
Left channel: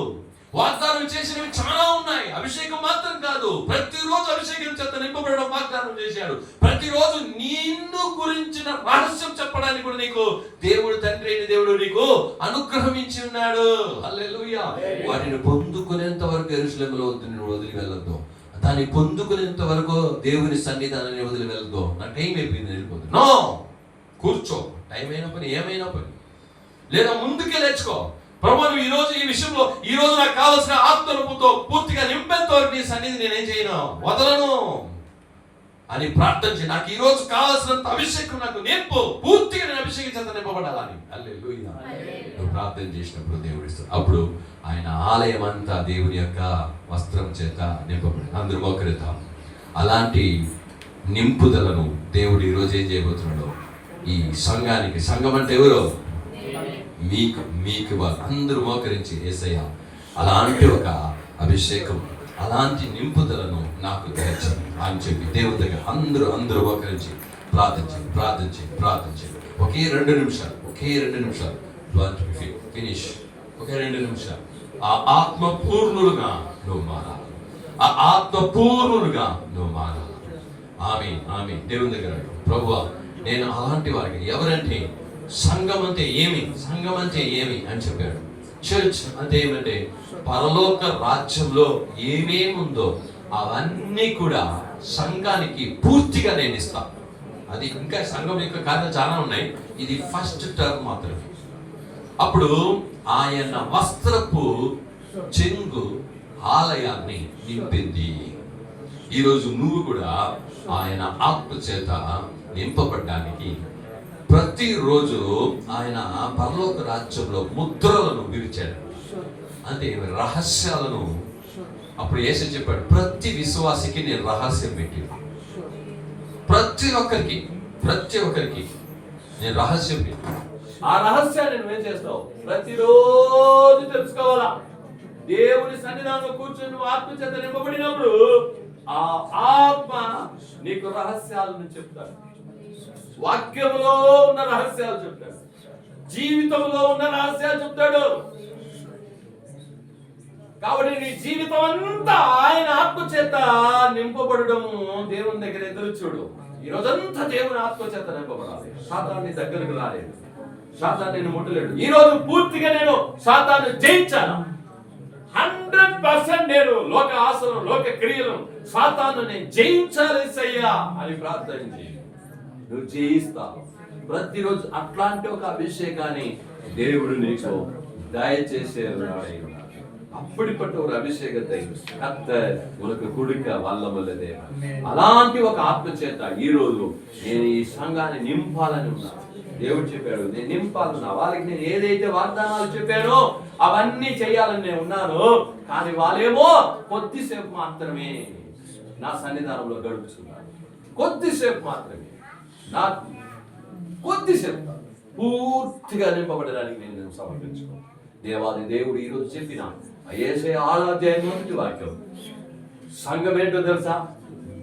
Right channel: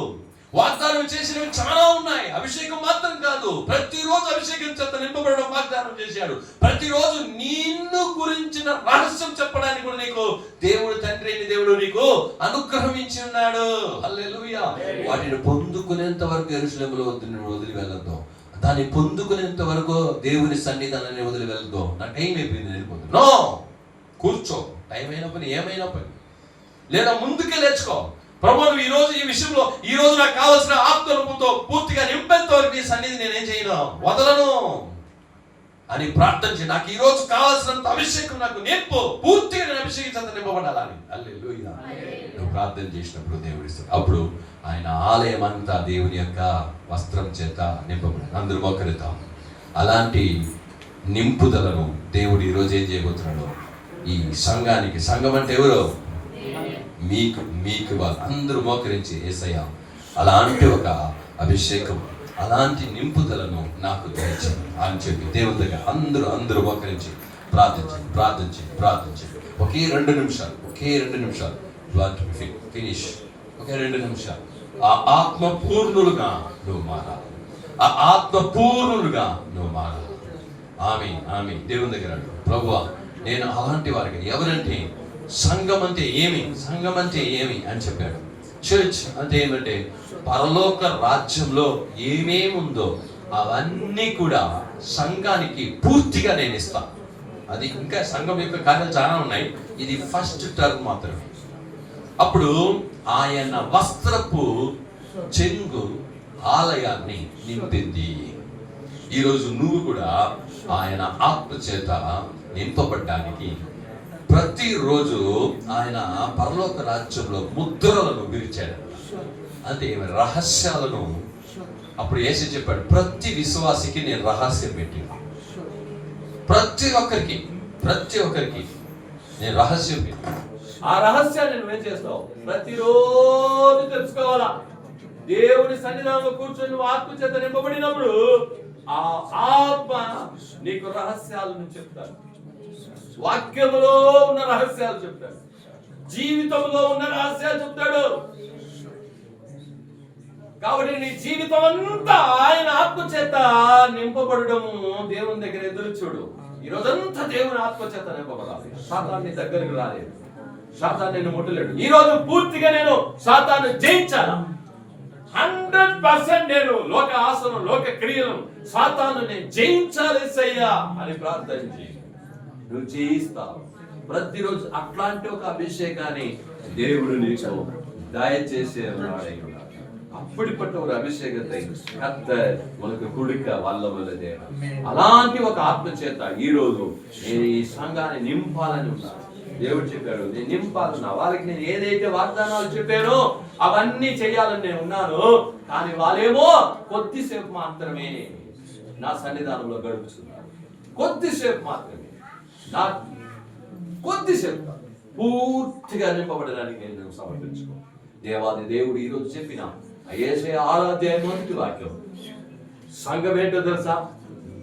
వాగ్దానం చేసినవి చాలా ఉన్నాయి. అభిషేకం మాత్రం కాదు, ప్రతిరోజు అభిషేకం చేత నింపబడడం వాగ్దానం చేశాడు. ప్రతిరోజు నిన్ను గురించిన రహస్యం చెప్పడానికి కూడా నీకు దేవుడు, తండ్రి అయిన దేవుడు నీకు అనుగ్రహించి ఉన్నాడు. హల్లెలూయా. వాటిని పొందుకునేంత వరకు యెరూషలేములో వదిలి వెళ్ళొద్దు. దాన్ని పొందుకునేంత వరకు దేవుని సన్నిధానాన్ని వదిలి వెళ్ళదు. నా టైం అయిపోయింది, వెళ్ళిపోతుంది. నో, కూర్చో. టైం అయిన పని, ఏమైనా పని, లేదా ముందుకే లేచుకో. ప్రభు నువ్వు ఈ రోజు ఈ విషయంలో ఈ రోజు నాకు కావాల్సిన ఆత్మరూపంతో పూర్తిగా నింపేంత వరకు నీ సన్నిధి నేనేం చేయను, వదలను అని ప్రార్థన చేయి. నాకు ఈ రోజు కావాల్సినంత అభిషేకం నాకు నింపు, పూర్తిగా నేను అభిషేకించేంత నింపబడాలని. హల్లెలూయా. నువ్వు ప్రార్థన చేసినప్పుడు దేవుడు ఇస్తాడు. అప్పుడు ఆయన ఆలయం అంతా దేవుని యొక్క వస్త్రం చేత నింపబడాలి. అందరూ మోకరిద్దాం. అలాంటి నింపుదలను దేవుడు ఈరోజు ఏం చేయబోతున్నాడు ఈ సంఘానికి. సంఘం అంటే ఎవరు? మీకు వాళ్ళు అందరూ మోకరించి యేసయ్య అలాంటి ఒక అభిషేకం, అలాంటి నింపుదలను నాకు దయచేయి అని చెప్పి దేవుని దగ్గర అందరూ మోకరించి ప్రార్థించి ఒకే 2 నిమిషాలు ఫినిష్. ఒకే 2 నిమిషాలు ఆ ఆత్మపూర్ణులుగా నువ్వు మారాలి. ఆమె దేవుని దగ్గర అడుగు. ప్రభువా నేను అలాంటి వారికి, ఎవరంటే సంఘం అంటే ఏమి అని చెప్పాడు. చర్చ్ అంటే ఏమంటే పరలోక రాజ్యంలో ఏమేముందో అవన్నీ కూడా సంఘానికి పూర్తిగా నేను ఇస్తాను. అది ఇంకా సంఘం యొక్క కార్యాలు చాలా ఉన్నాయి, ఇది ఫస్ట్ టర్మ్ మాత్రమే. అప్పుడు ఆయన వస్త్రపు చెంగు ఆలయాన్ని నింపింది. ఈరోజు నువ్వు కూడా ఆయన ఆత్మ చేత నింపబడ్డానికి ప్రతిరోజు ఆయన పరలోక రాజ్యంలో ముద్రలను విరిచాడు. అంటే రహస్యాలను. అప్పుడు యేసు చెప్పాడు, ప్రతి విశ్వాసికి నేను రహస్యం పెట్టి, ప్రతి ఒక్కరికి నేను రహస్యం పెట్టి, ఆ రహస్యాన్ని నువ్వేం చేస్తావు? ప్రతిరోజు తెలుసుకోవాలా. దేవుని సన్నిధానంలో కూర్చొని నువ్వు ఆత్మ చేత నింపబడినప్పుడు ఆ ఆత్మ నీకు రహస్యాలను చెప్తాడు. వాక్యంలో ఉన్న రహస్యాలు చెప్తాడు, జీవితంలో ఉన్న రహస్యాలు చెప్తాడు. కాబట్టి నీ జీవితం అంతా ఆయన ఆత్మ చేత నింపబడము దేవుని దగ్గర ఎదురు చూడు. ఈ రోజంతా దేవుని ఆత్మ చేత నింపబడాలి. సాతాన్ని దగ్గరకు రాలేదు, సాతాను నేను ముట్టలేడు. ఈ రోజు పూర్తిగా నేను సాతాను జయించాను. 100% నేను లోక ఆశను, లోక క్రియలను, సాతాను నేను జయించాలి సయ్యా అని ప్రార్థించి నువ్వు జయిస్తావు. ప్రతిరోజు అట్లాంటి ఒక అభిషేకాన్ని దేవుడు నీకు దయచేసే அப்படிப்பட்ட ஒரு அபிஷேகத்தை கர்த்தர் உனக்கு கொடுக்க வல்லவல்லதே. అలాంటి ఒక ఆత్మ చేత ఈ రోజు నేను ఈ సంఘాన్ని నింపాలని ఉన్నాను. దేవుడు చెప్పాడు, నేను నింపాలన్నా. వాళ్ళకి నేను ఏదైతే వాగ్దానాలు చెప్పానో అవన్నీ చేయాలని నేను ఉన్నాను. కానీ వాళ్ళేమో కొద్దిసేపు మాత్రమే నా సన్నిధానంలో గడుపుతున్నారు. కొద్దిసేపు మాత్రమే, కొద్దిసేపు పూర్తిగా నింపబడడానికి నేను సమర్పించుకో. దేవాది దేవుడు ఈరోజు చెప్పిన యేషయా 6వ అధ్యాయం 1వ వాక్యం, సంఘం ఏంటో తెలుసా?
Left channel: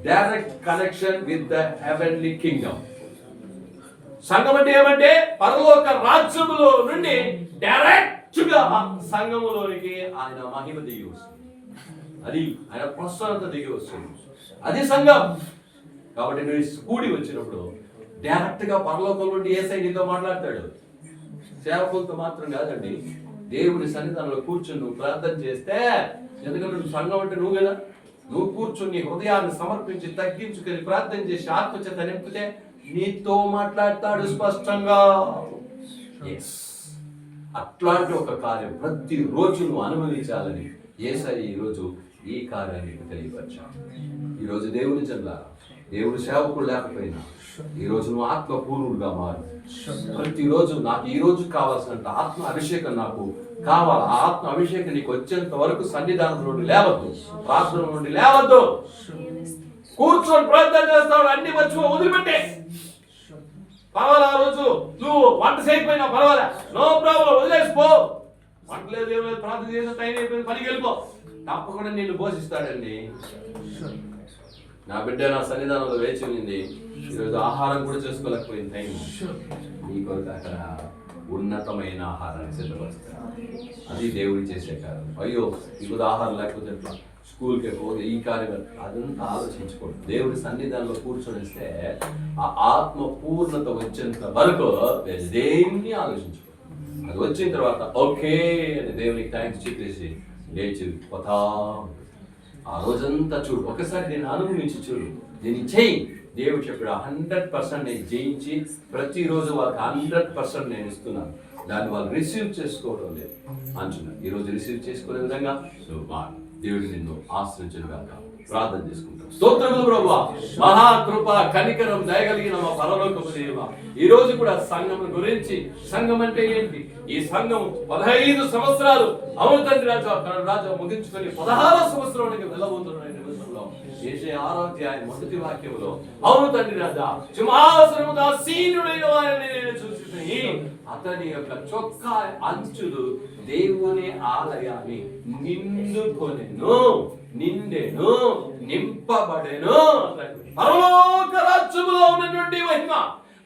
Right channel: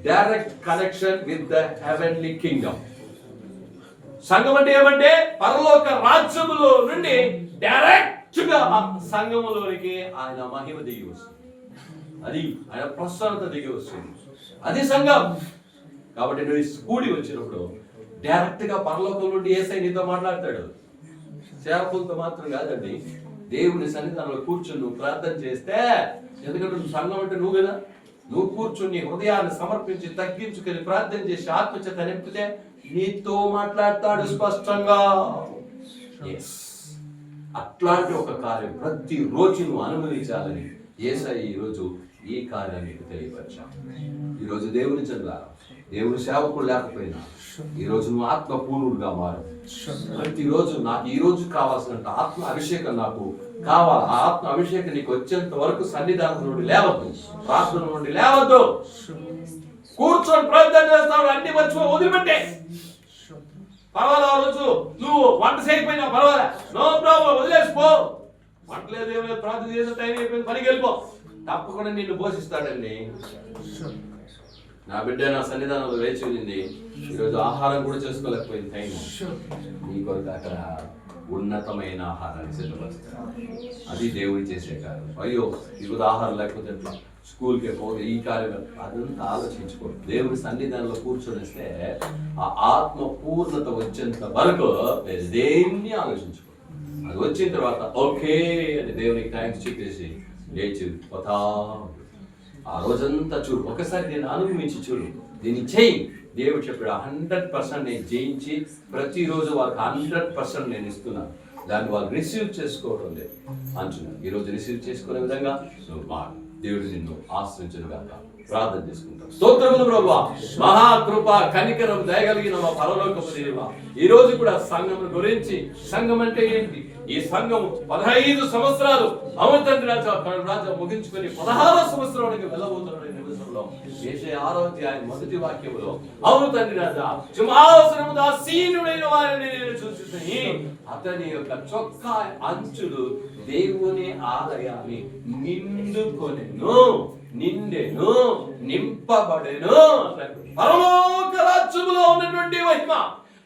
Direct connection with the heavenly Kingdom. సంఘం అంటే ఏమంటే పరలోక రాజ్యములో నుండి డైరెక్ట్ గా సంఘములోనికి ఆయన మహిమ దిగి వస్తుంది. అది ఆయన ప్రసన్నత దిగి వస్తుంది. అది సంఘం. కాబట్టి నువ్వు కూడి వచ్చినప్పుడు డైరెక్ట్ గా పరలోకం నుండి యేసయ్య నీతో మాట్లాడతాడు. సేవకులతో మాత్రం కాదండి, దేవుని సన్నిధానంలో కూర్చొని నువ్వు ప్రార్థన చేస్తే, ఎందుకంటే నువ్వు సంఘం అంటే నువ్వు కదా, నువ్వు కూర్చొని హృదయాన్ని సమర్పించి తగ్గించుకొని ప్రార్థన చేసి ఆత్మచేత నింపితే నీతో మాట్లాడతాడు స్పష్టంగా. అట్లాంటి ఒక కార్యం ప్రతిరోజు నువ్వు అనుభవించాలని యేసయ్య ఈరోజు ఈ కార్యాన్ని తెలియపరిచాడు. ఈరోజు దేవుని జనులారా, దేవుని సేవకుడు లేకపోయినా ఈరోజు నువ్వు ఆత్మపూర్ణుడుగా మారు. ప్రతిరోజు నాకు ఈ రోజు కావాల్సినంత ఆత్మ అభిషేకం నాకు కావాలి. ఆ ఆత్మ అభిషేకం నీకు వచ్చేంత వరకు సన్నిధానం నుండి లేవద్దు, ప్రార్థన నుండి లేవద్దు. కూర్చొని ప్రార్థన చేస్తావు, అన్ని మర్చిపో, వదిలిపెట్టే. పర్వాలే, ఆ రోజు నువ్వు వంట చేయకపోయినా పర్వాలే, నో ప్రాబ్లం, వదిలేసిపో. వంట లేదు, ఏం లేదు, ప్రార్థన చేసే టైం అయిపోయింది, పనికి వెళ్ళిపో. తప్పకుండా నిన్ను పోషిస్తాడండి. నా బిడ్డ నా సన్నిధానంలో వేచి ఉంది, ఈరోజు ఆహారం కూడా చేసుకోలేకపోయింది. టైం నీ కొరకు అక్కడ ఉన్నతమైన ఆహారాన్ని సిద్ధపరుస్తాడు. అది దేవుడు చేసే కార్యం. అయ్యో ఈరోజు ఆహారం లేకపోతే ఎట్లా, స్కూల్కి పోతే ఈ కార్యం, అదంతా ఆలోచించుకోండి. దేవుడి సన్నిధానంలో కూర్చొనిస్తే ఆ ఆత్మ పూర్ణత వచ్చేంత వరకు దేన్ని ఆలోచించుకో. అది వచ్చిన తర్వాత ఓకే అని దేవునికి థ్యాంక్స్ చెప్పేసి లేచి పోతా. ఆ రోజంతా చూడు, ఒకసారి నేను అనుభవించి చూడు, దీన్ని చెయ్యి. దేవుడు చెప్పాడు 100% నేను జయించి ప్రతిరోజు వాళ్ళకి 100% నేను ఇస్తున్నాను. దాన్ని వాళ్ళు రిసీవ్ చేసుకోవడం లేదు అంటున్నాను. ఈరోజు రిసీవ్ చేసుకునే విధంగా నువ్వు మారు. దేవుడు నిన్ను ఆశ్రయించను గాక. ప్రార్థన చేసుకుంటాం. స్తోత్రములు ప్రభువా, మహాకృప కనికరం దయగలిగిన మా పరలోకపు దేవా, ఈ రోజు కూడా సంఘం గురించి, సంఘం అంటే ఏంటి, ఈ సంఘం 15 సంవత్సరాలు అవును తండ్రి రాజా ముగించుకొని 16వ సంవత్సరానికి వెళ్ళబోతున్న నిమిషంలో యేషయా 6వ అధ్యాయం 1వ వాక్యములో అవును తండ్రి రాజా సింహాసనము దాసీనుడైన వారిని నేను చూసి అతని యొక్క చొక్కా అంచులు దేవుని ఆలయాన్ని నిండుకొనెను, నిండెను, నింపబడెను. పరలోక రాజ్యములో ఉన్నటువంటి మహిమ,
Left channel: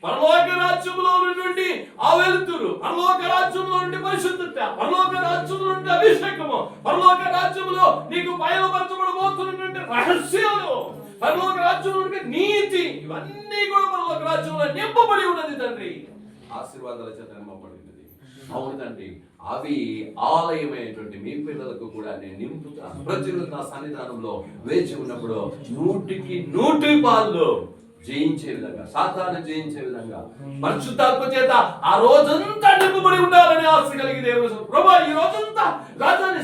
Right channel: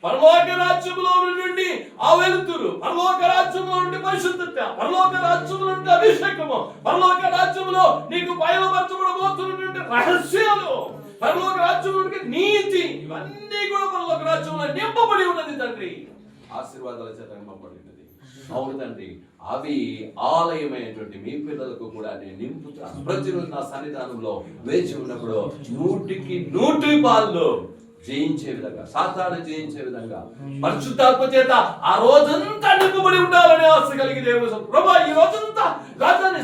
పరలోక రాజ్యములో ఉన్నటువంటి ఆ వెలుతురు, పరలోక రాజ్యములో నుండి పరిశుద్ధత, పరలోక రాజ్యములో నుండి అభిషేకము, పరలోక రాజ్యములో నీకు బయలుపరచబడబోతున్నటువంటి రహస్యాలు, పరలోక రాజ్యములో నుండి నీతి, ఇవన్నీ కూడా పరలోక రాజ్యములో నింపబడి ఉన్నది తండ్రి. ఆశీర్వాదాల చేత నింపబడినది. అవును తండ్రి, అవి ఆలయమైనటువంటి మీ పిల్లలకు కూడా నేను నింపుతాను. ప్రతిరోజు నా సన్నిధానంలో వేచి ఉన్నప్పుడు 100కి 100 జయించే విధంగా, సాతాను జయించే విధంగా పరిశుద్ధాత్మ చేత ఆ రోజంతా నింపబడి ఉండాలని ఆశ కలిగి దేవుడు ప్రభా ఈ రోజంతా రాజాని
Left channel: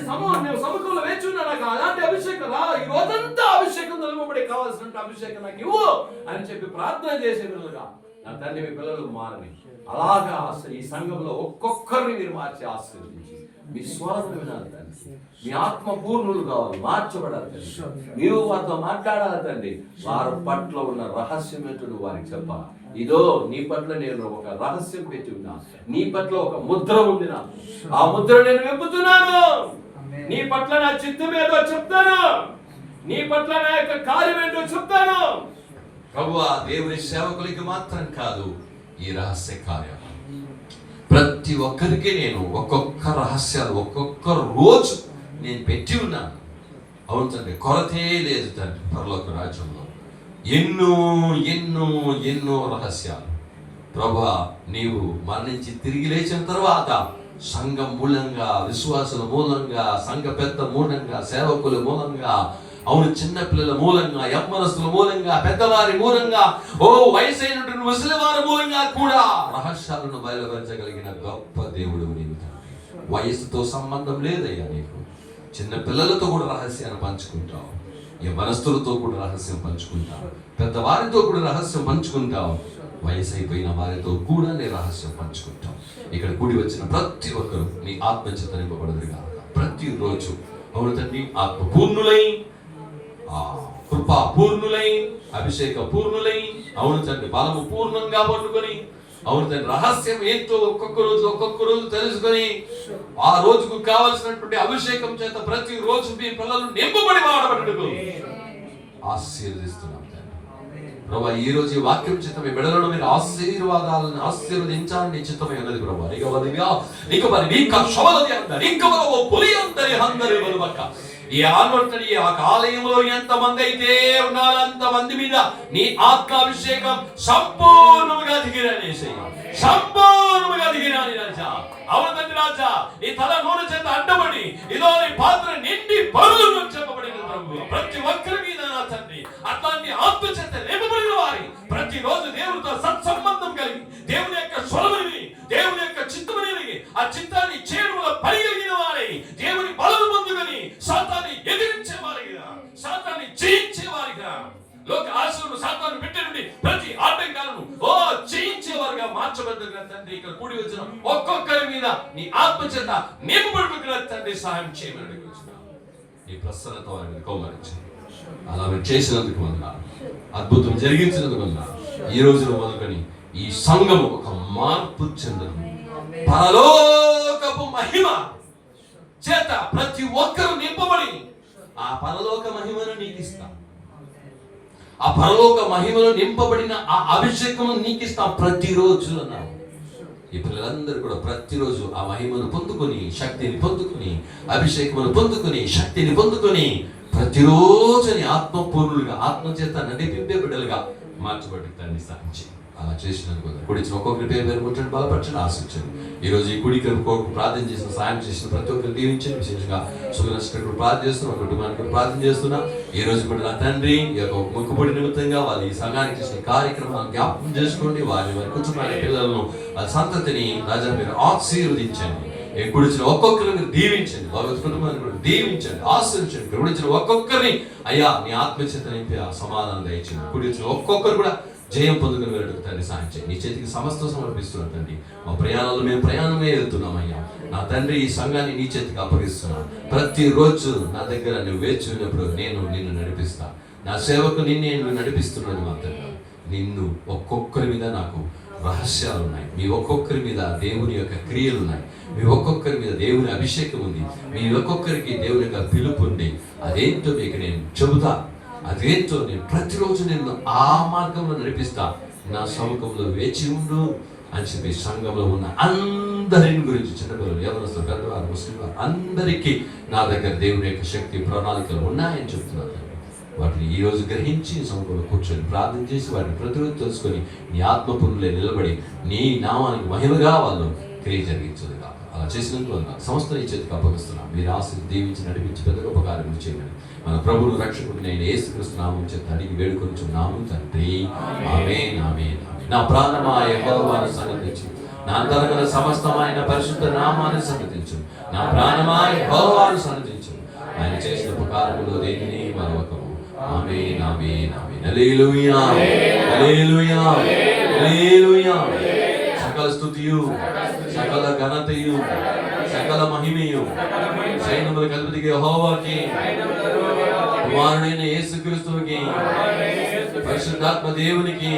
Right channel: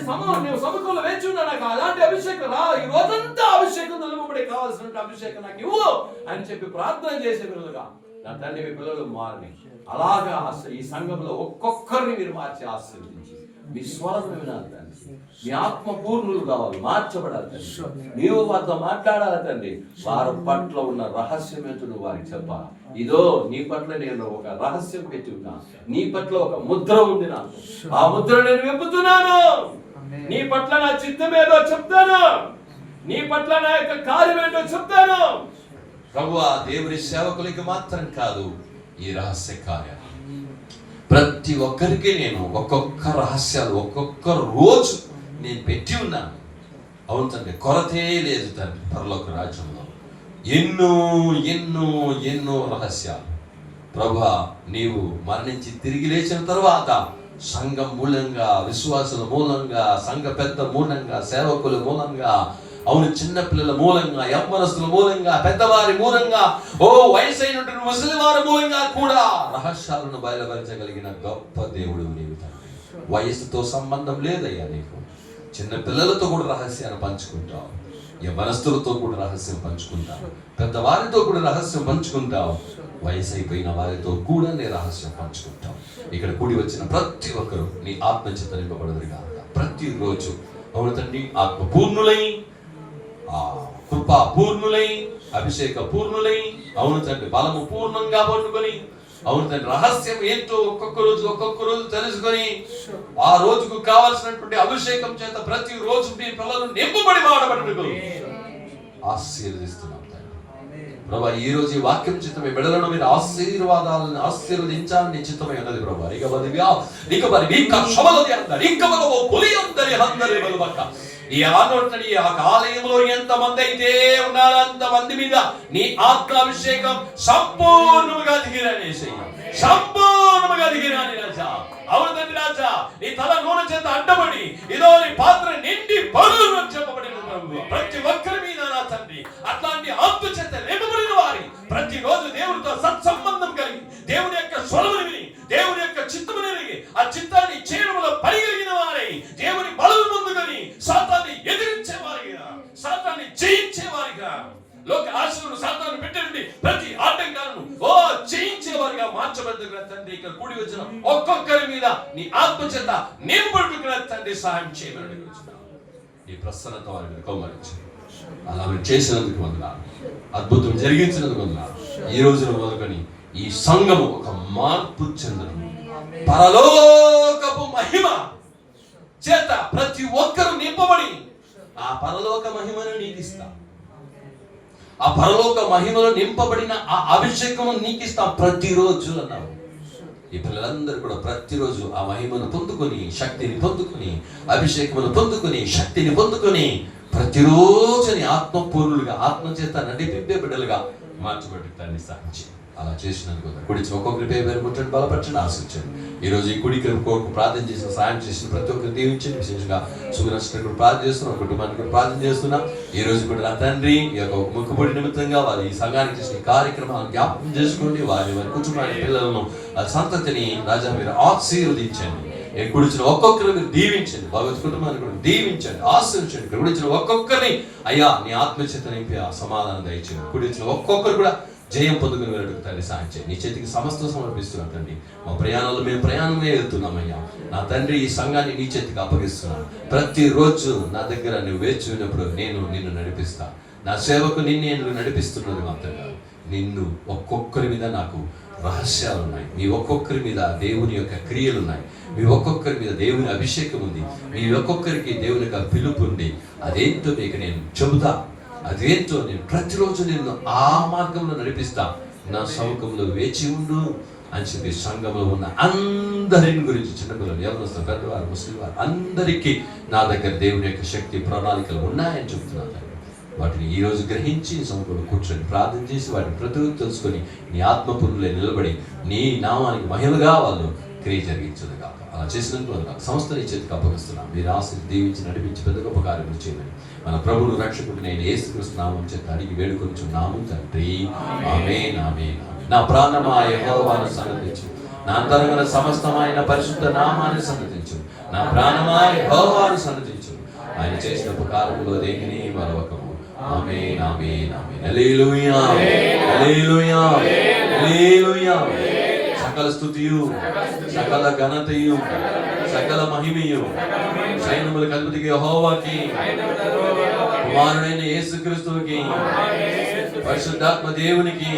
నేను సమూహంలో వేచి ఉన్నా, నాకు అలాంటి అభిషేకం రా, ఈ రోజంతా అభిషేకం నిలబడి కావాల్సిన అభిషేకం నాకు ఇవ్వు అని చెప్పి ప్రార్థన చేసే విధంగా నా తండ్రి మీ పిల్లలు మారని అలాగా ఈ సంఘంలో ఒక్కొక్కరిని మీరు మార్చి ఆశీర్వదించి మీ స్వరం వినాలి తండ్రి. మీ ఆత్మ పూర్ణులు కావాలి, మార్చబడాలి తండ్రి. నీవు వారితో మాట్లాడాలి తండ్రి. వారి పట్ల ఉన్న రహస్యం ఏంటో నువ్వు వారికి చెప్పాలి. ఇదో నీ పట్ల నేను ఒక రహస్యం పెట్టి ఉన్నా, నీ పట్ల ఒక ముద్ర ఉంది, నాకు ఆ ముద్ర నేను విప్పుతున్నాను. నీ పట్ల నా చిత్తం ఏదో చెప్తాను, నీ పట్ల నా యొక్క కార్యం ఏంటో చెప్తాను. ప్రభువా, దేవుని సేవకులకి మాత్రం కాదు ఈ రహస్య కార్యం, ప్రతి ఒక్కరికి నేను ఒక్కొక్క రహస్యాలు ఒక్కొక్క రోజు నేను పెట్టి ఉన్నాను. అవును తండ్రి, కొరతే లేదు తండ్రి. పరలోక రాజ్యంలో ఎన్నో ఎన్నో ఎన్నో రహస్యాలు. ప్రభువా, నీవు మరణించి తిరిగి లేచిన తర్వాత సంఘం మూలంగా, విశ్వాసుల మూలంగా, సంఘ పెద్ద మూలంగా, సేవకుల మూలంగా, అవును చిన్నపిల్లల మూలంగా, యవ్వనస్తుల మూలంగా, పెద్దవారి మూలంగా, ఓ వయసైనటువంటి ముసలివారి మూలంగా కూడా రహస్యాలను బయలుపరచగలిగిన గొప్ప దేవుడు నీవు తండ్రి. వయసుతో సంబంధం లేదయ్యా నీకు. చిన్న పిల్లలతో కూడా రహస్యాన్ని పంచుకుంటావు, యవ్వనస్తులతో కూడా రహస్యం పంచుకుంటావు, పెద్దవారితో కూడా రహస్యం పంచుకుంటావు, వయసు అయిపోయిన వారితో కూడా నీ రహస్యం పంచుకుంటావు. ఇక్కడ కూడి వచ్చిన ప్రతి ఒక్కరు నీ ఆత్మచేత నింపబడదురు కాక. ప్రతిరోజు అవును తండ్రి ఆత్మ పూర్ణులై, కృపా పూర్ణులై, అభిషేక పూర్ణులై, అవును తండ్రి బలము పూర్ణంగా పట్టుకొని, అవును తండ్రి రహస్యం ఏంటో ఒక్కొక్క రోజు తెలుసుకొని ఆ రోజుకు కావలసినటువంటి అభిషేకం చేత ప్రతి రోజు మీ పిల్లలు నింపబడి వాడబట్టుకు ఆశీర్వదిస్తున్నాం తండ్రి. ప్రభా, ఈ రోజు ఈ వాక్యం చేత మీ బిడ్డలను మీరు ఆశీర్వాదాలను ఆశీర్వదించాలని చిత్తమై ఉన్నది ప్రభా. ఈ ఆనోటని ఆ ఆలయంలో ఎంతమంది అయితే ఉన్నారో అంతమంది మీద నీ ఆత్మాభిషేకం సంపూర్ణముగా దిగిరాని, సంపూర్ణముగా దిగిరాని రాజా. అవును తండ్రి రాజా, నీ తల నూనె చేత అడ్డబడి ఇదో నీ పాత్ర నిండి పరులు చెప్పబడిన ప్రతి ఒక్కరి మీద నా తండ్రి అట్లాంటి ఆత్మ చేత నింపబడిన వారి ప్రతిరోజు దేవుడితో సత్సంబంధం కలిగి, దేవుని యొక్క స్వరముని, దేవుని యొక్క చిత్తముని ఎరిగి, ఆ చిత్తాన్ని చేయడంలో పరిగలిగిన వారై దేవుని బలం పొందుకొని సాతాన్ని ఎదిరించే వారిగా, సాతాన్ని జయించే వారిగా, లోక ఆశలను సాతాన్ని పెట్టండి ప్రతి ఆటంకాలను జయించే వారిగా మార్చబడుతున్న తండ్రి. ఇక్కడ కూడి వచ్చిన ఒక్కొక్కరి మీద నీ ఆత్మ చేత నింపబడుతున్న తండ్రి సహాయం చేయమని నీ ప్రసన్నత వారి మీద కౌమరించు. అలా మీరు చేసినందుకు వందనాలు, అద్భుతం జరిగించినందుకు వందనాలు. ఈ రోజున మొదలుకొని ఈ సంఘము ఒక మార్పు చెందడం, పరలోకపు మహిమ చేత ప్రతి ఒక్కరు నింపబడి ఆ పరలోక మహిమను నీకు ఇస్తాం. ఆ పరలోక మహిమలో నింపబడిన ఆ అభిషేకము నీకు ఇస్తాం ప్రతిరోజు అన్నావు. ఈ పిల్లలందరూ కూడా ప్రతిరోజు ఆ మహిమను పొందుకొని, శక్తిని పొందుకొని, అభిషేకమును పొందుకొని, శక్తిని పొందుకొని ప్రతిరోజు ఆత్మపూర్ణులుగా, ఆత్మచేత నడిపింపే బిడ్డలుగా మార్చబడి తండ్రి సాధించి అలా చేసినందుకు కుడిచిన ఒక్కొక్కరి పేరు పేరు ముట్టండి, బలపరచండి, ఆశించండి. ఈ రోజు ఈ కుడికి ప్రార్థన చేసిన, సాయం చేసిన ప్రతి ఒక్కరు దీవించండి. విశేషంగా సుగనష్టకు ప్రార్థన చేస్తున్నా, కుటుంబానికి ప్రార్థన చేస్తున్నా. ఈ రోజు కూడా నా తండ్రి ఈ యొక్క మొక్కుబడి నిమిత్తంగా వారి ఈ సంఘానికి చేసిన కార్యక్రమాలను జ్ఞాపకం చేసుకోండి. వారి కుటుంబాన్ని, పిల్లలను, వారి సంతతిని రాజా మీరు ఆశీర్వదించండి. కుడిచిన ఒక్కొక్కరిని మీరు దీవించండి, భగవత్ కుటుంబాన్ని కూడా దీవించండి, ఆశీర్వించండి. కుడిచిన ఒక్కొక్కరిని అయ్యా నీ ఆత్మచేత నింపి ఆ సమాధానం దయచేయండి. కుడిచిన ఒక్కొక్కరు కూడా జయం పొందుకునేటట్టు తండ్రి సాయం చేయండి. నీ చేతికి సమస్తం సమర్పిస్తున్నాను తండ్రి. మా ప్రయాణాలు మేము ప్రయాణమే వెళ్తున్నామయ్యా. నా తండ్రి ఈ సంఘాన్ని నీ చేతికి అప్పగిస్తున్నాను. ప్రతిరోజు నా దగ్గర నువ్వు వేచి ఉన్నప్పుడు నేను నిన్ను నడిపిస్తా. నా సేవకు నిన్ను నడిపిస్తున్నది మాత్రమే. నిన్ను ఒక్కొక్కరి మీద నాకు రహస్యాలు ఉన్నాయి. మీ ఒక్కొక్కరి మీద దేవుని యొక్క క్రియలు ఉన్నాయి. మీ ఒక్కొక్కరి మీద దేవుని అభిషేకం ఉంది. మీ ఒక్కొక్కరికి దేవుని యొక్క పిలుపు ఉంది. అదేంటో మీకు నేను చెబుతా. అదేంటో నేను ప్రతిరోజు నిన్ను ఆ మార్గంలో నడిపిస్తా. నా సముఖంలో వేచి ఉండు అని చెప్పి సంఘంలో ఉన్న అందరిని గురించి, చిన్నపిల్లలు, యవనస్తులు, పెద్దవారు, ముస్లిం వారు అందరికీ నా దగ్గర దేవుని యొక్క శక్తి ప్రణాళికలు ఉన్నాయని చెప్తున్నాను. వాటిని ఈ రోజు గ్రహించి సముఖంలో కూర్చొని ప్రార్థన చేసి వాటిని ప్రతిరోజు తెలుసుకొని నీ ఆత్మపురులే నిలబడి నీ నామానికి మహిమగా వాళ్ళు క్రియ జరిగించదు కాక. అలా చేసినందుకు సంస్థ నీ చేతికి అప్పగిస్తున్నాను. మీరు ఆశలు దీవించి నడిపించి పెద్ద గొప్ప కార్యములు చేయమని మన ప్రభువును రక్షకుడు నేను యేసుక్రీస్తు నామం చేత అడిగి వేడుకొంచున్నాము తండ్రి. ఆమేన్, ఆమేన్. నా ప్రాణమా యెహోవాను సన్నతించు, నా అంతరంగన సమస్తమైన పరిశుద్ధ నామాన్ని సన్నతించు. నా ప్రాణమా యెహోవాను సన్నతించు, ఆయన చేసిన ఉపకారములో దేనిని మరొకము. ఆమేన్, ఆమేన్, ఆమేన్. హల్లెలూయా, హల్లెలూయా, హల్లెలూయా. సకల స్తుతియు, సకల ఘనతయు, సకల మహిమయు సైన్యములకు అధిపతికి యెహోవాకి, కుమారుడైన యేసుక్రీస్తువుకి, పరిశుద్ధాత్మ దేవునికి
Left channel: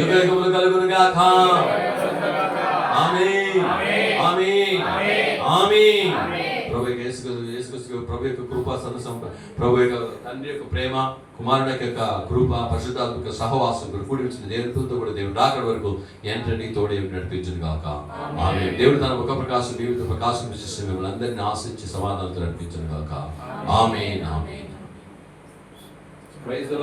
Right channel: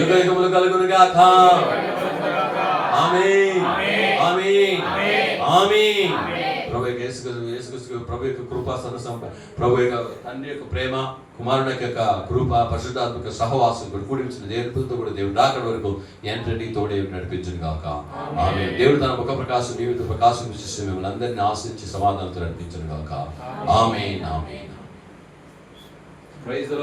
యుగయుగములు కలుగును గాక. ఆమేన్, ఆమేన్, ఆమేన్. ప్రభు యొక్క యేసుక్రీస్తు ప్రభు యొక్క కృప, ప్రభు యొక్క తండ్రి యొక్క ప్రేమ, కుమారుడు యొక్క కృప, పరిశుద్ధాత్మక సహవాసం కూడా కూడించిన దేవుడితో కూడా దేవుడు రాకడ వరకు ఎంతటికి తోడే నడిపించును గాక. ఆమేన్. దేవుడు తన ముఖ ప్రకాశం జీవిత ప్రకాశం విశిష్ట మిమ్మల్ని అందరినీ ఆశించి సమాధానంతో నడిపించును గాక. ఆమేన్, ఆమేన్.